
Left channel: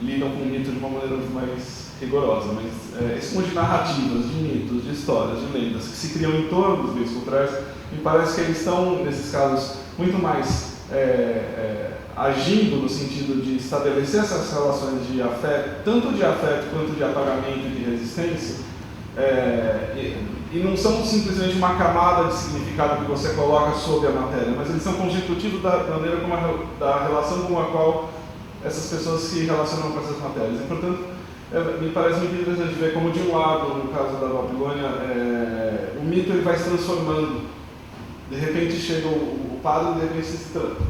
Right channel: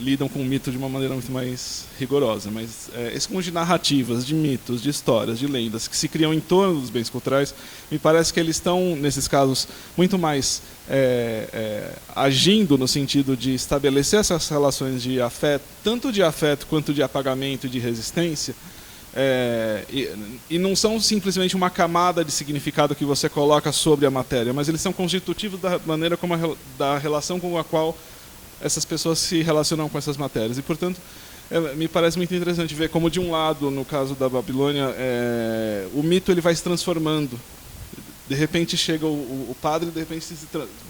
lidam com o mito de uma maneira muito mais rigorosa, mas esse conjunto de narrativas, de mitos, de histórias, de lendas que se criam em torno dos bens culturais, me parece que eles estão, nesses casos, muito mais agindo no sentido de estabelecer essas relações de afeto, tanto de afeto quanto de apagamento e de resistência, e não são simplesmente uma camada de significado que você coloca sobre a matéria, mas eles são constitutivos da maneira da relação com a qual essas pessoas se relacionam com essas matérias. E, portanto, me parece muito interessante ver como, de um lado, no caso da Babilônia, o mito ele vai se transformando. De repente chega o padre, de repente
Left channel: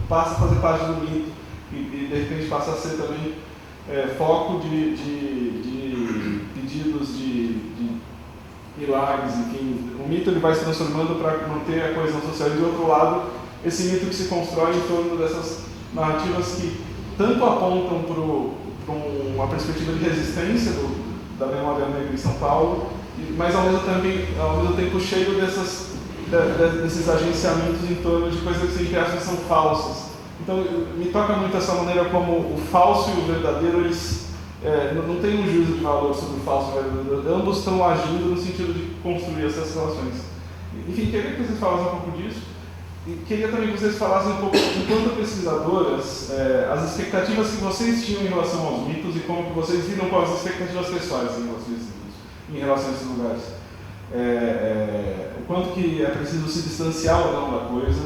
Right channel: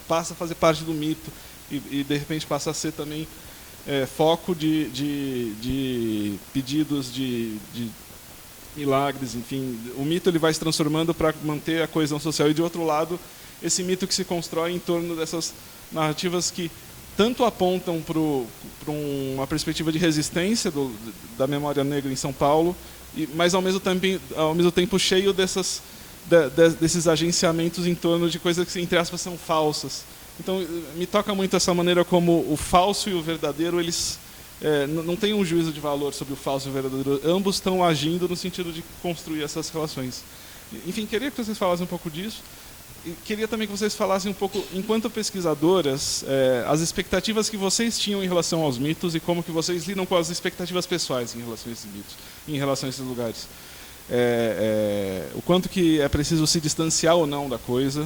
passa a fazer parte do mito e de repente passa a ser também foco de pedidos de milagres, enfim. O mito ele vai se transformando para manter a coesão social, e, de outro lado, esse mito que se constrói em torno dessas narrativas que tanto apontam para uma perspectiva de resistência da memória negra em São Paulo, mas ao mesmo tempo cheio desses agenciamentos em torno de coisas que, entre aspas, são falsas. Então, me toca muito essa maneira como o falso e o verdadeiro, eles não têm um juízo de valor sobre o falso e o verdadeiro. Ambos estão agindo no sentido de construir essas relações. Enfim, queria que vocês falassem um pouco disso. E queria também que vocês falassem um pouco, enquanto pesquisadoras, as expectativas que vocês tinham em relação aos mitos e como que vocês lidam com as expectativas pessoais em relação a esses mitos, em relação a esses lugares. o quanto que é preciso se distanciar ou não da coisa,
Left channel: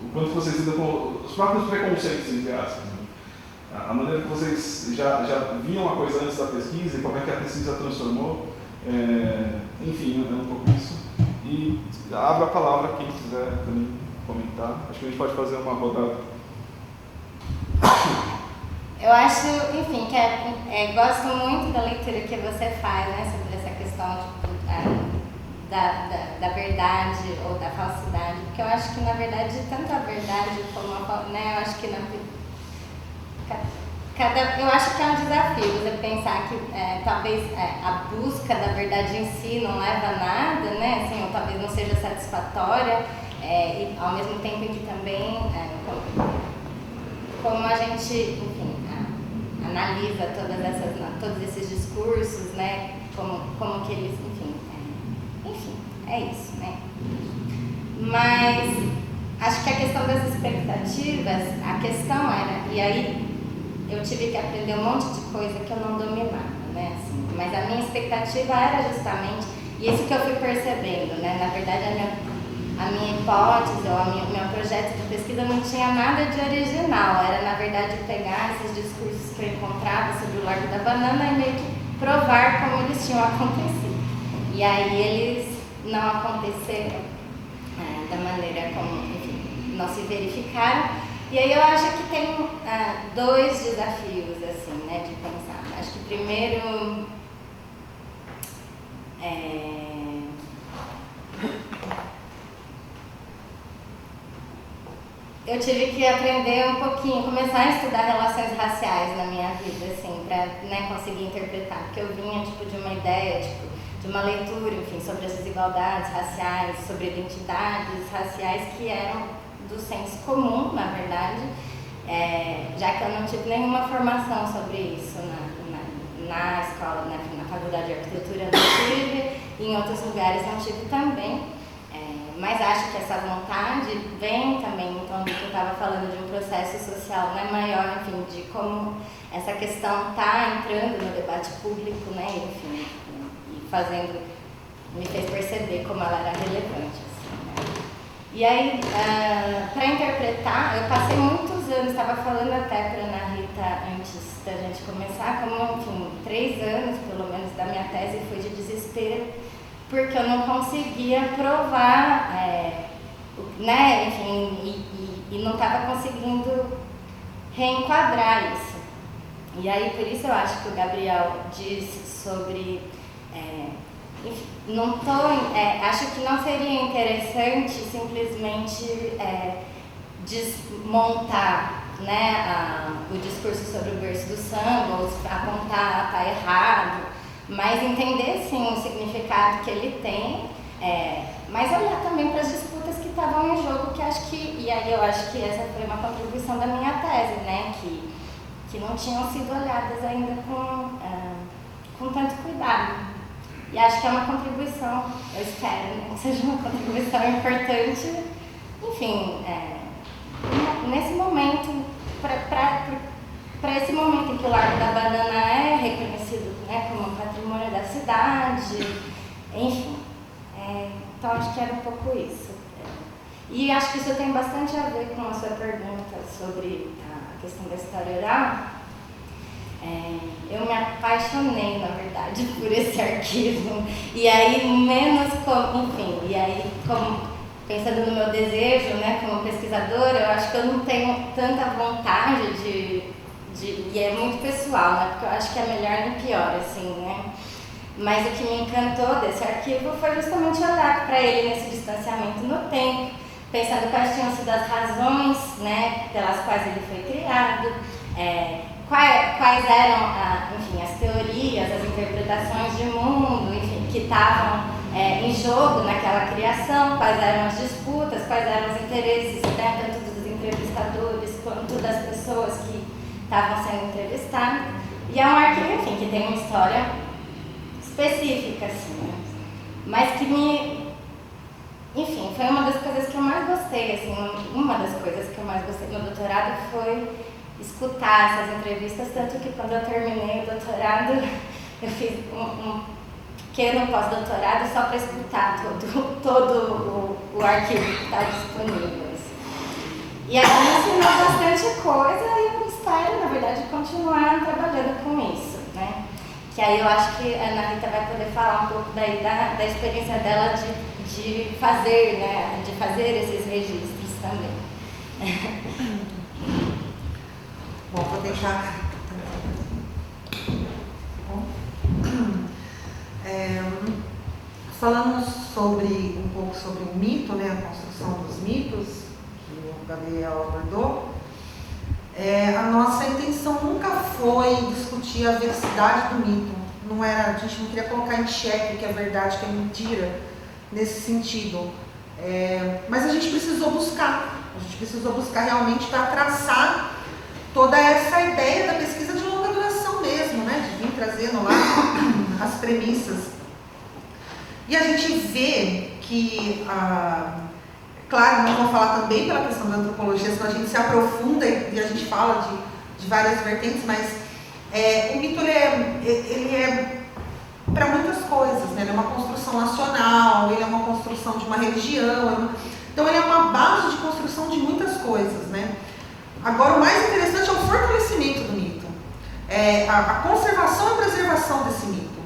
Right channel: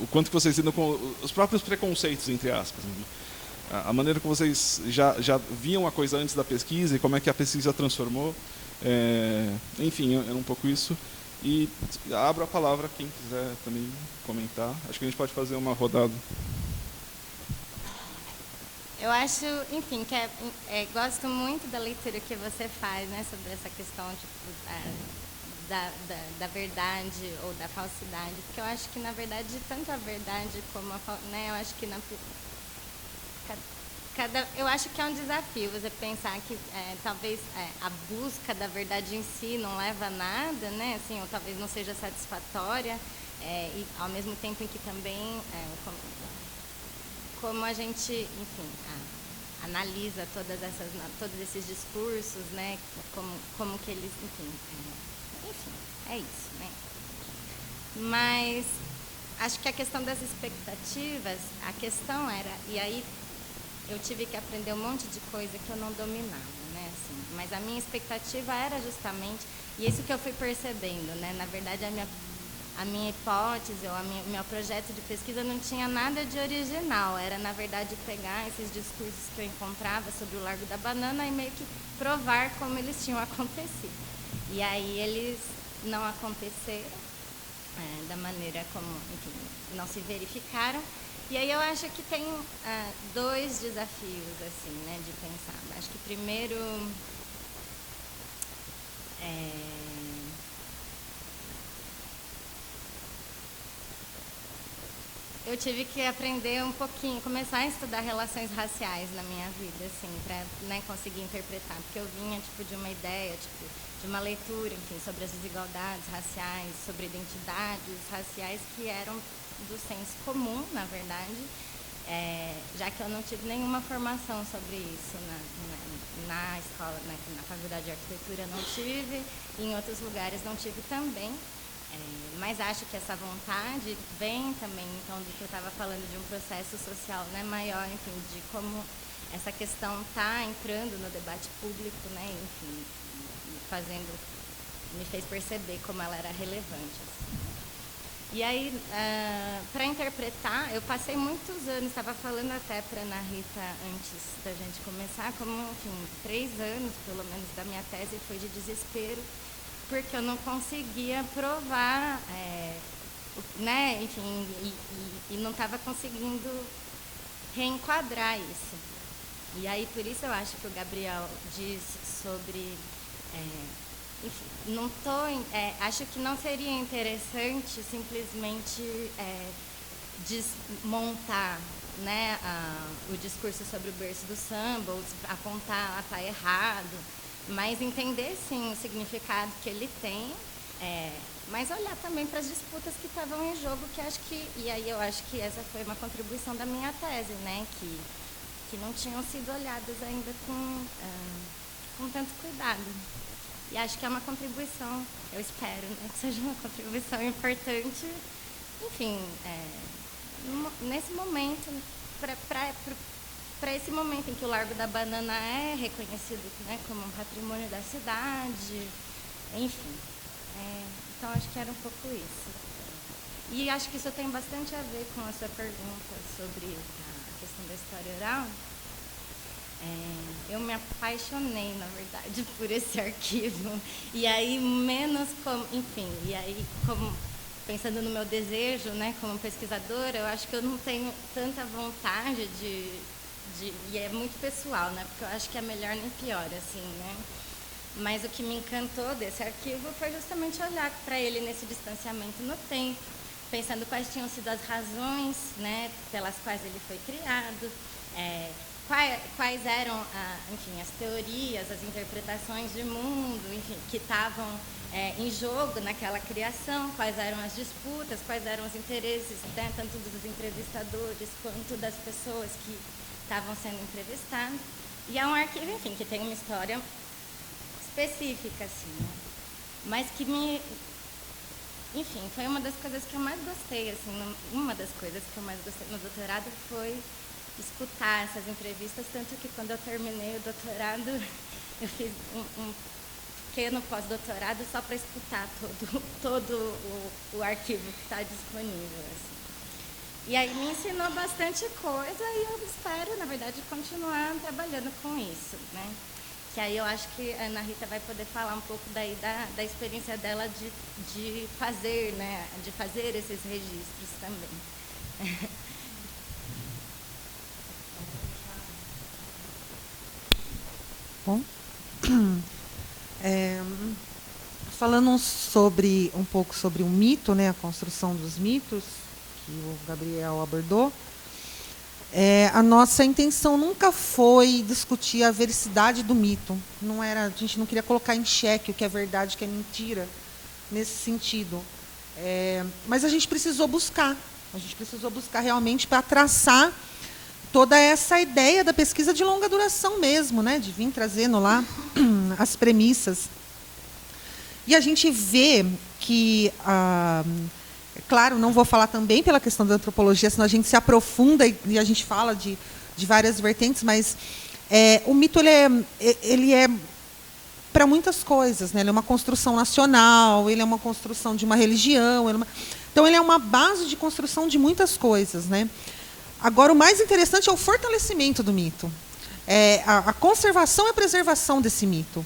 o quanto que vocês lidam com os próprios preconceitos, entre aspas, né? A maneira que vocês já viam a coisa antes da pesquisa e como é que a pesquisa transformou, enfim, é um pouco isso. E abro a palavra quem quiser também comentar. Acho que a gente pode fazer uma rodada. Eu acho, enfim, que gosto muito da leitura que você faz, né, sobre essa questão da verdade ou da falsidade, porque eu acho que, na verdade, tanto a verdade como a, né, eu acho que eu acho que é um desafio você pensar que talvez a busca da verdade em si não leva a nada, né, assim, ou talvez não seja satisfatória, e ao mesmo tempo que também, como a gente, enfim, analisa todos esses discursos, né, como que eles, enfim, é isso, né. Mas acho que a questão das expectativas, a questão era, e aí eu tive que aprender um monte de coisa que eu não dominava, né, assim, mas a minha expectativa era justamente isso que eu fui percebendo, né, na verdade a minha hipótese ou meu projeto de pesquisa não tinha nada de original, era na verdade pegar esses discursos que eu encontrava sobre o Largo da Banana e meio que provar como eles tinham acontecido. E aí eles não aconteceram da maneira como, enfim, não se verificaram. E aí eu acho que tem dois desafios, assim, né, de pensar. Acho que primeiro eu tive que aprender um pouquinho, começar a estudar relações raciais na minha vida, assim, para, né, conseguir interpretar, porque eu vinha, tipo, de uma ideia, tipo, de uma leitura, enfim, sobre as desigualdades raciais, sobre identidades raciais que eram do senso comum, na verdade, já que eu não tive nenhuma formação sobre isso na escola, na faculdade de arquitetura não tive, e em outros lugares não tive também. Mas acho que essa vontade vem também, quando eu estava falando de um processo social, né, maior, enfim, de como essa questão está entrando no debate público, né, enfim, e me fez perceber como ela era relevante. Assim, né. E aí, para interpretar, eu passei muitos anos, estava falando até para a Ana Rita antes da gente começar, como, enfim, 3 anos, pelo menos, da minha tese foi de desespero, porque eu não conseguia provar, né, enfim, e não estava conseguindo reenquadrar isso. E aí, por isso eu acho que o Gabriel disse sobre, enfim, acho que não seria interessante simplesmente desmontar, né, o discurso sobre o berço do samba, ou apontar tá errado, mas entender, sim, o significado que ele tem, mas olhar também para as disputas que estavam em jogo, que acho que, e aí eu acho que essa foi uma contribuição da minha tese, né, que não tinham sido olhadas ainda com tanto cuidado. E acho que é uma contribuição, eu espero, né, que seja uma contribuição importante, enfim, nesse momento, para esse momento em que o Largo da Banana é reconhecido, né, como um patrimônio da cidade, enfim. Então acho que era um pouco isso. E acho que isso tem bastante a ver com a sua pergunta sobre a questão da história oral. Eu me apaixonei, na verdade, por esse arquivo. E aí, como pensando no meu desejo, né, como pesquisadora, eu acho que eu não tenho tanta vontade e é muito pessoal, né, porque eu acho que é melhor nem pior, assim, né. Mas o que me encantou desse arquivo foi justamente olhar para ele nesse distanciamento no tempo, pensando quais tinham sido as razões, né, pelas quais ele foi criado, quais eram, enfim, as teorias, as interpretações de mundo, enfim, que estavam em jogo naquela criação, quais eram as disputas, quais eram os interesses, né, tanto dos entrevistadores quanto das pessoas que estavam sendo entrevistadas. E é um arquivo, enfim, que tem uma história específica, assim, né? Mas que enfim, foi uma das coisas que eu mais gostei, assim, uma das coisas que eu mais gostei no doutorado foi escutar essas entrevistas, tanto que quando eu terminei o doutorado, eu fiz um pequeno pós-doutorado só para escutar todo o arquivo que está disponível. E aí me ensinou bastante coisa e eu espero, na verdade, continuar trabalhando com isso, né? Que aí eu acho que a Ana Rita vai poder falar um pouco daí da experiência dela de fazer, né? De fazer esses registros também. Bom, vou deixar. Bom. Falando um pouco sobre o mito, né? A construção dos mitos, que o Gabriel abordou, a nossa intenção nunca foi discutir a veracidade do mito. A gente não queria colocar em xeque o que é verdade, o que é mentira, nesse sentido. Mas a gente precisou buscar realmente para traçar toda essa ideia da pesquisa de longa duração mesmo, né? De vir trazendo lá as premissas. E a gente vê que, claro, não vou falar também pela questão da antropologia, senão a gente se aprofunda e a gente fala de várias vertentes, mas o mito ele é para muitas coisas, né? Ele é uma construção nacional, ele é uma construção de uma religião, então ele é uma base de construção de muitas coisas, né? Agora, o mais interessante é o fortalecimento do mito, a conservação e preservação desse mito.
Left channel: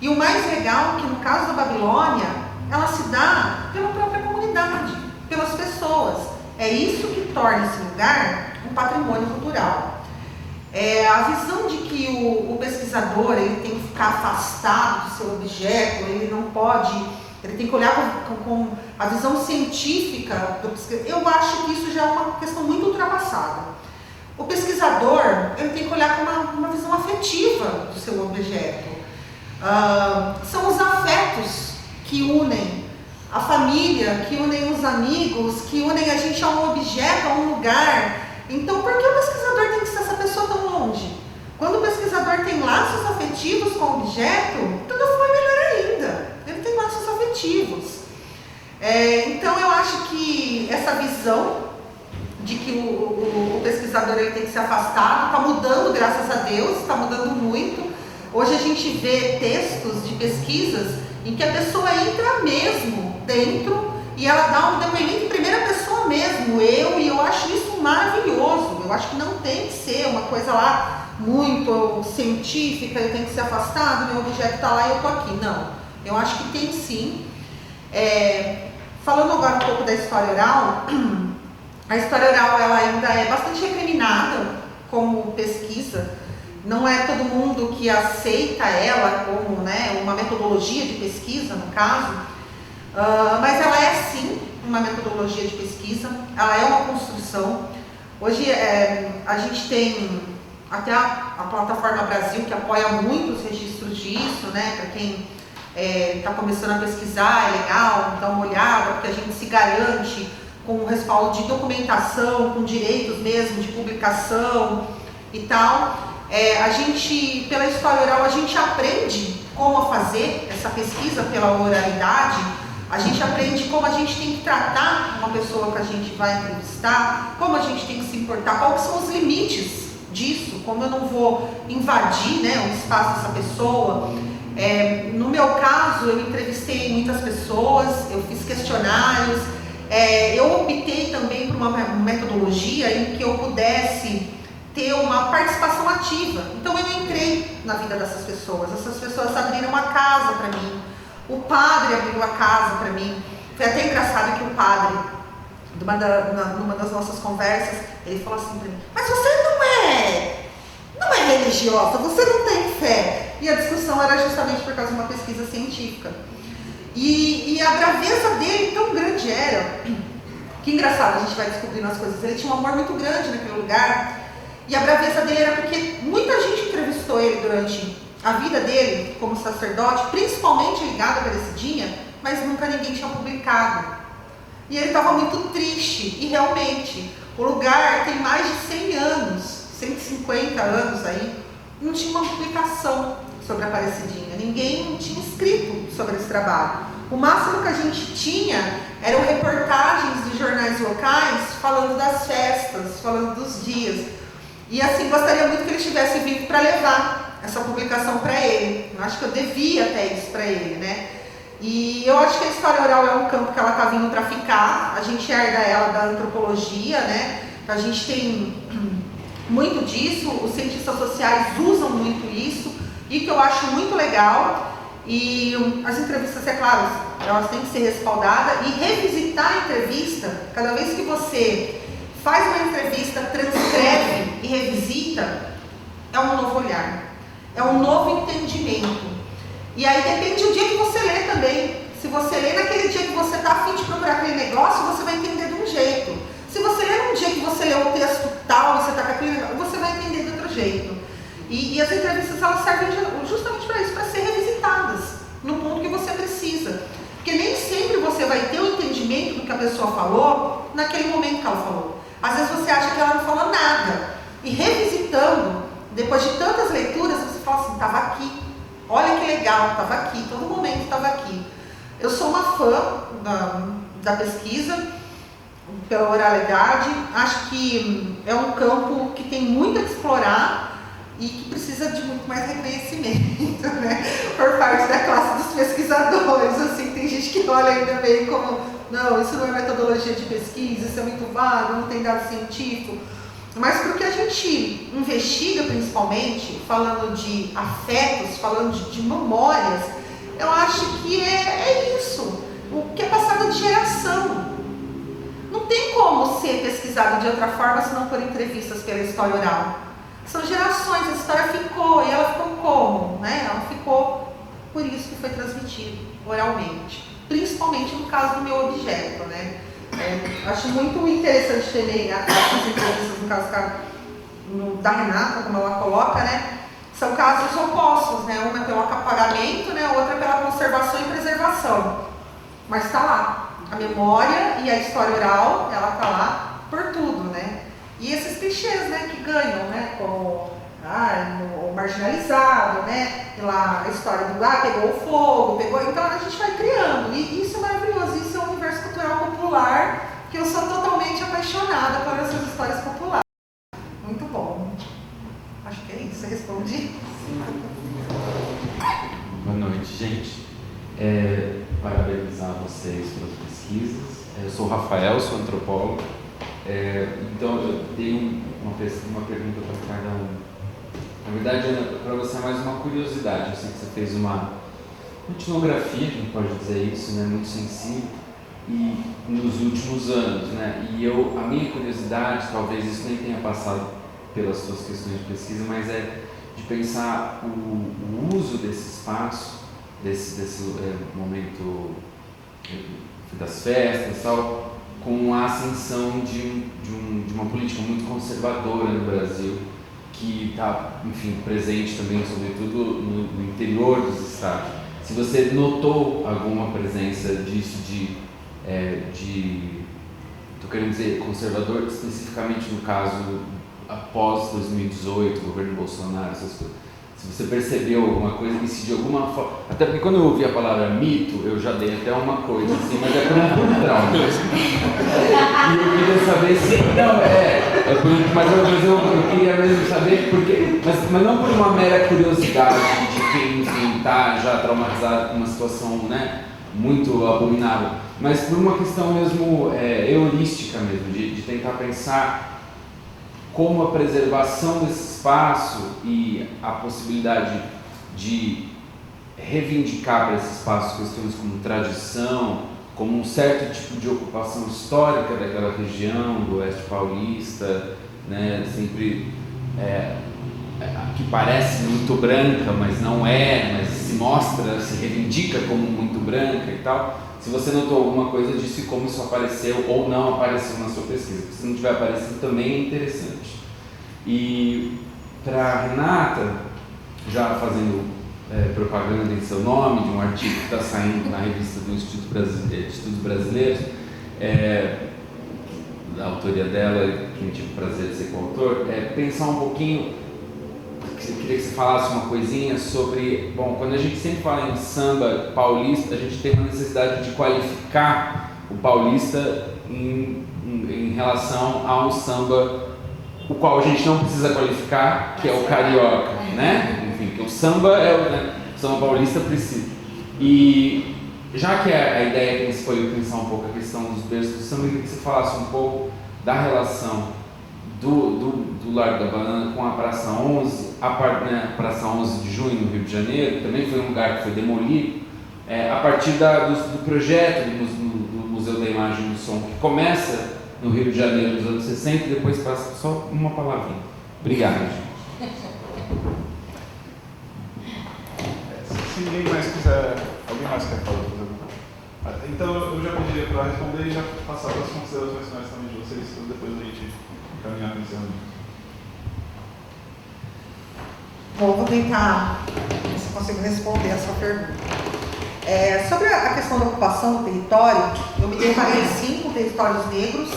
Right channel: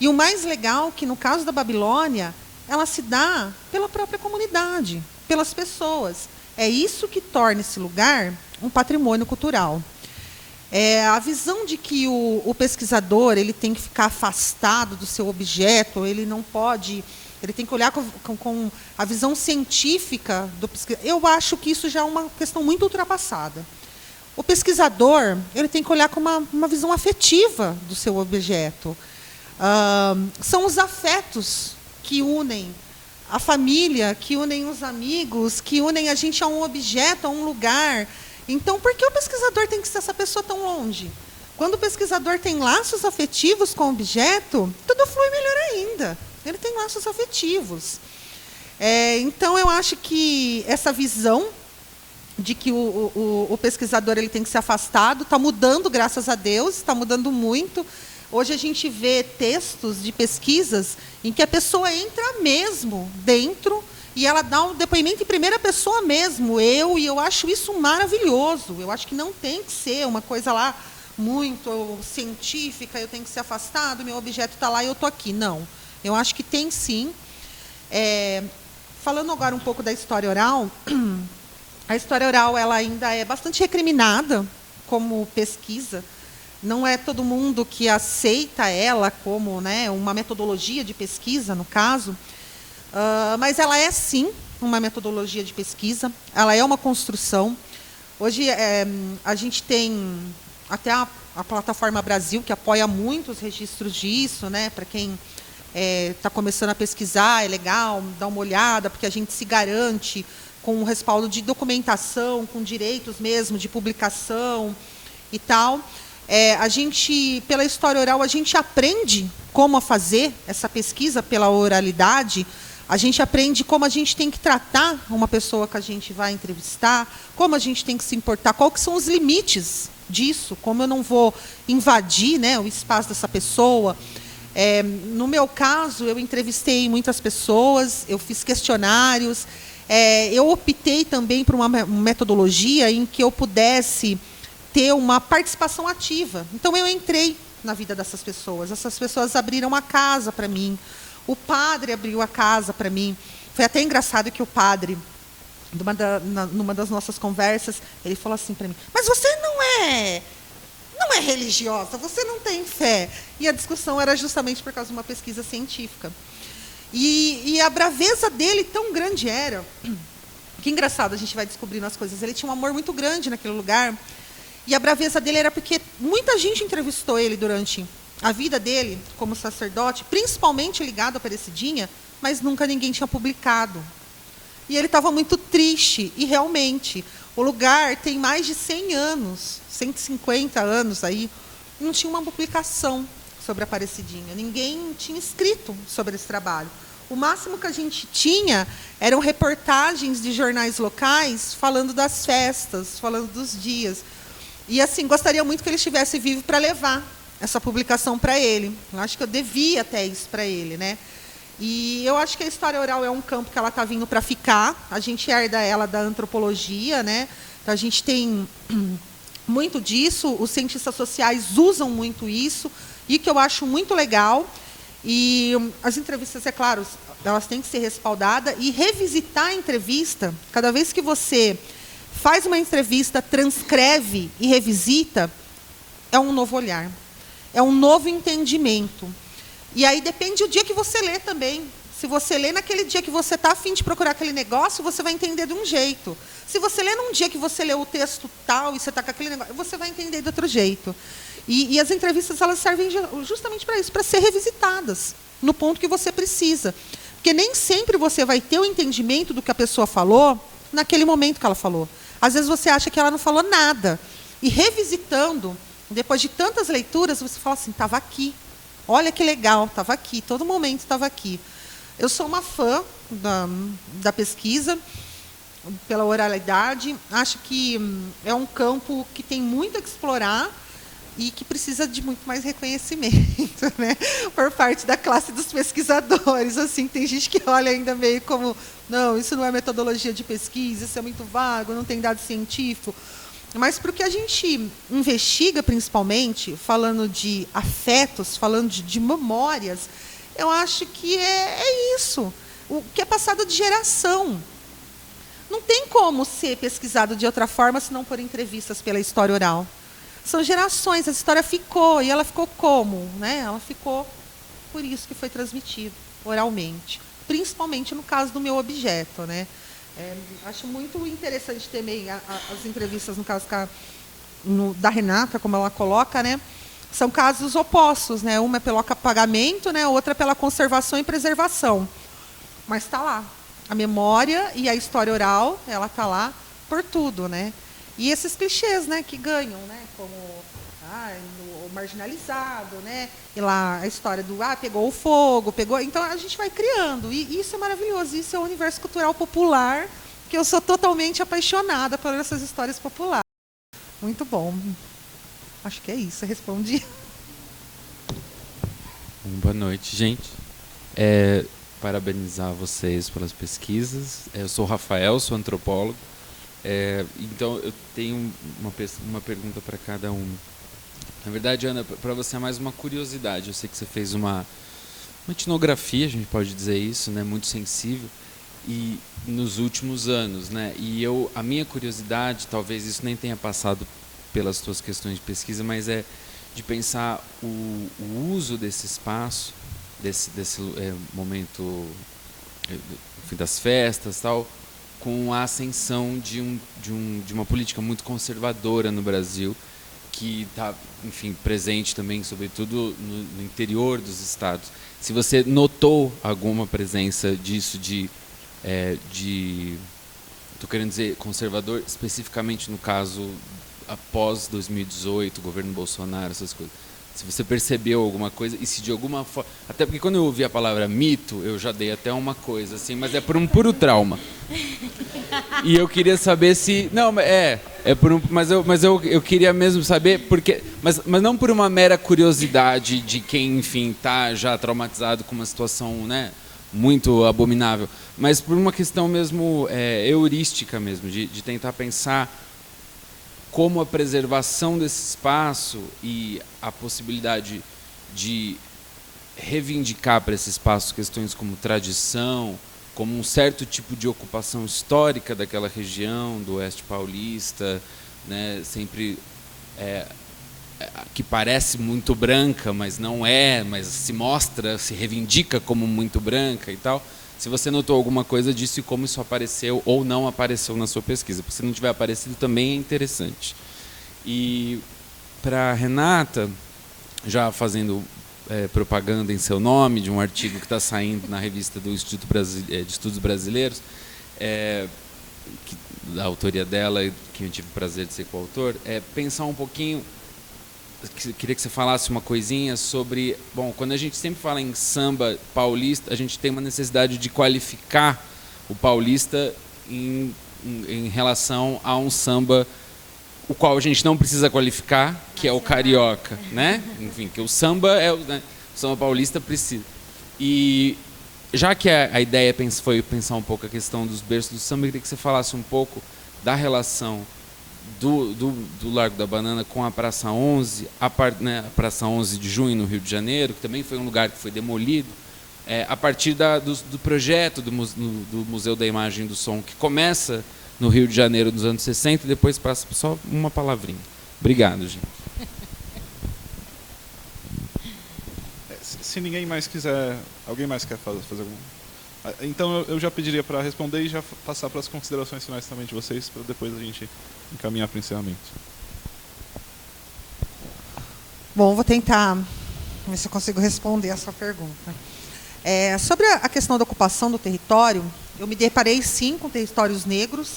E o mais legal é que, no caso da Babilônia, ela se dá pela própria comunidade, pelas pessoas. É isso que torna esse lugar um patrimônio cultural. A visão de que o pesquisador ele tem que ficar afastado do seu objeto, ele não pode, ele tem que olhar com a visão científica do pesquisador. Eu acho que isso já é uma questão muito ultrapassada. O pesquisador ele tem que olhar com uma visão afetiva do seu objeto. São os afetos que unem a família, que unem os amigos, que unem a gente a um objeto, a um lugar. Então, por que o pesquisador tem que ser essa pessoa tão longe? Quando o pesquisador tem laços afetivos com o objeto, tudo flui melhor ainda. Ele tem laços afetivos. Então, eu acho que essa visão de que o pesquisador ele tem que ser afastado está mudando, graças a Deus, está mudando muito. Hoje a gente vê textos de pesquisas em que a pessoa entra mesmo dentro e ela dá um depoimento em primeira pessoa mesmo, e eu acho isso maravilhoso. Eu acho que não tem que ser uma coisa lá muito científica, eu tenho que ser afastado, meu objeto está lá e eu estou aqui. Não, eu acho que tem sim. Falando agora um pouco da história oral, a história oral ela ainda é bastante recriminada como pesquisa. Não é todo mundo que aceita ela como, né, uma metodologia de pesquisa, no caso, mas ela é sim uma metodologia de pesquisa, ela é uma construção. Hoje a gente tem até a Plataforma Brasil, que apoia muitos registros disso, né, para quem está começando a pesquisar, é legal dar uma olhada, porque a gente se garante com o respaldo de documentação, com direitos mesmo de publicação e tal. A gente, pela história oral, a gente aprende como fazer essa pesquisa pela oralidade, a gente aprende como a gente tem que tratar uma pessoa que a gente vai entrevistar, como a gente tem que se importar, quais são os limites disso, como eu não vou invadir, né, o espaço dessa pessoa. No meu caso, eu entrevistei muitas pessoas, eu fiz questionários, eu optei também por uma metodologia em que eu pudesse ter uma participação ativa. Então eu entrei na vida dessas pessoas, essas pessoas abriram a casa para mim, o padre abriu a casa para mim. Foi até engraçado que o padre, numa das nossas conversas, ele falou assim para mim: mas você não é religiosa, você não tem fé. E a discussão era justamente por causa de uma pesquisa científica. E a braveza dele tão grande era, que engraçado, a gente vai descobrindo as coisas, ele tinha um amor muito grande naquele lugar. E a braveza dele era porque muita gente entrevistou ele durante a vida dele como sacerdote, principalmente ligado à Aparecidinha, mas nunca ninguém tinha publicado. E ele estava muito triste, e realmente, o lugar tem mais de 100 anos, 150 anos aí, não tinha uma publicação sobre a Aparecidinha, ninguém tinha escrito sobre esse trabalho. O máximo que a gente tinha eram reportagens de jornais locais falando das festas, falando dos dias. E assim, gostaria muito que ele estivesse vivo para levar essa publicação para ele. Eu acho que eu devia até isso para ele, né? E eu acho que a história oral é um campo que ela está vindo para ficar. A gente herda ela da antropologia, né? A gente tem muito disso, os cientistas sociais usam muito isso, e que eu acho muito legal. E as entrevistas, é claro, elas têm que ser respaldadas, e revisitar a entrevista, cada vez que você faz uma entrevista, transcreve e revisita, é um novo olhar, é um novo entendimento. E aí depende do dia que você lê também. Se você lê naquele dia que você está a fim de procurar aquele negócio, você vai entender de um jeito. Se você lê num dia que você lê o texto tal e você está com aquele negócio, você vai entender de outro jeito. E as entrevistas, elas servem justamente para isso, para ser revisitadas no ponto que você precisa. Porque nem sempre você vai ter o entendimento do que a pessoa falou naquele momento que ela falou. Às vezes você acha que ela não falou nada. E revisitando, depois de tantas leituras, você fala assim, estava aqui. Olha que legal, estava aqui, todo momento estava aqui. Eu sou uma fã da pesquisa, pela oralidade. Acho que é um campo que tem muito a explorar e que precisa de muito mais reconhecimento, né? Por parte da classe dos pesquisadores. Assim, tem gente que olha ainda meio como, não, isso não é metodologia de pesquisa, isso é muito vago, não tem dado científico. Mas porque a gente investiga, principalmente, falando de afetos, falando de memórias, eu acho que é isso, o que é passado de geração. Não tem como ser pesquisado de outra forma se não por entrevistas pela história oral. São gerações, a história ficou, e ela ficou como? Né? Ela ficou por isso que foi transmitido oralmente, principalmente no caso do meu objeto, né? Acho muito interessante também as entrevistas, no caso da Renata, como ela coloca, né? São casos opostos, né? Uma é pelo apagamento, né? Outra é pela conservação e preservação. Mas está lá. A memória e a história oral, ela está lá por tudo, né? E esses clichês, né, que ganham, né, como o marginalizado, né, e lá a história do pegou o fogo, então a gente vai criando, e isso é maravilhoso, isso é um universo cultural popular, que eu sou totalmente apaixonada por essas histórias populares. Muito bom. Acho que é isso, eu respondi. Boa noite, gente. Parabenizar vocês pelas pesquisas. Eu sou o Rafael, sou antropólogo. Então, eu tenho uma pergunta para cada um. Na verdade, Ana, para você é mais uma curiosidade. Eu sei que você fez uma etnografia, a gente pode dizer isso, né, muito sensível, e nos últimos anos, né, e a minha curiosidade, talvez isso nem tenha passado pelas tuas questões de pesquisa, mas é de pensar o uso desse espaço, desse momento das festas, tal, com a ascensão de uma política muito conservadora no Brasil, que está, enfim, presente também, sobretudo no interior dos estados. Se você notou alguma presença disso, estou querendo dizer conservador, especificamente no caso após 2018, governo Bolsonaro, essas coisas. Se você percebeu alguma coisa, e se de alguma forma... Até porque quando eu ouvi a palavra mito, eu já dei até uma coisa, assim, mas é por um puro trauma. E eu queria saber se... Não, mas eu queria mesmo saber, porque, mas não por uma mera curiosidade de quem, enfim, está já traumatizado com uma situação, né, muito abominável, mas por uma questão mesmo heurística mesmo, de tentar pensar como a preservação desse espaço e a possibilidade de reivindicar para esse espaço questões como tradição, como um certo tipo de ocupação histórica daquela região, do Oeste Paulista, né, sempre que parece muito branca, mas não é, mas se mostra, se reivindica como muito branca e tal. Se você notou alguma coisa disso e como isso apareceu ou não apareceu na sua pesquisa, porque se não tiver aparecido também é interessante. E para Renata, já fazendo propaganda em seu nome, de um artigo que está saindo na revista do Instituto de Estudos Brasileiros, da autoria dela, que eu tive o prazer de ser coautor, pensar um pouquinho, eu queria que você falasse uma coisinha sobre, bom, quando a gente sempre fala em samba paulista, a gente tem uma necessidade de qualificar o paulista em relação a um samba o qual a gente não precisa qualificar, que é o carioca, né? Enfim, porque o samba o samba paulista precisa. E já que a ideia foi pensar um pouco a questão dos berços do samba, eu queria que você falasse um pouco da relação do Largo da Banana com a Praça 11, a Praça 11 de Junho, no Rio de Janeiro, que também foi um lugar que foi demolido, a partir do projeto do Museu da Imagem e do Som, que começa no Rio de Janeiro dos anos 60 e depois passa só uma palavrinha. Obrigado, gente. Se ninguém mais quiser, alguém mais quer fazer alguma coisa? Então eu já pediria para responder e já passar para as considerações finais também de vocês, para depois a gente encaminhar para o encerramento. Bom, eu vou tentar ver se eu consigo responder a sua pergunta. Sobre a questão da ocupação do território, eu me deparei 5 territórios negros.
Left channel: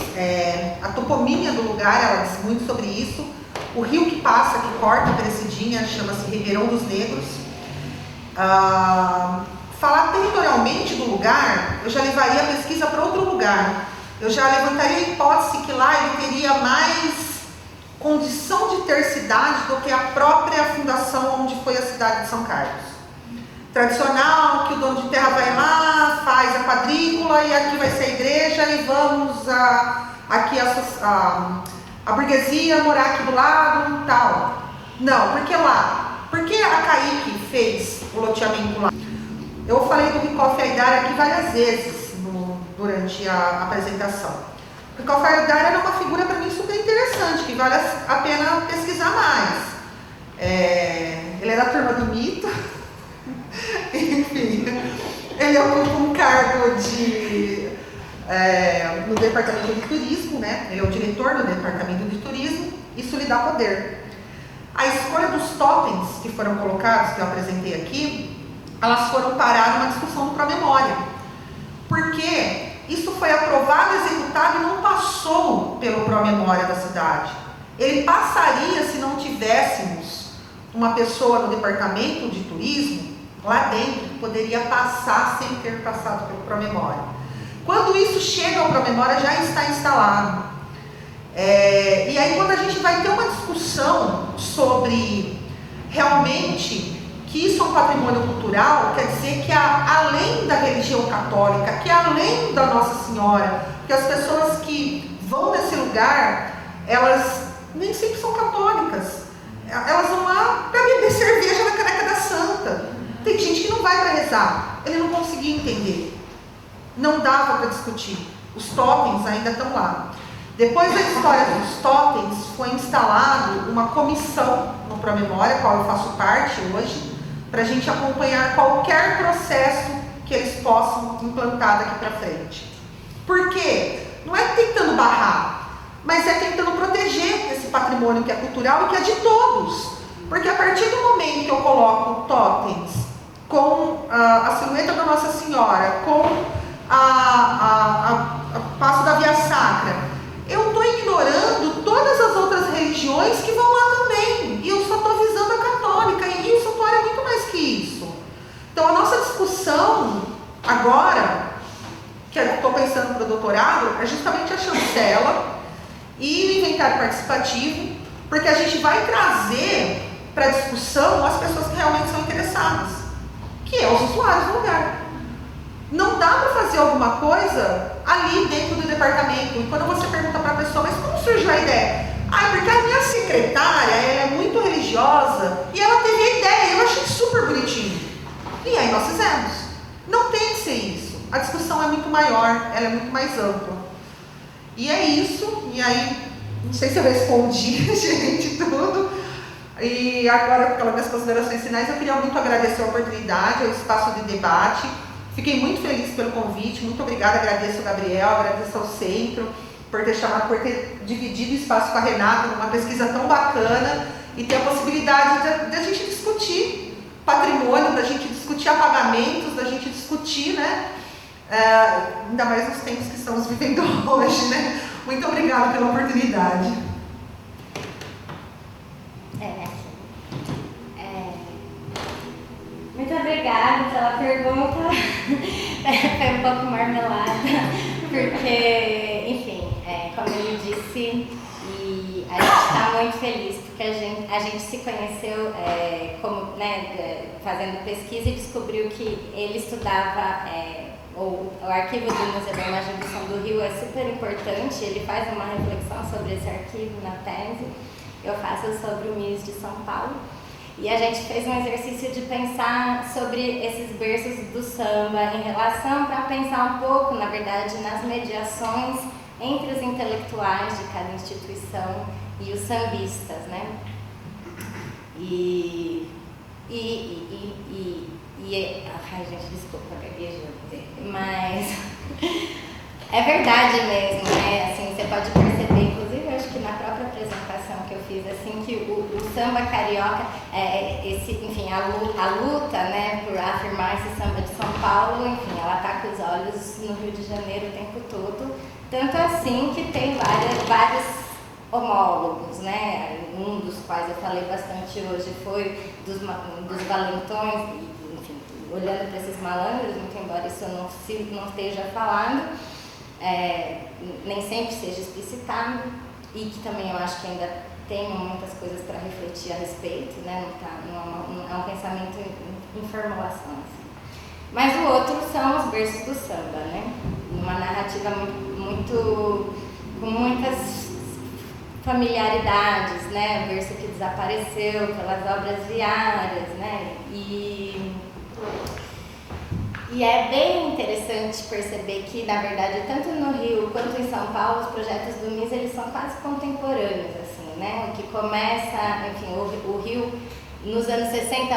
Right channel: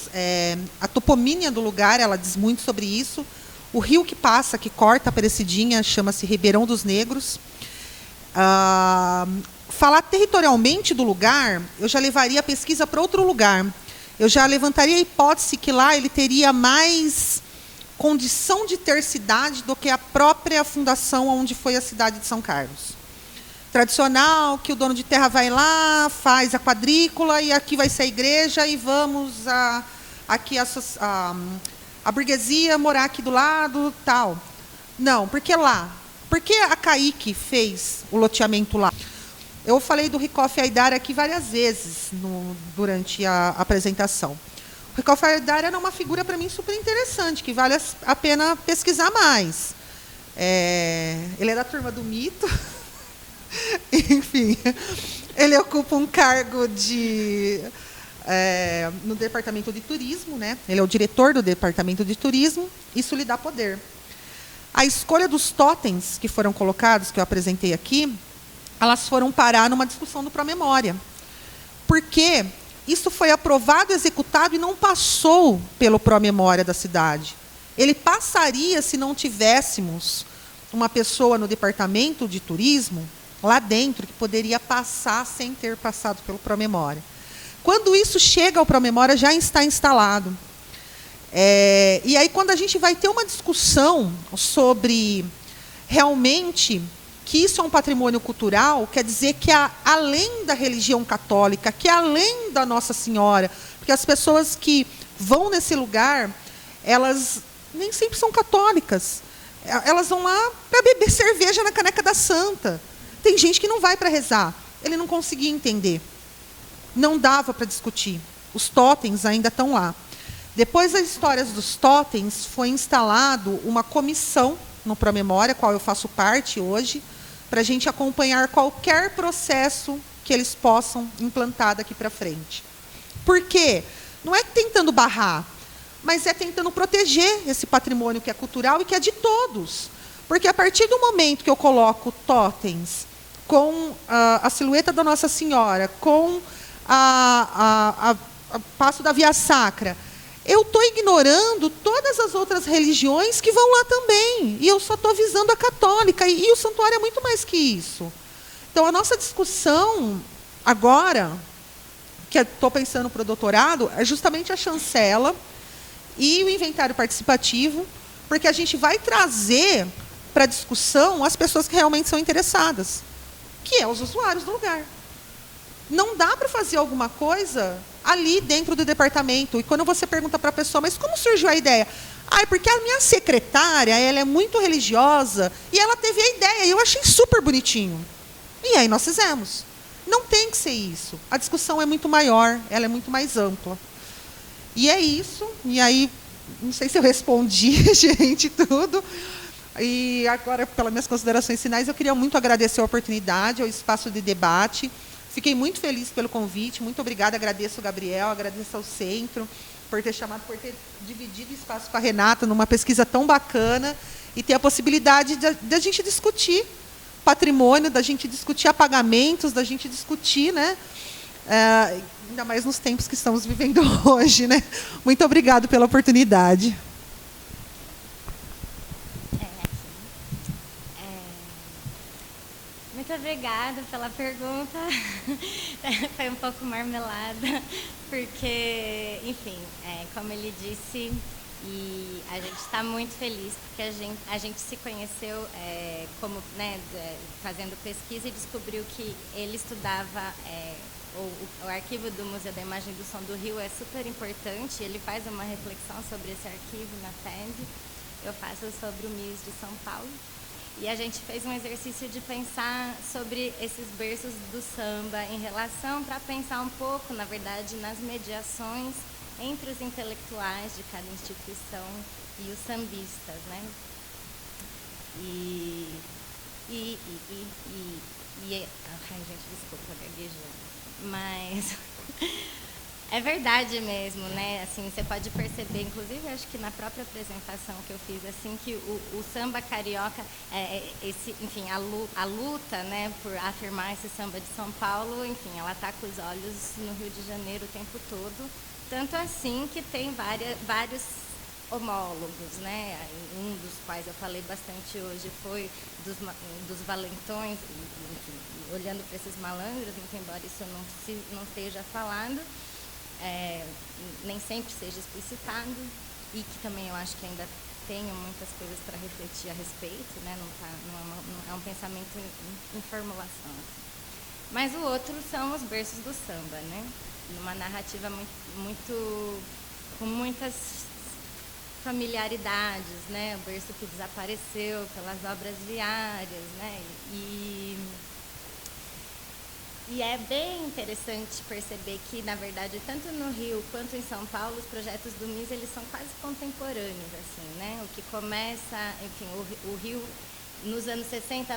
A toponímia do lugar, ela diz muito sobre isso. O rio que passa, que corta a Aparecidinha, chama-se Ribeirão dos Negros. Falar territorialmente do lugar, eu já levaria a pesquisa para outro lugar. Eu já levantaria a hipótese que lá ele teria mais condição de ter cidade do que a própria fundação onde foi a cidade de São Carlos. Tradicional, que o dono de terra vai lá, faz a quadrícula e aqui vai ser a igreja e vamos aqui a burguesia morar aqui do lado, tal. Não, por que lá? Por que a Caique fez o loteamento lá? Eu falei do Ricoff Aidar aqui várias vezes durante a apresentação. O Ricoff Aidar era uma figura para mim super interessante, que vale a pena pesquisar mais. Ele era da turma do mito. Enfim, ele ocupa um cargo no Departamento de Turismo, né? Ele é o diretor do Departamento de Turismo, isso lhe dá poder. A escolha dos totens que foram colocados, que eu apresentei aqui, elas foram parar numa discussão do Promemória. Porque isso foi aprovado, executado e não passou pelo Promemória da cidade. Ele passaria se não tivéssemos uma pessoa no Departamento de Turismo lá dentro que poderia passar sem ter passado pelo Promemória. Quando isso chega ao Promemória, já está instalado. E aí, quando a gente vai ter uma discussão sobre realmente que isso é um patrimônio cultural, quer dizer que além da religião católica, que além da Nossa Senhora, que as pessoas que vão nesse lugar, elas nem sempre são católicas. Elas vão lá para beber cerveja na caneca da Santa. Tem gente que não vai para rezar. Ele não conseguia entender. Não dava para discutir. Os totens ainda estão lá. Depois das histórias dos totens, foi instalado uma comissão no Promemória, qual eu faço parte hoje, para a gente acompanhar qualquer processo que eles possam implantar daqui para frente. Por quê? Não é tentando barrar, mas é tentando proteger esse patrimônio que é cultural e que é de todos. Porque a partir do momento que eu coloco totens com a silhueta da Nossa Senhora, com a Passo da Via Sacra, eu estou ignorando todas as outras religiões que vão lá também. E eu só estou visando a católica. E o santuário é muito mais que isso. Então, a nossa discussão agora, que eu estou pensando para o doutorado, é justamente a chancela e o inventário participativo, porque a gente vai trazer para a discussão as pessoas que realmente são interessadas, que é os usuários do lugar. Não dá para fazer alguma coisa ali dentro do departamento. E quando você pergunta para a pessoa, mas como surgiu a ideia? Porque a minha secretária, ela é muito religiosa e ela teve a ideia, eu achei super bonitinho. E aí nós fizemos. Não tem que ser isso. A discussão é muito maior, ela é muito mais ampla. E é isso. E aí, não sei se eu respondi, gente, tudo. E agora, pelas minhas considerações finais, eu queria muito agradecer a oportunidade, o espaço de debate. Fiquei muito feliz pelo convite, muito obrigada, agradeço ao Gabriel, agradeço ao Centro por ter chamado, por ter dividido o espaço com a Renata numa pesquisa tão bacana e ter a possibilidade de a gente discutir patrimônio, da gente discutir apagamentos, da gente discutir, né? Ainda mais nos tempos que estamos vivendo hoje, né? Muito obrigada pela oportunidade. Muito obrigada pela pergunta. Foi um pouco marmelada, porque, enfim, como ele disse, e a gente está muito feliz, porque a gente se conheceu fazendo pesquisa e descobriu que ele estudava, o arquivo do Museu da Imagem do Som do Rio é super importante, ele faz uma reflexão sobre esse arquivo na tese, eu faço sobre o MIS de São Paulo, e a gente fez um exercício de pensar sobre esses berços do samba em relação, para pensar um pouco, na verdade, nas mediações entre os intelectuais de cada instituição e os sambistas, né? Ai, gente, desculpa, mas é verdade mesmo, né? Assim, você pode perceber, inclusive, eu acho que na própria apresentação que eu fiz, assim, que o samba carioca, a luta, né, por afirmar esse samba de São Paulo, enfim, ela está com os olhos no Rio de Janeiro o tempo todo, tanto assim que tem vários homólogos, né? Um dos quais eu falei bastante hoje foi dos valentões, enfim, olhando para esses malandros, muito embora isso eu não esteja falando, nem sempre seja explicitado, e que também eu acho que ainda tem muitas coisas para refletir a respeito, né? Não é um pensamento em formulação. Assim. Mas o outro são os berços do samba, né? Uma narrativa com muitas familiaridades, né? O berço que desapareceu pelas obras viárias, né? E é bem interessante perceber que, na verdade, tanto no Rio quanto em São Paulo, os projetos do MIS, eles são quase contemporâneos, assim, né? O que começa, enfim, o Rio, nos anos 60,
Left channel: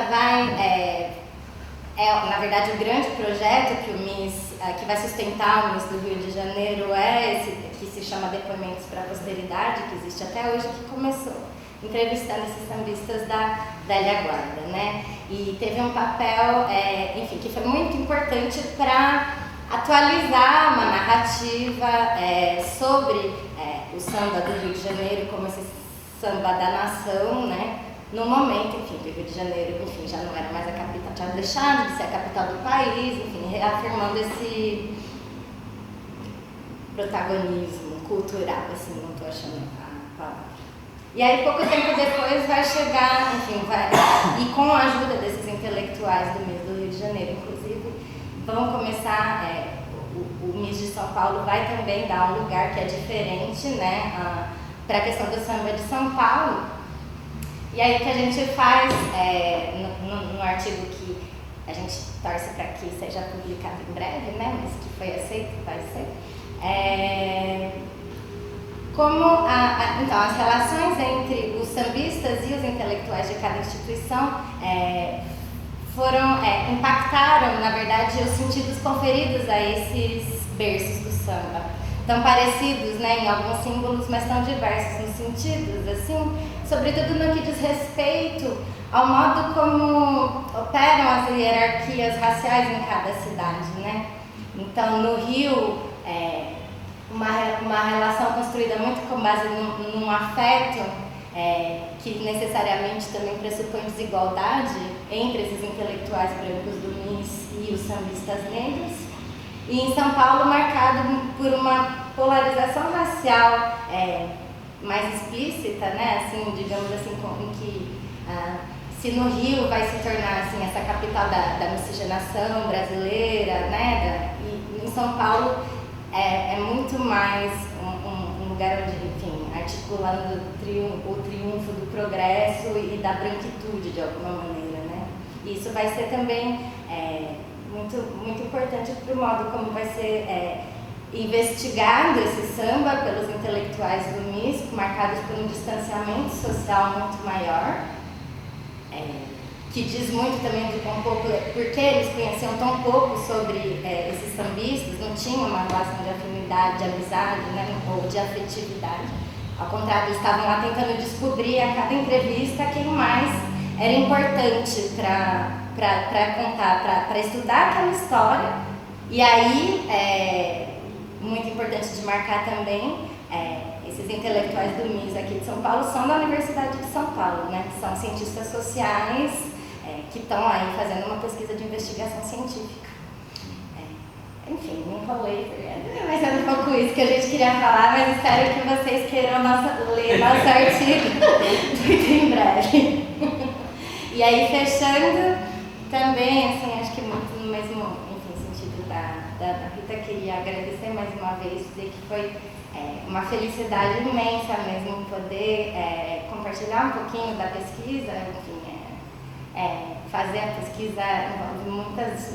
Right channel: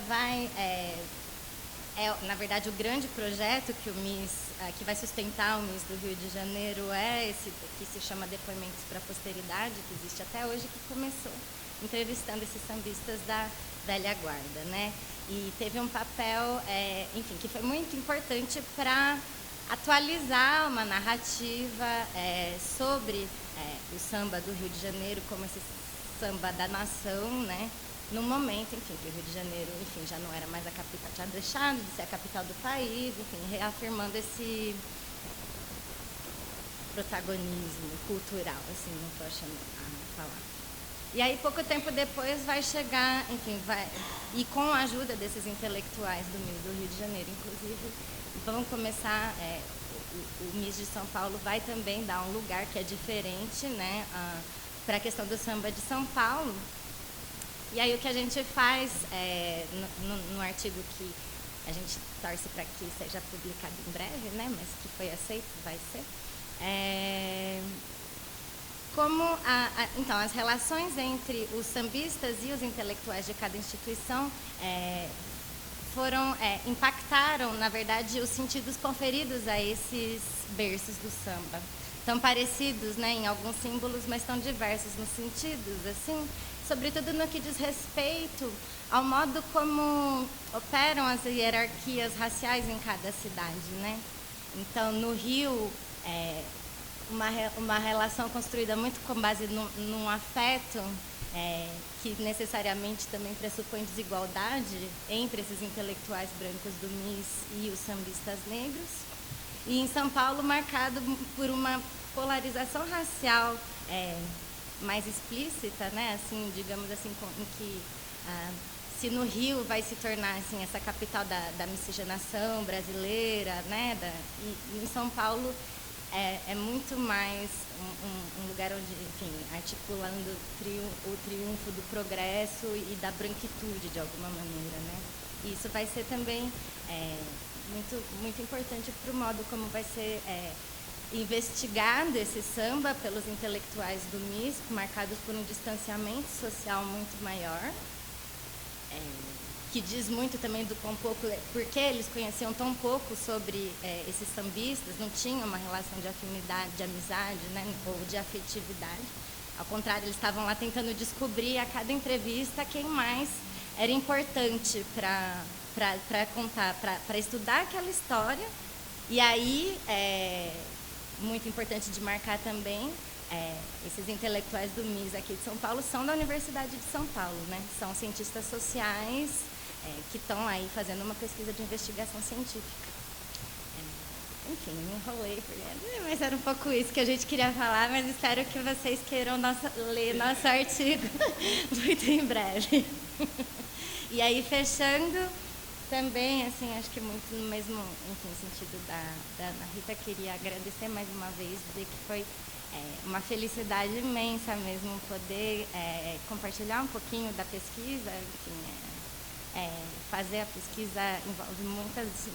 na verdade, o grande projeto que o MIS, que vai sustentar o MIS do Rio de Janeiro é esse, que se chama Depoimentos para a Posteridade, que existe até hoje, que começou entrevistando esses sambistas da velha guarda, né? E teve um papel, enfim, que foi muito importante para atualizar uma narrativa sobre o samba do Rio de Janeiro como esse samba da nação, né? No momento, enfim, que o Rio de Janeiro, enfim, já não era mais a capital, tinha deixado de ser a capital do país, enfim, reafirmando esse protagonismo cultural, assim, não estou achando a palavra. E aí, pouco tempo depois, vai chegar, enfim, e com a ajuda desses intelectuais do Rio de Janeiro, inclusive, vão começar, o MIS de São Paulo vai também dar um lugar que é diferente, né, para a questão do samba de São Paulo. E aí, o que a gente faz, no artigo que a gente torce para que seja publicado em breve, né, mas que foi aceito, vai ser, como então, as relações entre os sambistas e os intelectuais de cada instituição impactaram, na verdade, os sentidos conferidos a esses berços do samba. Tão parecidos, né, em alguns símbolos, mas tão diversos nos sentidos, assim, sobretudo no que diz respeito ao modo como operam as hierarquias raciais em cada cidade, né? Então, no Rio, uma relação construída muito com base num afeto que necessariamente também pressupõe desigualdade entre esses intelectuais brancos do MIS e os sambistas negros. E em São Paulo, marcado por uma polarização racial mais explícita, né? Assim, digamos assim, em que se no Rio vai se tornar assim, essa capital da miscigenação brasileira, né? E em São Paulo é muito mais um lugar onde, enfim, articulando o triunfo do progresso e da branquitude, de alguma maneira, né? E isso vai ser também muito, muito importante para o modo como vai ser investigado esse samba pelos intelectuais do MIS, marcados por um distanciamento social muito maior, que diz muito também do quão pouco, porque eles conheciam tão pouco sobre esses sambistas, não tinham uma relação de afinidade, de amizade, né, ou de afetividade. Ao contrário, eles estavam lá tentando descobrir a cada entrevista quem mais era importante para contar, para estudar aquela história. E aí, muito importante de marcar também, esses intelectuais do MIS aqui de São Paulo são da Universidade de São Paulo, né? São cientistas sociais que estão aí fazendo uma pesquisa de investigação científica. É enfim, me enrolei, mas é um pouco isso que a gente queria falar, mas espero que vocês queiram ler nosso artigo muito em breve. E aí, fechando, também, assim, acho que muito no mesmo sentido da Rita, queria agradecer mais uma vez, dizer que foi uma felicidade imensa mesmo poder compartilhar um pouquinho da pesquisa, enfim, fazer a pesquisa envolve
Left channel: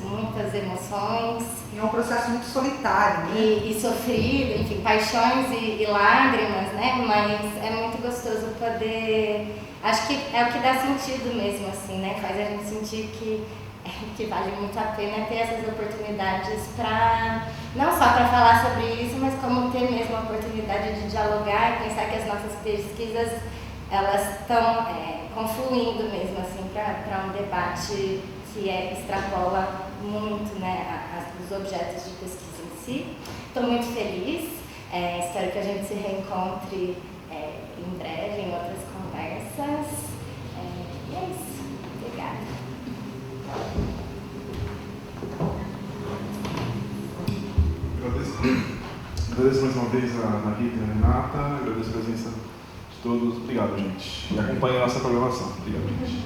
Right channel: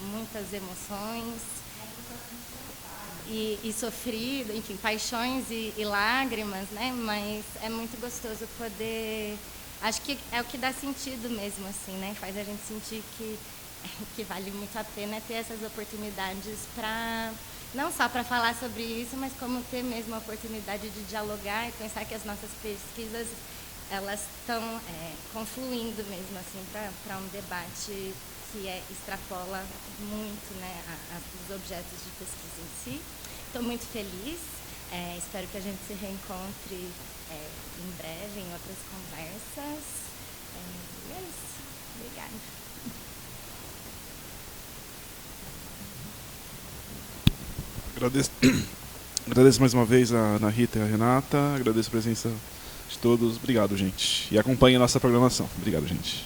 muitas emoções. É um processo muito solitário, né? E sofrido, enfim, paixões e lágrimas, né? Mas é muito gostoso poder... Acho que é o que dá sentido mesmo, assim, né? Faz a gente sentir que vale muito a pena ter essas oportunidades para... Não só para falar sobre isso, mas como ter mesmo a oportunidade de dialogar, pensar que as nossas pesquisas, elas estão confluindo mesmo, assim, para um debate que extrapola muito, né, os objetos de pesquisa em si. Estou muito feliz, espero que a gente se reencontre em breve em outras conversas. E é isso. Obrigada. Agradeço mais uma vez a Ana Rita e a Renata, agradeço a presença de todos. Obrigado, gente. E acompanhe a nossa programação. Obrigado, gente.